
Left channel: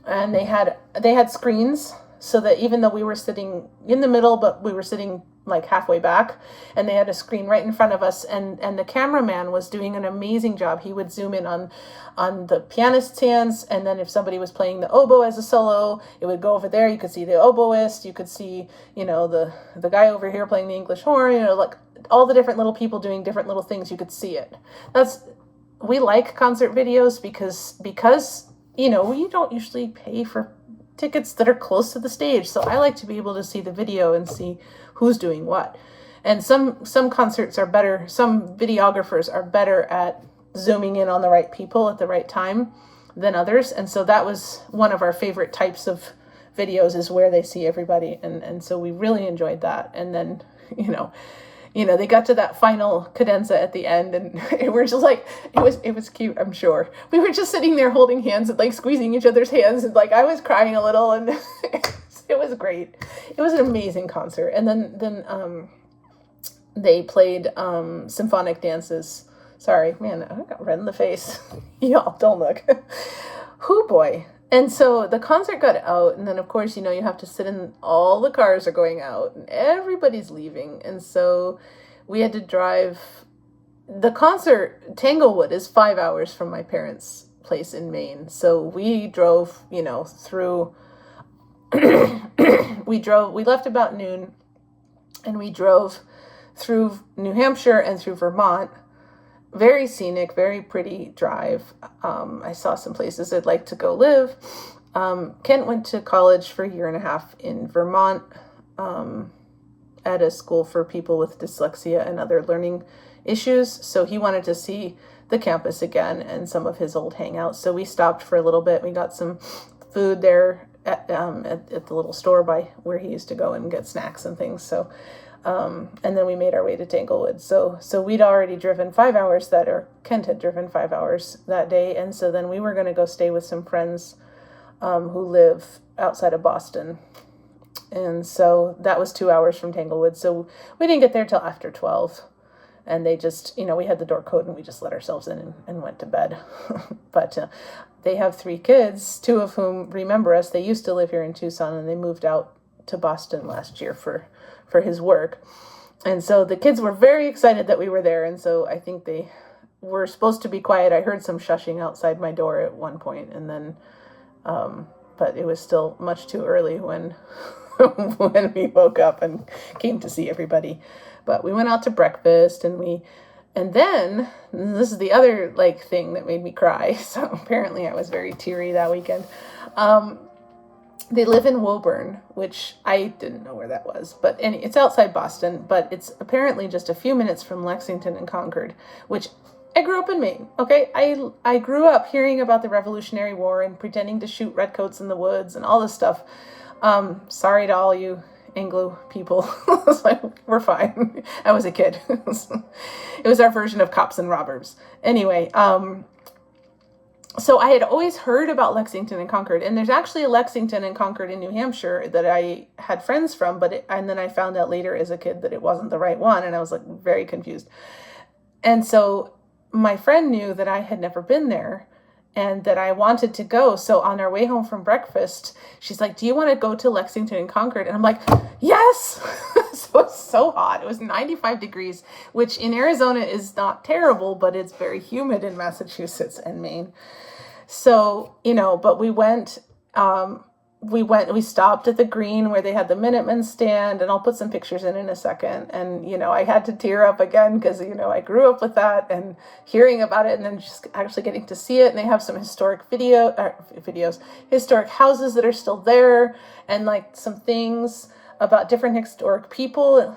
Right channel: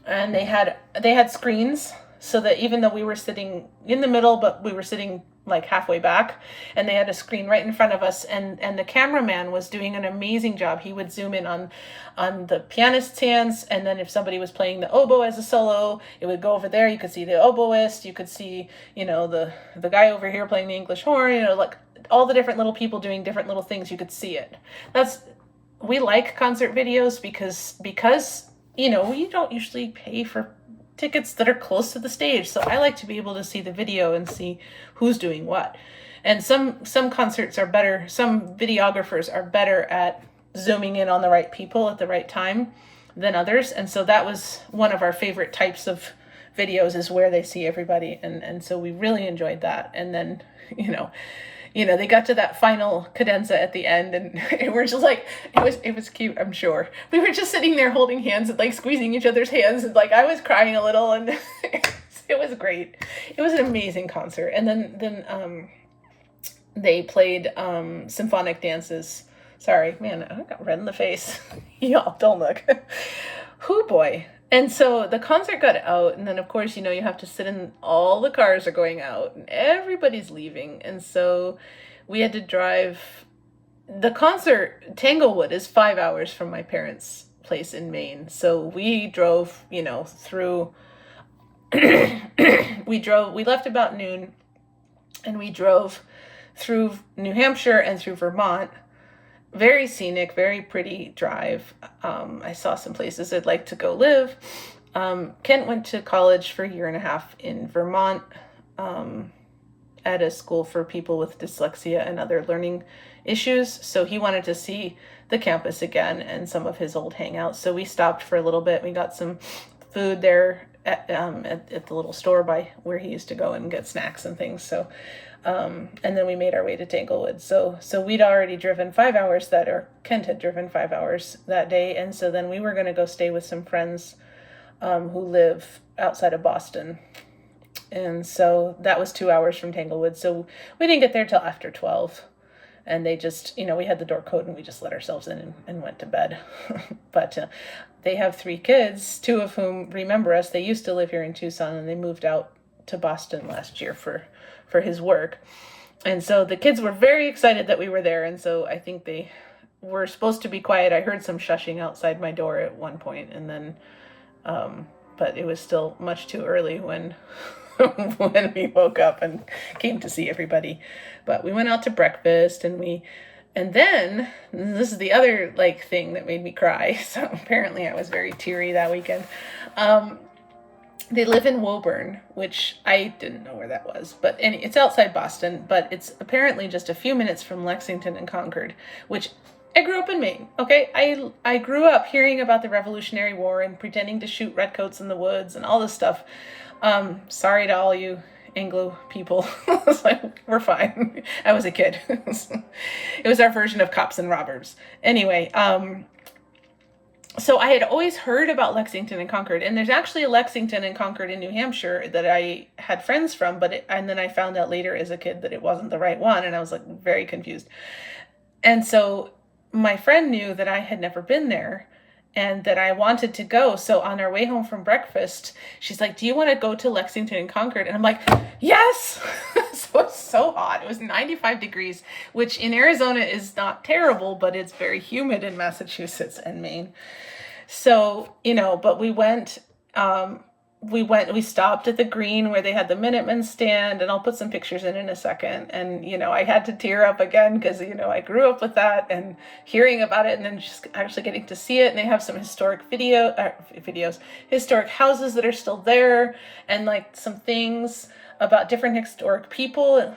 they had screens, so that even though we were sitting in the middle, but we were sitting like halfway back, and they had a screen right in front of us, and the cameraman was doing an amazing job. He would zoom in on the pianist's hands, and then if somebody was playing the oboe as a solo, it would go over there. You could see the oboist, you could see, the guy over here playing the English horn, like all the different little people doing different little things. You could see it. We like concert videos because we don't usually pay for tickets that are close to the stage. So I like to be able to see the video and see who's doing what. And some concerts are better, some videographers are better at zooming in on the right people at the right time than others. And so that was one of our favorite types of videos, is where they see everybody. And so we really enjoyed that. And then, they got to that final cadenza at the end, and we're just like, it was cute, I'm sure. We were just sitting there holding hands and like squeezing each other's hands, and like I was crying a little, and it was great. It was an amazing concert. And then they played symphonic dances. Sorry, man, I got red in the face. Y'all, don't look. Hoo boy. And so the concert got out, and then of course, you have to sit in, all the cars are going out and everybody's leaving. And so we had to drive. The concert, Tanglewood, is 5 hours from my parents' place in Maine. So we drove, through, we left about noon, and we drove through New Hampshire and through Vermont. Very scenic, very pretty drive. I saw some places I'd like to go live. Kent went to college for a year and a half in Vermont at a school for people with dyslexia and other learning issues. So he wanted to see the campus again and some of his old hangouts. So we stopped for a little bit. We got some food there at the little store by where he used to go and get snacks and things. So and then we made our way to Tanglewood. So we'd already driven 5 hours Kent had driven 5 hours that day. And so then we were going to go stay with some friends who live outside of Boston. And so that was 2 hours from Tanglewood. So we didn't get there till after 12. And they just, we had the door code, and we just let ourselves in and went to bed. But they have 3 kids, 2 of whom remember us. They used to live here in Tucson, and they moved out to Boston last year for his work. And so the kids were very excited that we were there. And so I think they were supposed to be quiet. I heard some shushing outside my door at one point, and then, but it was still much too early when we woke up and came to see everybody. But we went out to breakfast, and then this is the other thing that made me cry. So apparently I was very teary that weekend. They live in Woburn, which I didn't know where that was, but it's outside Boston, but it's apparently just a few minutes from Lexington and Concord, which I grew up in Maine. Okay. I grew up hearing about the Revolutionary War and pretending to shoot redcoats in the woods and all this stuff. Sorry to all you Anglo people. It's like, we're fine. I was a kid. It was our version of cops and robbers. Anyway, so I had always heard about Lexington and Concord, and there's actually a Lexington and Concord in New Hampshire that I had friends from, and then I found out later as a kid that it wasn't the right one, and I was very confused. And so my friend knew that I had never been there and that I wanted to go. So on our way home from breakfast, she's like, do you want to go to Lexington and Concord? And I'm like, yes. So it's so hot. It was 95 degrees, which in Arizona is not terrible, but it's very humid in Massachusetts and Maine. So, but we stopped at the Green where they had the Minutemen stand, and I'll put some pictures in a second. And, I had to tear up again because, I grew up with that and hearing about it, and then just actually getting to see it. And they have some historic historic houses that are still there, and some things about different historic people.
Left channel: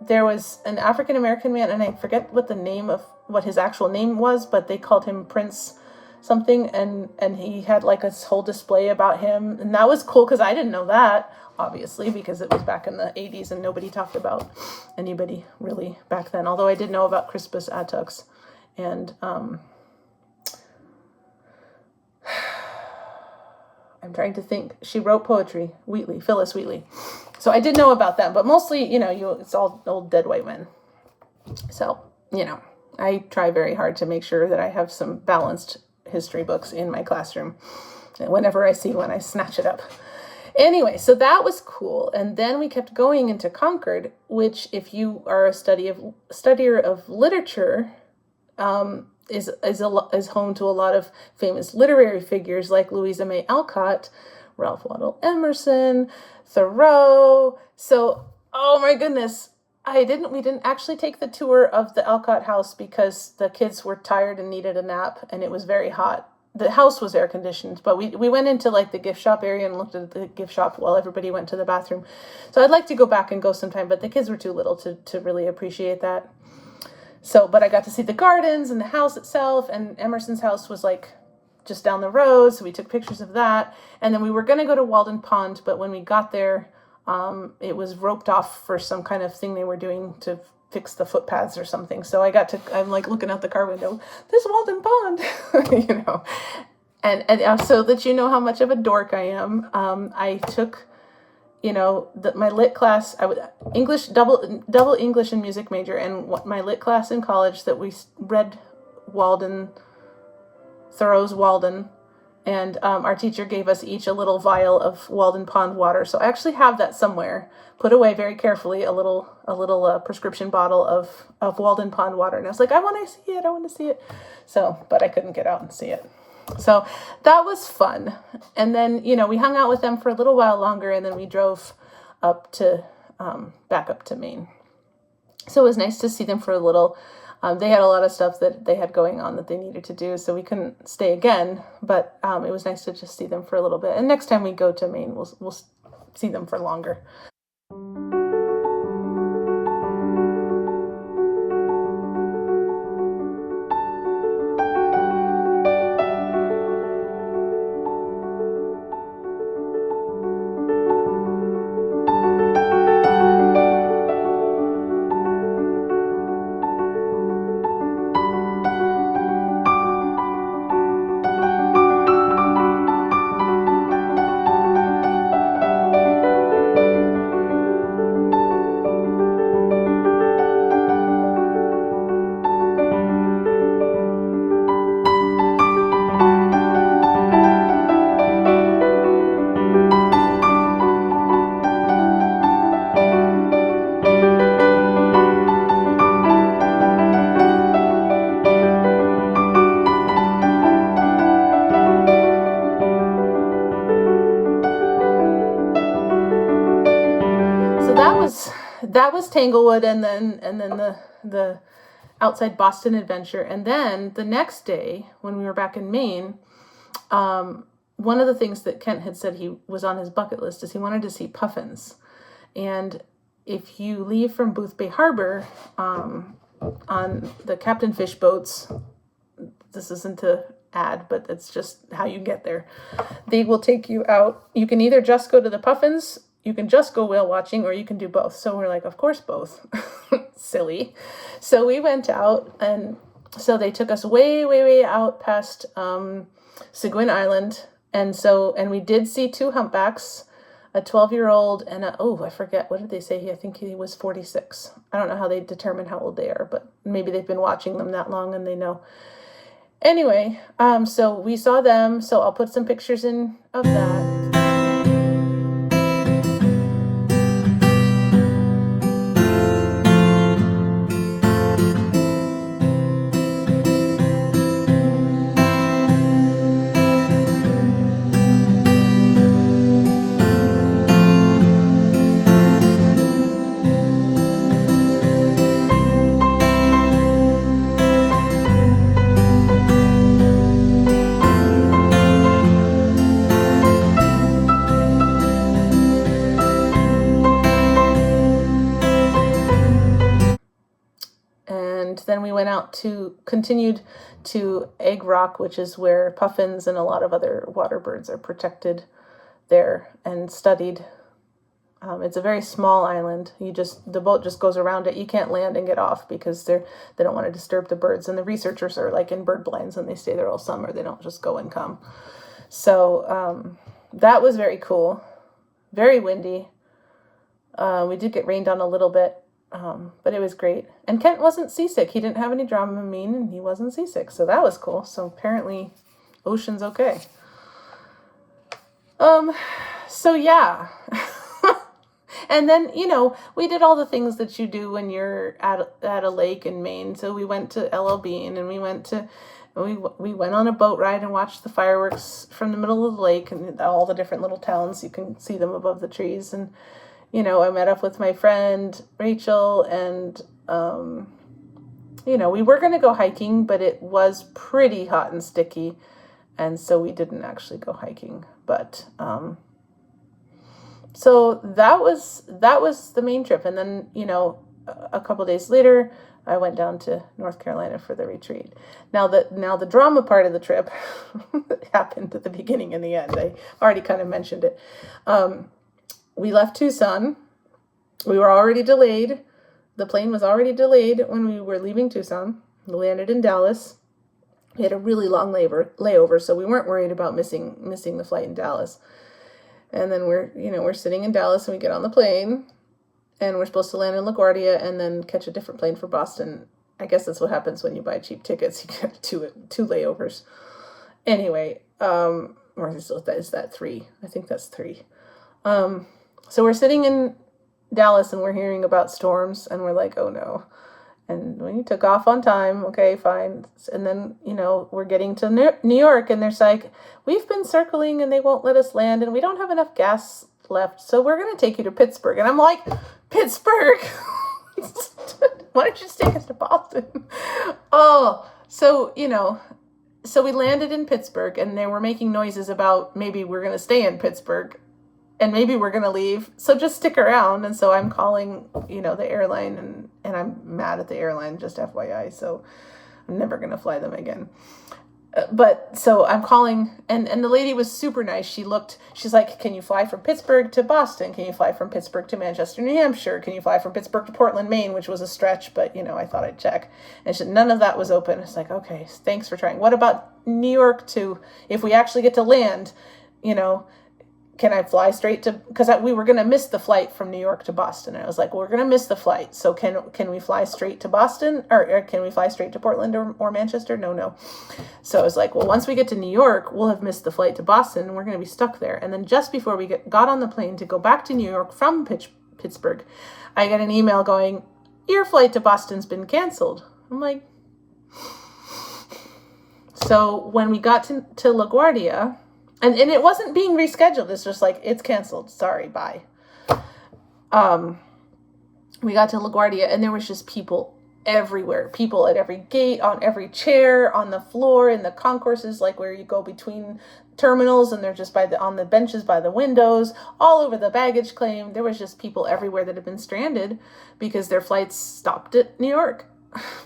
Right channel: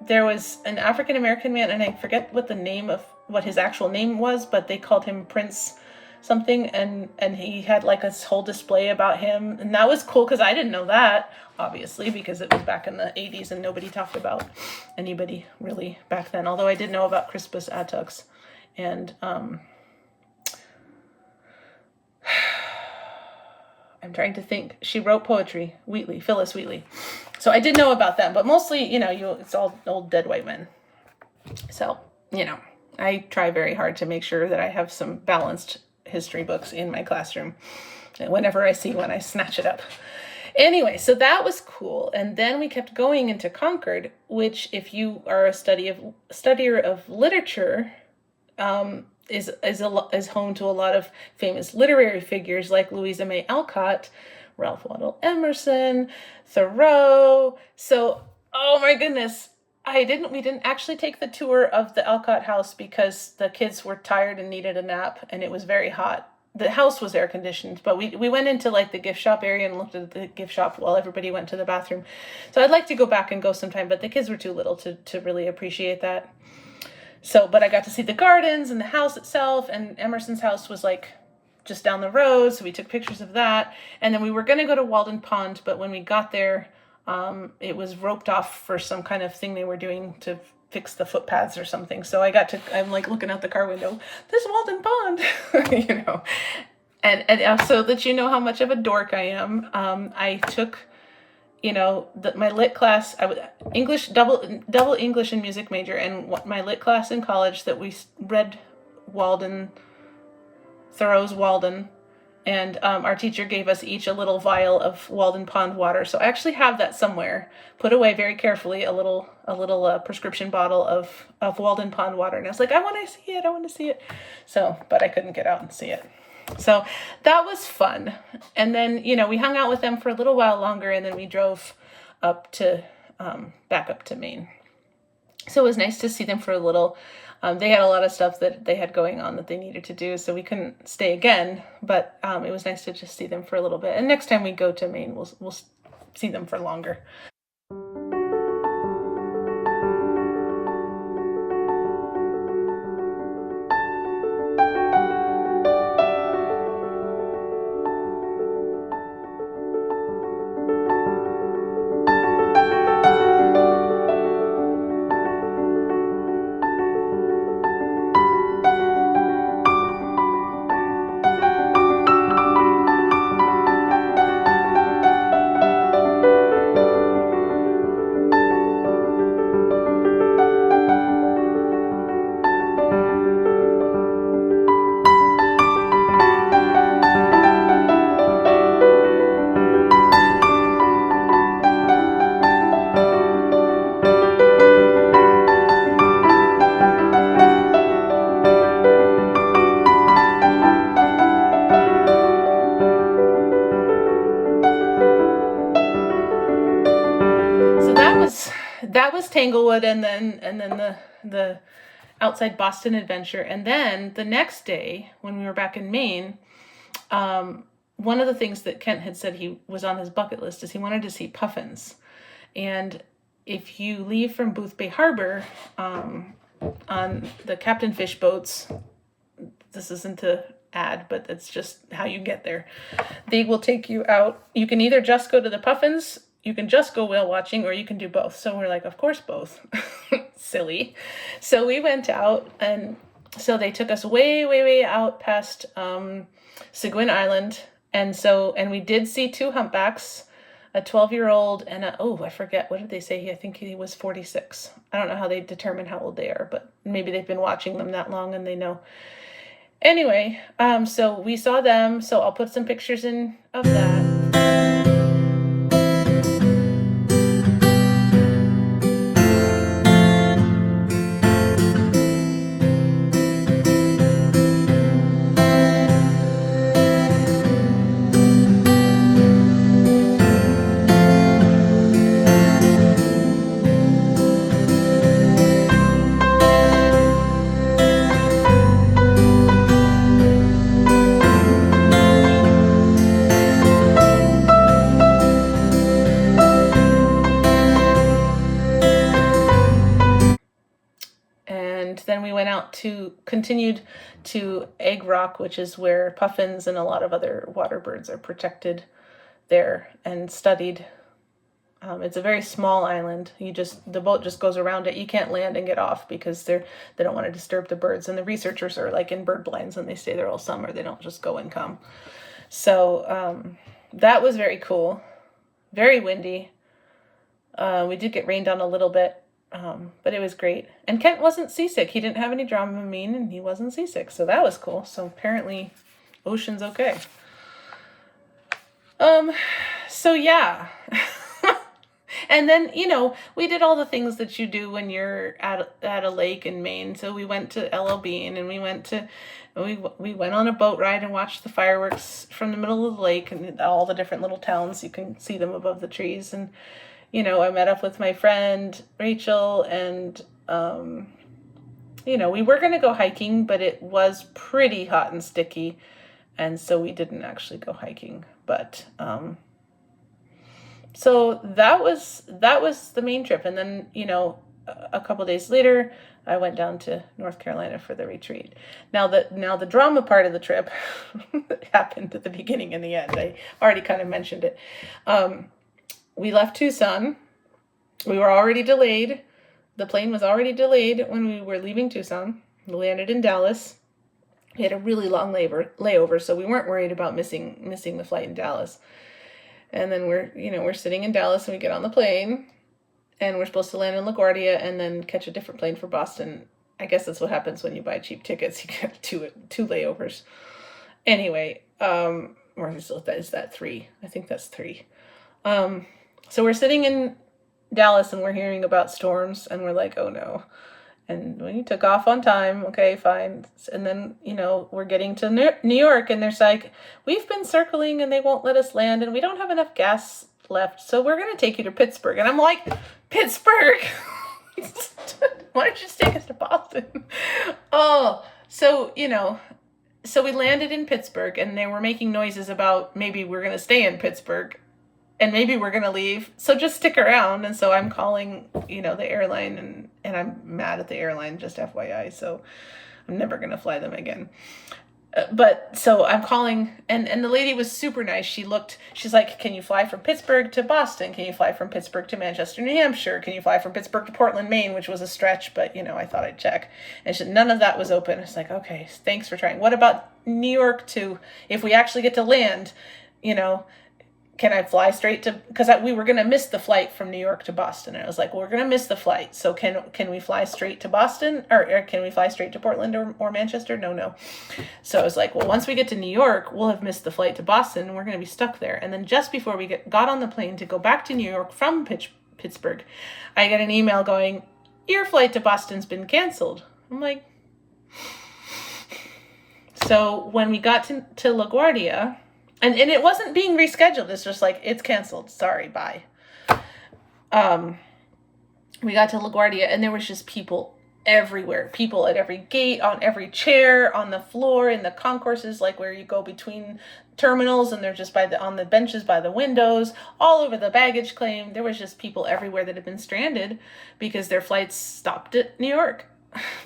There was an African-American man, and I forget what his actual name was, but they called him Prince something, and he had a whole display about him, and that was cool because I didn't know that, obviously, because it was back in the 80s and nobody talked about anybody really back then, although I did know about Crispus Attucks. And I'm trying to think. She wrote poetry. Phyllis Wheatley. So I did know about them, but mostly, it's all old dead white men. So, I try very hard to make sure that I have some balanced history books in my classroom. And whenever I see one, I snatch it up. Anyway, so that was cool. And then we kept going into Concord, which, if you are a studier of literature, is home to a lot of famous literary figures like Louisa May Alcott, Ralph Waldo Emerson, Thoreau. So, oh my goodness, we didn't actually take the tour of the Alcott house because the kids were tired and needed a nap, and it was very hot. The house was air conditioned, but we went into like the gift shop area and looked at the gift shop while everybody went to the bathroom. So I'd like to go back and go sometime, but the kids were too little to really appreciate that. So, but I got to see the gardens and the house itself, and Emerson's house was like just down the road, so we took pictures of that. And then we were going to go to Walden Pond, but when we got there, it was roped off for some kind of thing they were doing to fix the footpaths or something. So I'm like looking out the car window, there's Walden Pond, And so that you know how much of a dork I am, I took, my lit class, I was English, double English and music major, and my lit class in college that we read Thoreau's Walden, and our teacher gave us each a little vial of Walden Pond water. So I actually have that somewhere, put away very carefully, a little prescription bottle of Walden Pond water. And I was like, I want to see it. So, but I couldn't get out and see it. So that was fun. And then, we hung out with them for a little while longer, and then we drove up to, back up to Maine. So it was nice to see them for a little. They had a lot of stuff that they had going on that they needed to do, so we couldn't stay again, but it was nice to just see them for a little bit. And next time we go to Maine, we'll see them for longer. That was Tanglewood, and then the outside Boston adventure. And then the next day, when we were back in Maine, one of the things that Kent had said he was on his bucket list is he wanted to see puffins. And if you leave from Boothbay Harbor on the Captain Fish boats, this isn't to add, but it's just how you get there. They will take you out. You can either just go to the puffins, you can just go whale watching, or you can do both. So we're like, of course, both. Silly. So we went out, and so they took us way, way, way out past Seguin Island. And we did see two humpbacks, a 12-year-old and I forget, what did they say? I think he was 46. I don't know how they determine how old they are, but maybe they've been watching them that long and they know. Anyway, so we saw them. So I'll put some pictures in of that. Then we went out continued to Egg Rock, which is where puffins and a lot of other water birds are protected there and studied. It's a very small island. The boat just goes around it. You can't land and get off because they don't want to disturb the birds. And the researchers are like in bird blinds and they stay there all summer. They don't just go and come. So that was very cool. Very windy. We did get rained on a little bit, but it was great. And Kent wasn't seasick. He didn't have any Dramamine, and he wasn't seasick, so that was cool. So apparently, Ocean's okay. So yeah. And then, we did all the things that you do when you're at a lake in Maine. So we went to LL Bean, and we went on a boat ride and watched the fireworks from the middle of the lake and all the different little towns. You can see them above the trees. And, I met up with my friend Rachel, and, we were going to go hiking, but it was pretty hot and sticky. And so we didn't actually go hiking, but, so that was the main trip. And then, a couple days later, I went down to North Carolina for the retreat. Now the drama part of the trip happened at the beginning and the end. I already kind of mentioned it. We left Tucson. We were already delayed. The plane was already delayed when we were leaving Tucson. We landed in Dallas. We had a really long layover, so we weren't worried about missing the flight in Dallas. And then we're sitting in Dallas, and we get on the plane, and we're supposed to land in LaGuardia and then catch a different plane for Boston. I guess that's what happens when you buy cheap tickets. You get two layovers. Anyway, or is that three? I think that's three. So we're sitting in Dallas, and we're hearing about storms, and we're like, oh no. And we took off on time. Okay, fine. And then, we're getting to New York, and there's like, we've been circling and they won't let us land, and we don't have enough gas left. So we're going to take you to Pittsburgh. And I'm like, Pittsburgh? Why don't you just take us to Boston? Oh, so, so we landed in Pittsburgh, and they were making noises about maybe we're going to stay in Pittsburgh and maybe we're going to leave. So just stick around. And so I'm calling, the airline, and I'm mad at the airline, just FYI. So I'm never going to fly them again. But so I'm calling, and the lady was super nice. She's like, can you fly from Pittsburgh to Boston? Can you fly from Pittsburgh to Manchester, New Hampshire? Can you fly from Pittsburgh to Portland, Maine, which was a stretch, but I thought I'd check. And she said, none of that was open. It's like, okay, thanks for trying. What about New York to, if we actually get to land, can I fly straight to, because we were going to miss the flight from New York to Boston. And I was like, well, we're going to miss the flight. So can we fly straight to Boston, or can we fly straight to Portland or Manchester? No. So I was like, well, once we get to New York, we'll have missed the flight to Boston, and we're going to be stuck there. And then just before we got on the plane to go back to New York from Pittsburgh, I got an email going, your flight to Boston's been canceled. I'm like, so when we got to LaGuardia, and it wasn't being rescheduled. It's just like, it's canceled. Sorry, bye. We got to LaGuardia, and there was just people everywhere. People at every gate, on every chair, on the floor, in the concourses, like where you go between terminals, and they're just on the benches by the windows, all over the baggage claim. There was just people everywhere that had been stranded because their flights stopped at New York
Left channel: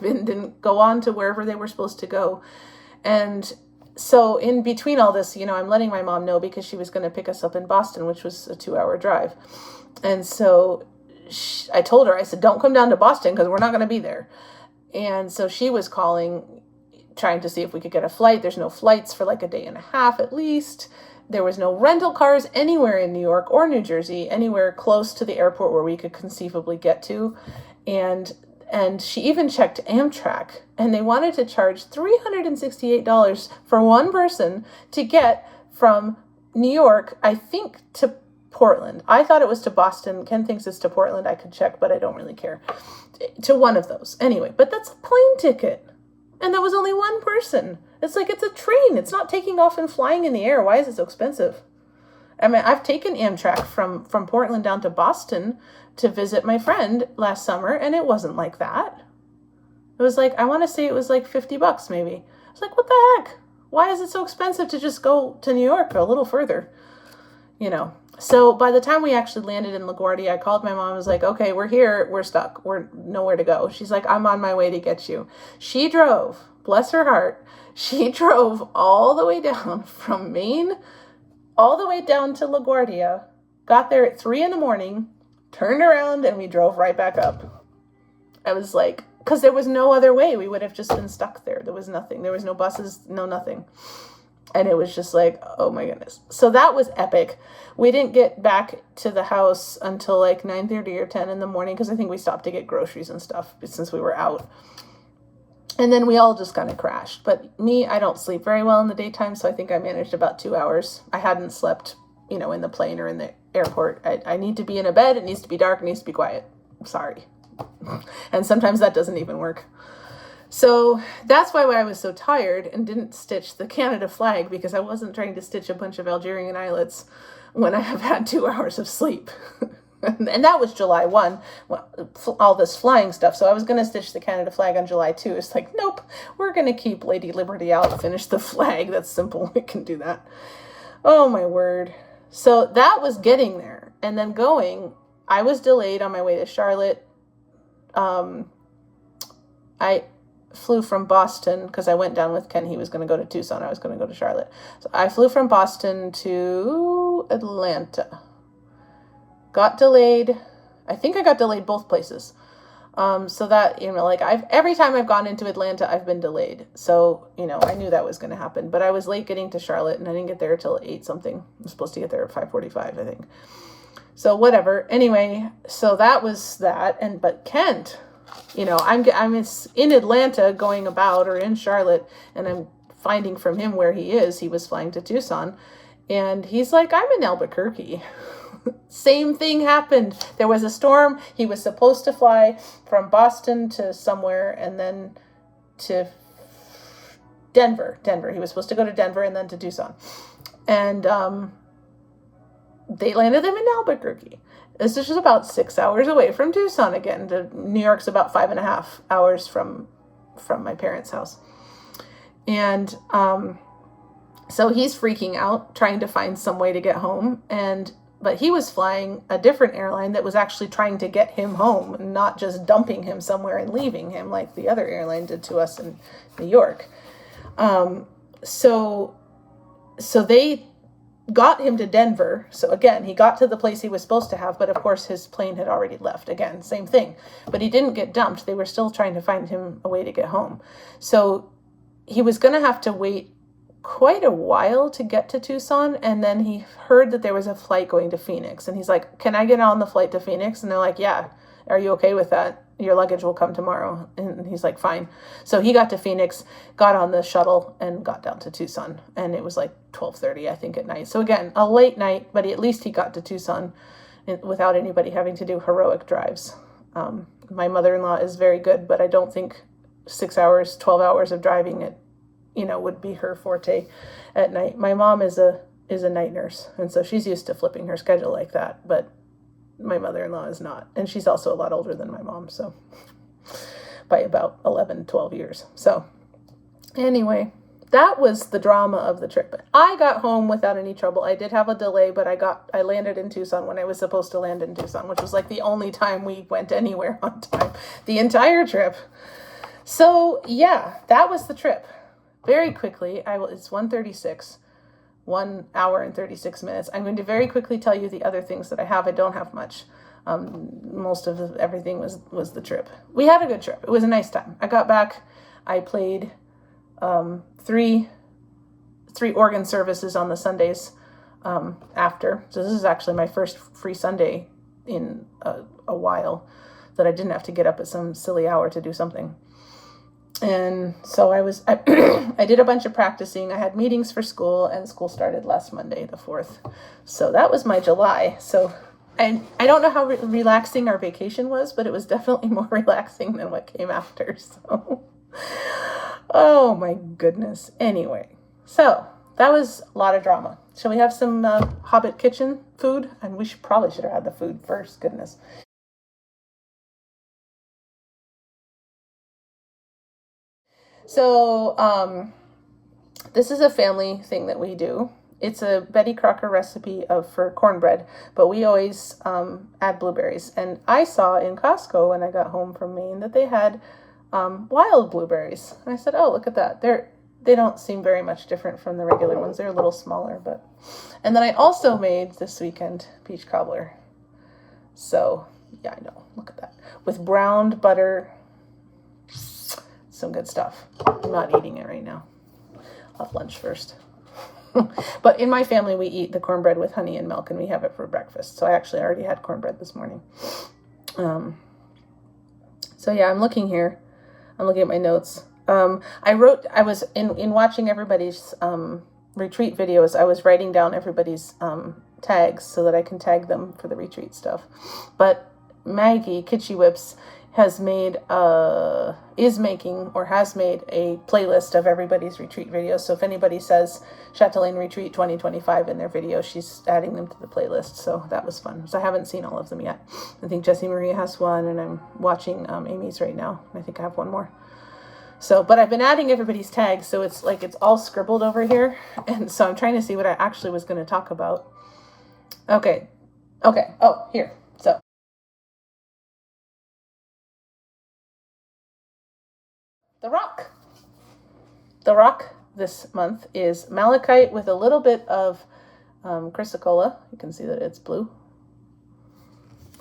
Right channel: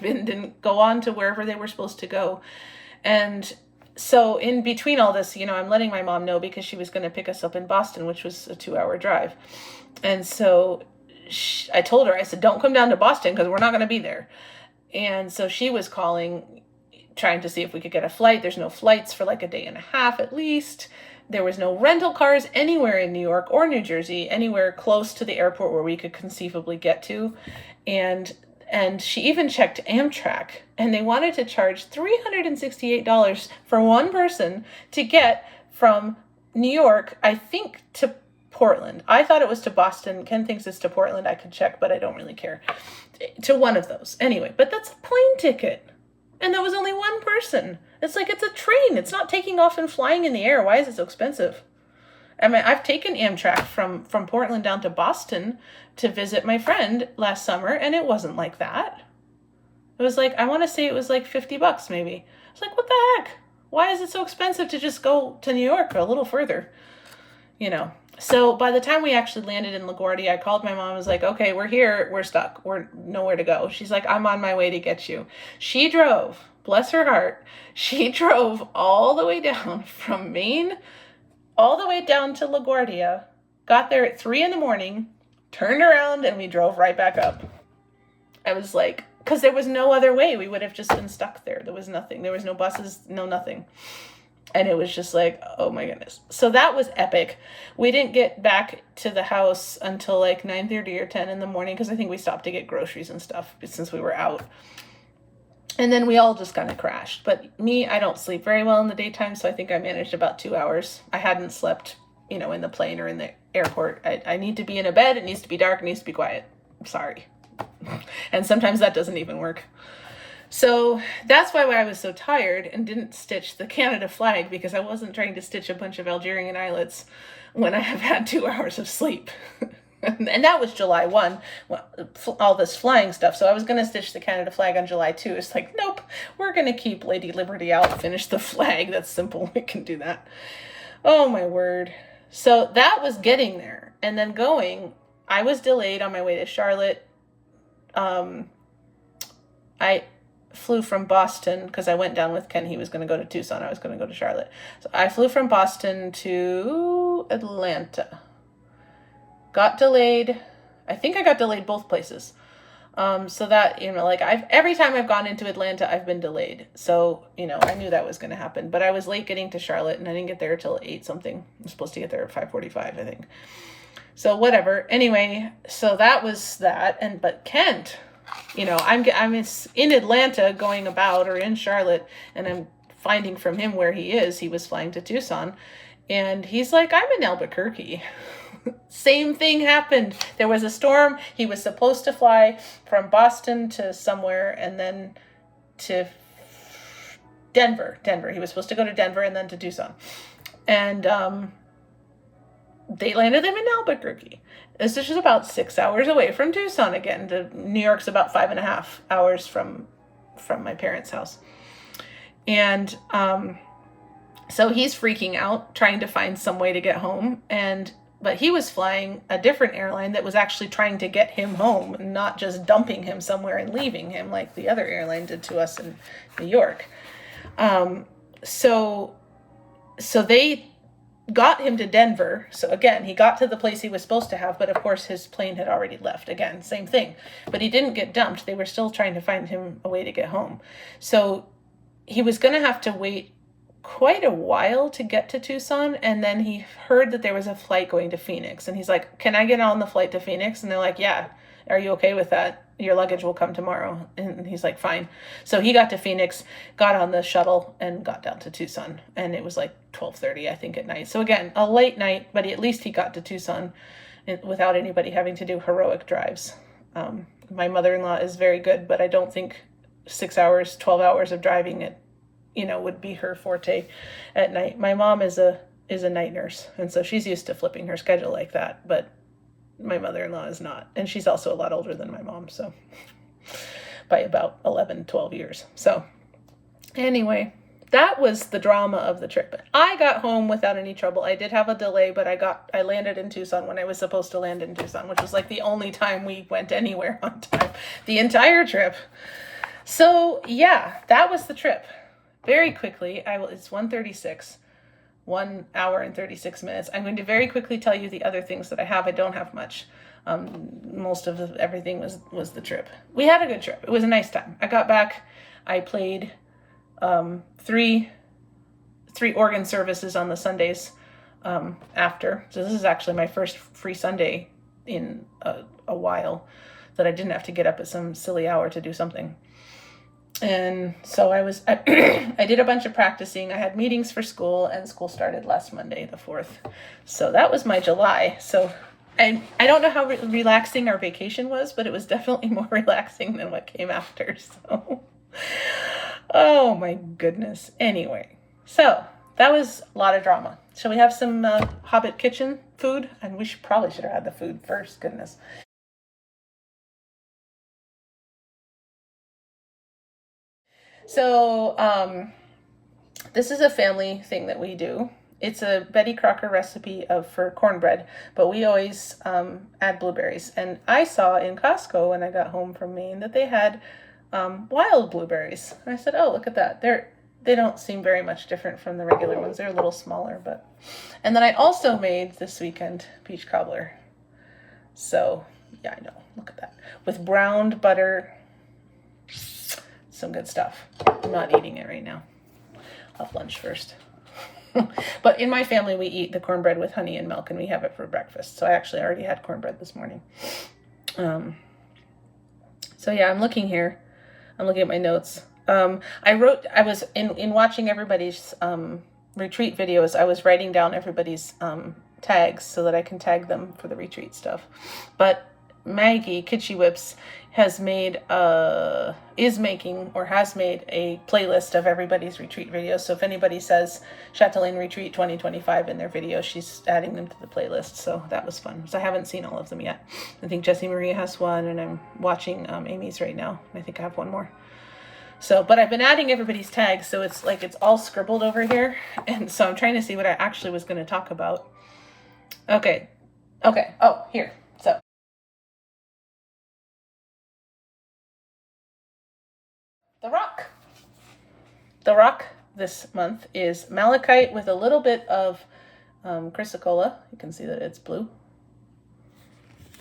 and didn't go on to wherever they were supposed to go. And so in between all this, I'm letting my mom know because she was going to pick us up in Boston, which was a 2-hour drive. And so I told her, I said, don't come down to Boston because we're not going to be there. And so she was calling, trying to see if we could get a flight. There's no flights for like a day and a half at least. There was no rental cars anywhere in New York or New Jersey, anywhere close to the airport where we could conceivably get to. And she even checked Amtrak, and they wanted to charge $368 for one person to get from New York, I think, to Portland. I thought it was to Boston. Ken thinks it's to Portland. I could check, but I don't really care. To one of those. Anyway, but that's a plane ticket. And that was only one person. It's like, it's a train. It's not taking off and flying in the air. Why is it so expensive? I mean, I've taken Amtrak from Portland down to Boston to visit my friend last summer, and it wasn't like that. It was like, I want to say it was like $50 maybe. I was like, what the heck? Why is it so expensive to just go to New York or a little further? So by the time we actually landed in LaGuardia, I called my mom and was like, okay, we're here. We're stuck. We're nowhere to go. She's like, I'm on my way to get you. She drove, bless her heart. She drove all the way down from Maine all the way down to LaGuardia, got there at 3 a.m, turned around, and we drove right back up. I was like, because there was no other way. We would have just been stuck there. There was nothing. There was no buses, no nothing. And it was just like, oh my goodness. So that was epic. We didn't get back to the house until like 9:30 or 10 in the morning, because I think we stopped to get groceries and stuff since we were out. And then we all just kind of crashed. But me, I don't sleep very well in the daytime, so I think I managed about 2 hours. I hadn't slept, you know, in the plane or in the airport. I need to be in a bed. It needs to be dark. It needs to be quiet. I'm sorry. And sometimes that doesn't even work. So that's why I was so tired and didn't stitch the Canada flag, because I wasn't trying to stitch a bunch of Algerian islets when I have had 2 hours of sleep. And that was July 1, all this flying stuff. So I was going to stitch the Canada flag on July 2. It's like, nope, we're going to keep Lady Liberty out, finish the flag. That's simple. We can do that. Oh, my word. So that was getting there. And then going, I was delayed on my way to Charlotte. I flew from Boston because I went down with Ken. He was going to go to Tucson. I was going to go to Charlotte. So I flew from Boston to Atlanta. Got delayed. I think I got delayed both places. So that, you know, like every time I've gone into Atlanta, I've been delayed. So, you know, I knew that was going to happen, but I was late getting to Charlotte and I didn't get there till 8 something. I'm supposed to get there at 5:45, I think. So whatever. Anyway, so that was that. But Kent, you know, I'm in Atlanta going about, or in Charlotte, and I'm finding from him where he is. He was flying to Tucson and he's like, I'm in Albuquerque. Same thing happened. There was a storm. He was supposed to fly from Boston to somewhere and then to Denver. He was supposed to go to Denver and then to Tucson. And they landed them in Albuquerque. This is just about 6 hours away from Tucson again. New York's about 5.5 hours from my parents' house. And so he's freaking out, trying to find some way to get home. But he was flying a different airline that was actually trying to get him home, not just dumping him somewhere and leaving him like the other airline did to us in New York. So they got him to Denver. So again, he got to the place he was supposed to have, but of course his plane had already left. Again, same thing. But he didn't get dumped. They were still trying to find him a way to get home. So he was going to have to wait quite a while to get to Tucson, and then he heard that there was a flight going to Phoenix, and he's like, can I get on the flight to Phoenix? And they're like, yeah. Are you okay with that? Your luggage will come tomorrow. And he's like, fine. So he got to Phoenix, got on the shuttle, and got down to Tucson, and it was like 12:30, I think, at night. So again, a late night, but at least he got to Tucson without anybody having to do heroic drives. My mother-in-law is very good, but I don't think 6 hours, 12 hours of driving it, you know, would be her forte at night. My mom is a night nurse, and so she's used to flipping her schedule like that, but my mother-in-law is not. And she's also a lot older than my mom, so by about 11, 12 years. So anyway, that was the drama of the trip. I got home without any trouble. I did have a delay, but I landed in Tucson when I was supposed to land in Tucson, which was like the only time we went anywhere on time the entire trip. So yeah, that was the trip. Very quickly, it's 1:36, 1 hour and 36 minutes. I'm going to very quickly tell you the other things that I have. I don't have much. Most of everything was the trip. We had a good trip. It was a nice time. I got back. I played three organ services on the Sundays after. So this is actually my first free Sunday in a while that I didn't have to get up at some silly hour to do something. And so I did a bunch of practicing. I had meetings for school, and school started last Monday, the 4th. So that was my July. So I don't know how relaxing our vacation was, but it was definitely more relaxing than what came after. So, oh my goodness. Anyway, so that was a lot of drama. Shall we have some Hobbit kitchen food? And we probably should have had the food first. Goodness. So this is a family thing that we do. It's a Betty Crocker recipe for cornbread, but we always add blueberries. And I saw in Costco when I got home from Maine that they had wild blueberries. And I said, oh, look at that. They don't seem very much different from the regular ones. They're a little smaller, but. And then I also made this weekend peach cobbler. So yeah, I know. Look at that. With browned butter. Some good stuff. I'm not eating it right now. I'll have lunch first. But in my family, we eat the cornbread with honey and milk, and we have it for breakfast. So I actually already had cornbread this morning. So yeah, I'm looking here. I'm looking at my notes. I was in watching everybody's retreat videos, I was writing down everybody's tags so that I can tag them for the retreat stuff. But Maggie Kitschy Whips has made has made a playlist of everybody's retreat videos. So if anybody says Chatelaine Retreat 2025 in their video, she's adding them to the playlist. So that was fun. So I haven't seen all of them yet. I think Jessie Maria has one, and I'm watching Amy's right now. I think I have one more. So, but I've been adding everybody's tags, so it's like it's all scribbled over here. And so I'm trying to see what I actually was going to talk about. Okay. Oh, here. So the rock this month is malachite with a little bit of chrysocolla. You can see that it's blue.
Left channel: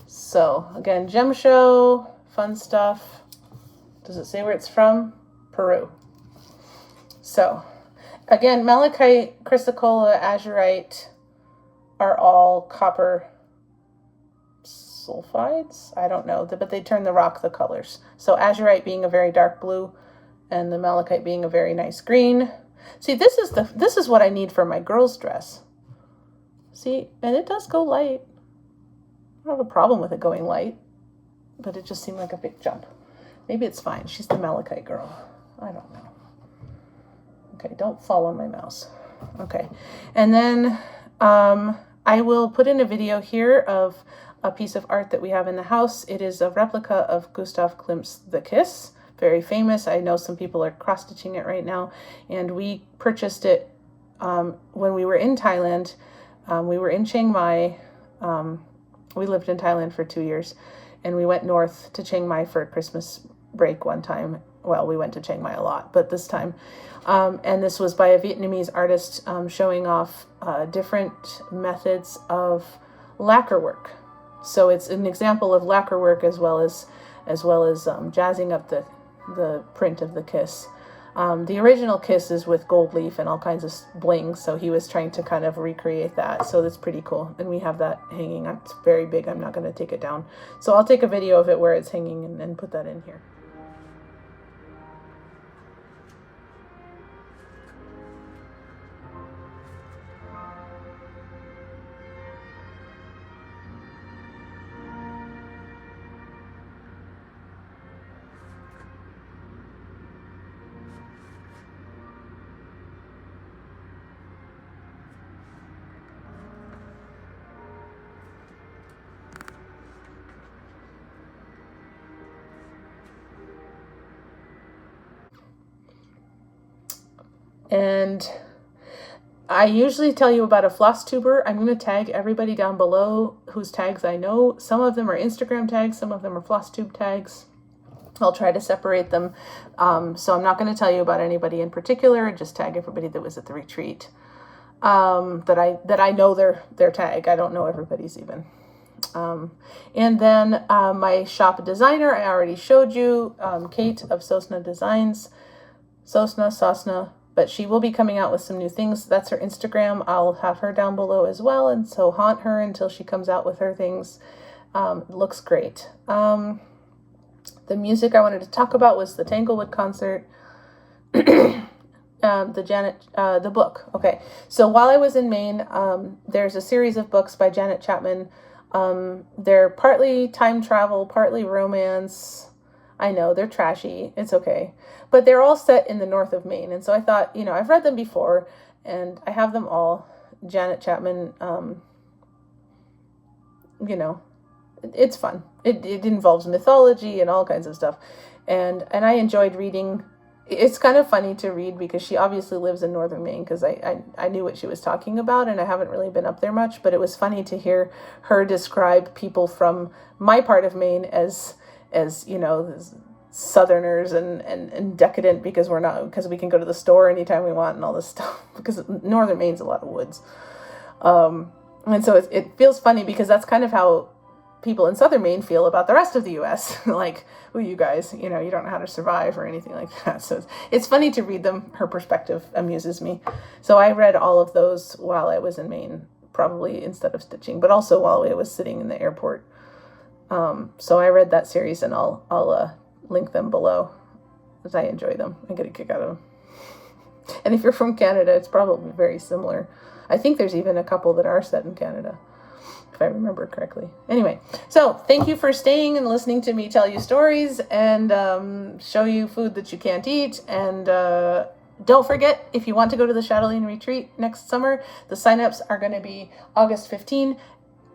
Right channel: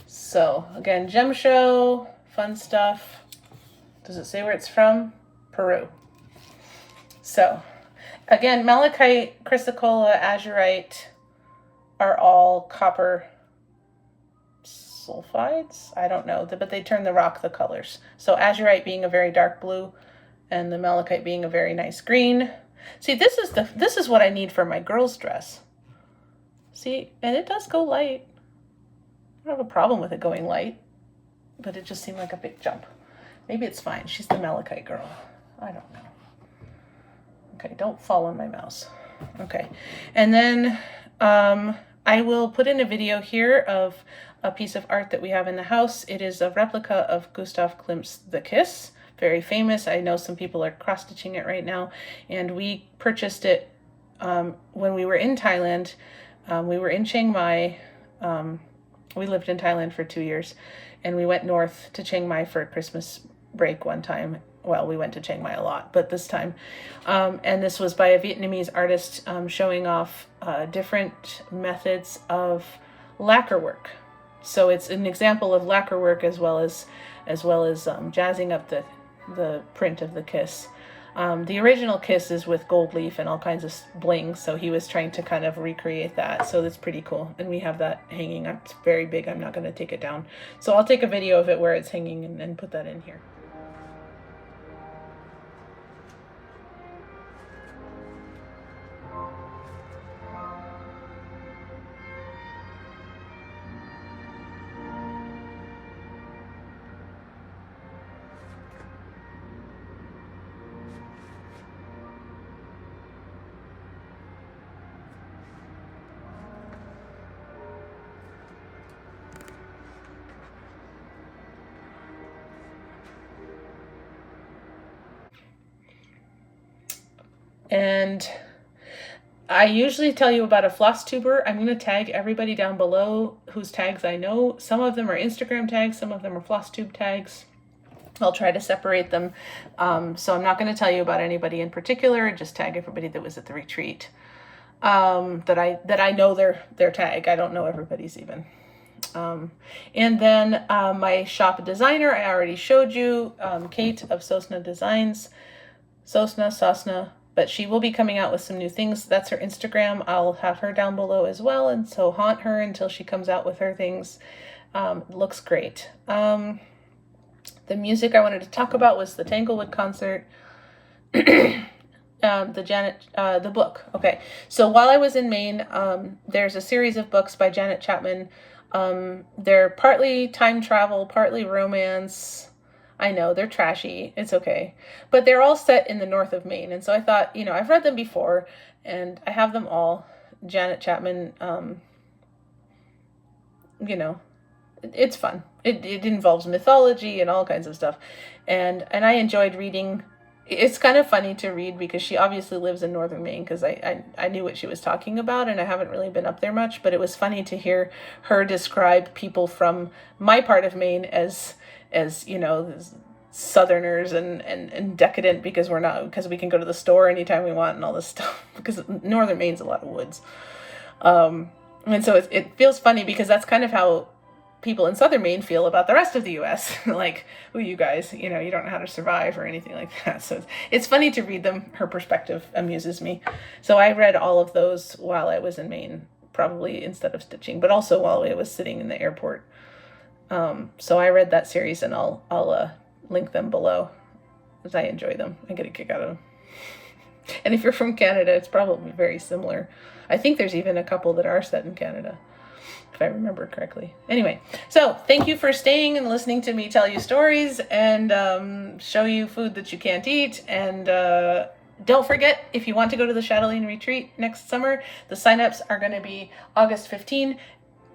So again, gem show, fun stuff. Does it say where it's from? Peru. So again, malachite, chrysocolla, azurite are all copper sulfides. I don't know, but they turn the rock the colors. So azurite being a very dark blue, and the malachite being a very nice green. See, this is what I need for my girl's dress. See, and it does go light. I don't have a problem with it going light, but it just seemed like a big jump. Maybe it's fine. She's the malachite girl. I don't know. Okay, don't fall on my mouse. Okay, and then I will put in a video here of a piece of art that we have in the house. It is a replica of Gustav Klimt's The Kiss, very famous. I know some people are cross-stitching it right now, and we purchased it when we were in Thailand. We were in Chiang Mai. We lived in Thailand for 2 years, and we went north to Chiang Mai for a Christmas break one time. Well, we went to Chiang Mai a lot, but this time. And this was by a Vietnamese artist showing off different methods of lacquer work. So it's an example of lacquer work as well as jazzing up the print of the kiss. The original kiss is with gold leaf and all kinds of bling, so he was trying to kind of recreate that. So that's pretty cool, and we have that hanging. It's very big. I'm not going to take it down, so I'll take a video of it where it's hanging and put that in here. And I usually tell you about a Flosstuber. I'm going to tag everybody down below whose tags I know. Some of them are Instagram tags, some of them are Flosstube tags. I'll try to separate them. So I'm not going to tell you about anybody in particular, just tag everybody that was at the retreat. That I know their tag. I don't know everybody's even. And then my shop designer, I already showed you, Kate of Sosna Designs. Sosna. But she will be coming out with some new things. That's her Instagram. I'll have her down below as well. And so haunt her until she comes out with her things. Looks great. The music I wanted to talk about was the Tanglewood concert. The Jeannette, the book. Okay. So while I was in Maine, there's a series of books by Jeannette Chapman. They're partly time travel, partly romance. I know, they're trashy. It's okay. But they're all set in the north of Maine. And so I thought, I've read them before, and I have them all. Jeannette Chapman, it's fun. It involves mythology and all kinds of stuff. And I enjoyed reading. It's kind of funny to read because she obviously lives in northern Maine, because I knew what she was talking about, and I haven't really been up there much. But it was funny to hear her describe people from my part of Maine as Southerners and decadent because we can go to the store anytime we want and all this stuff, because northern Maine's a lot of woods. And so it feels funny because that's kind of how people in southern Maine feel about the rest of the U.S. Like, oh, you guys, you don't know how to survive or anything like that. So it's funny to read them. Her perspective amuses me. So I read all of those while I was in Maine, probably instead of stitching, but also while I was sitting in the airport. So I read that series, and I'll link them below, because I enjoy them. I get a kick out of them. And if you're from Canada, it's probably very similar. I think there's even a couple that are set in Canada, if I remember correctly. Anyway, so thank you for staying and listening to me tell you stories and show you food that you can't eat. And don't forget, if you want to go to the Chatelaine retreat next summer, the signups are going to be August 15.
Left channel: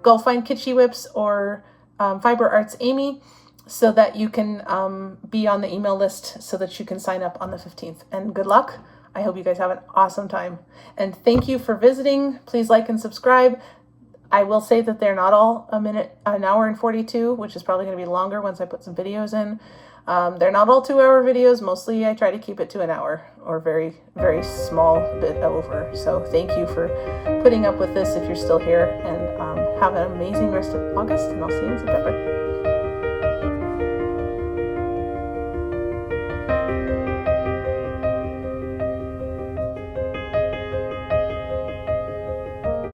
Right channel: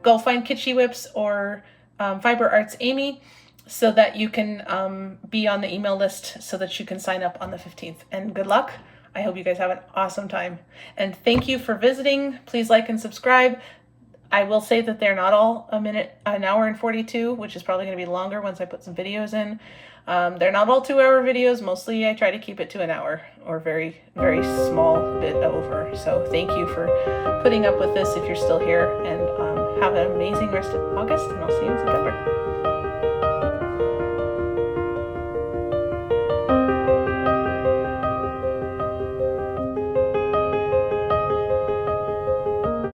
Go find Kitschy Whips or Fiber Arts Amy, so that you can be on the email list, so that you can sign up on the 15th. And good luck. I hope you guys have an awesome time. And thank you for visiting. Please like and subscribe. I will say that they're not all an hour and 42, which is probably going to be longer once I put some videos in. They're not all 2-hour videos. Mostly I try to keep it to an hour, or very, very small bit over. So thank you for putting up with this if you're still here, and have an amazing rest of August, and I'll see you in September.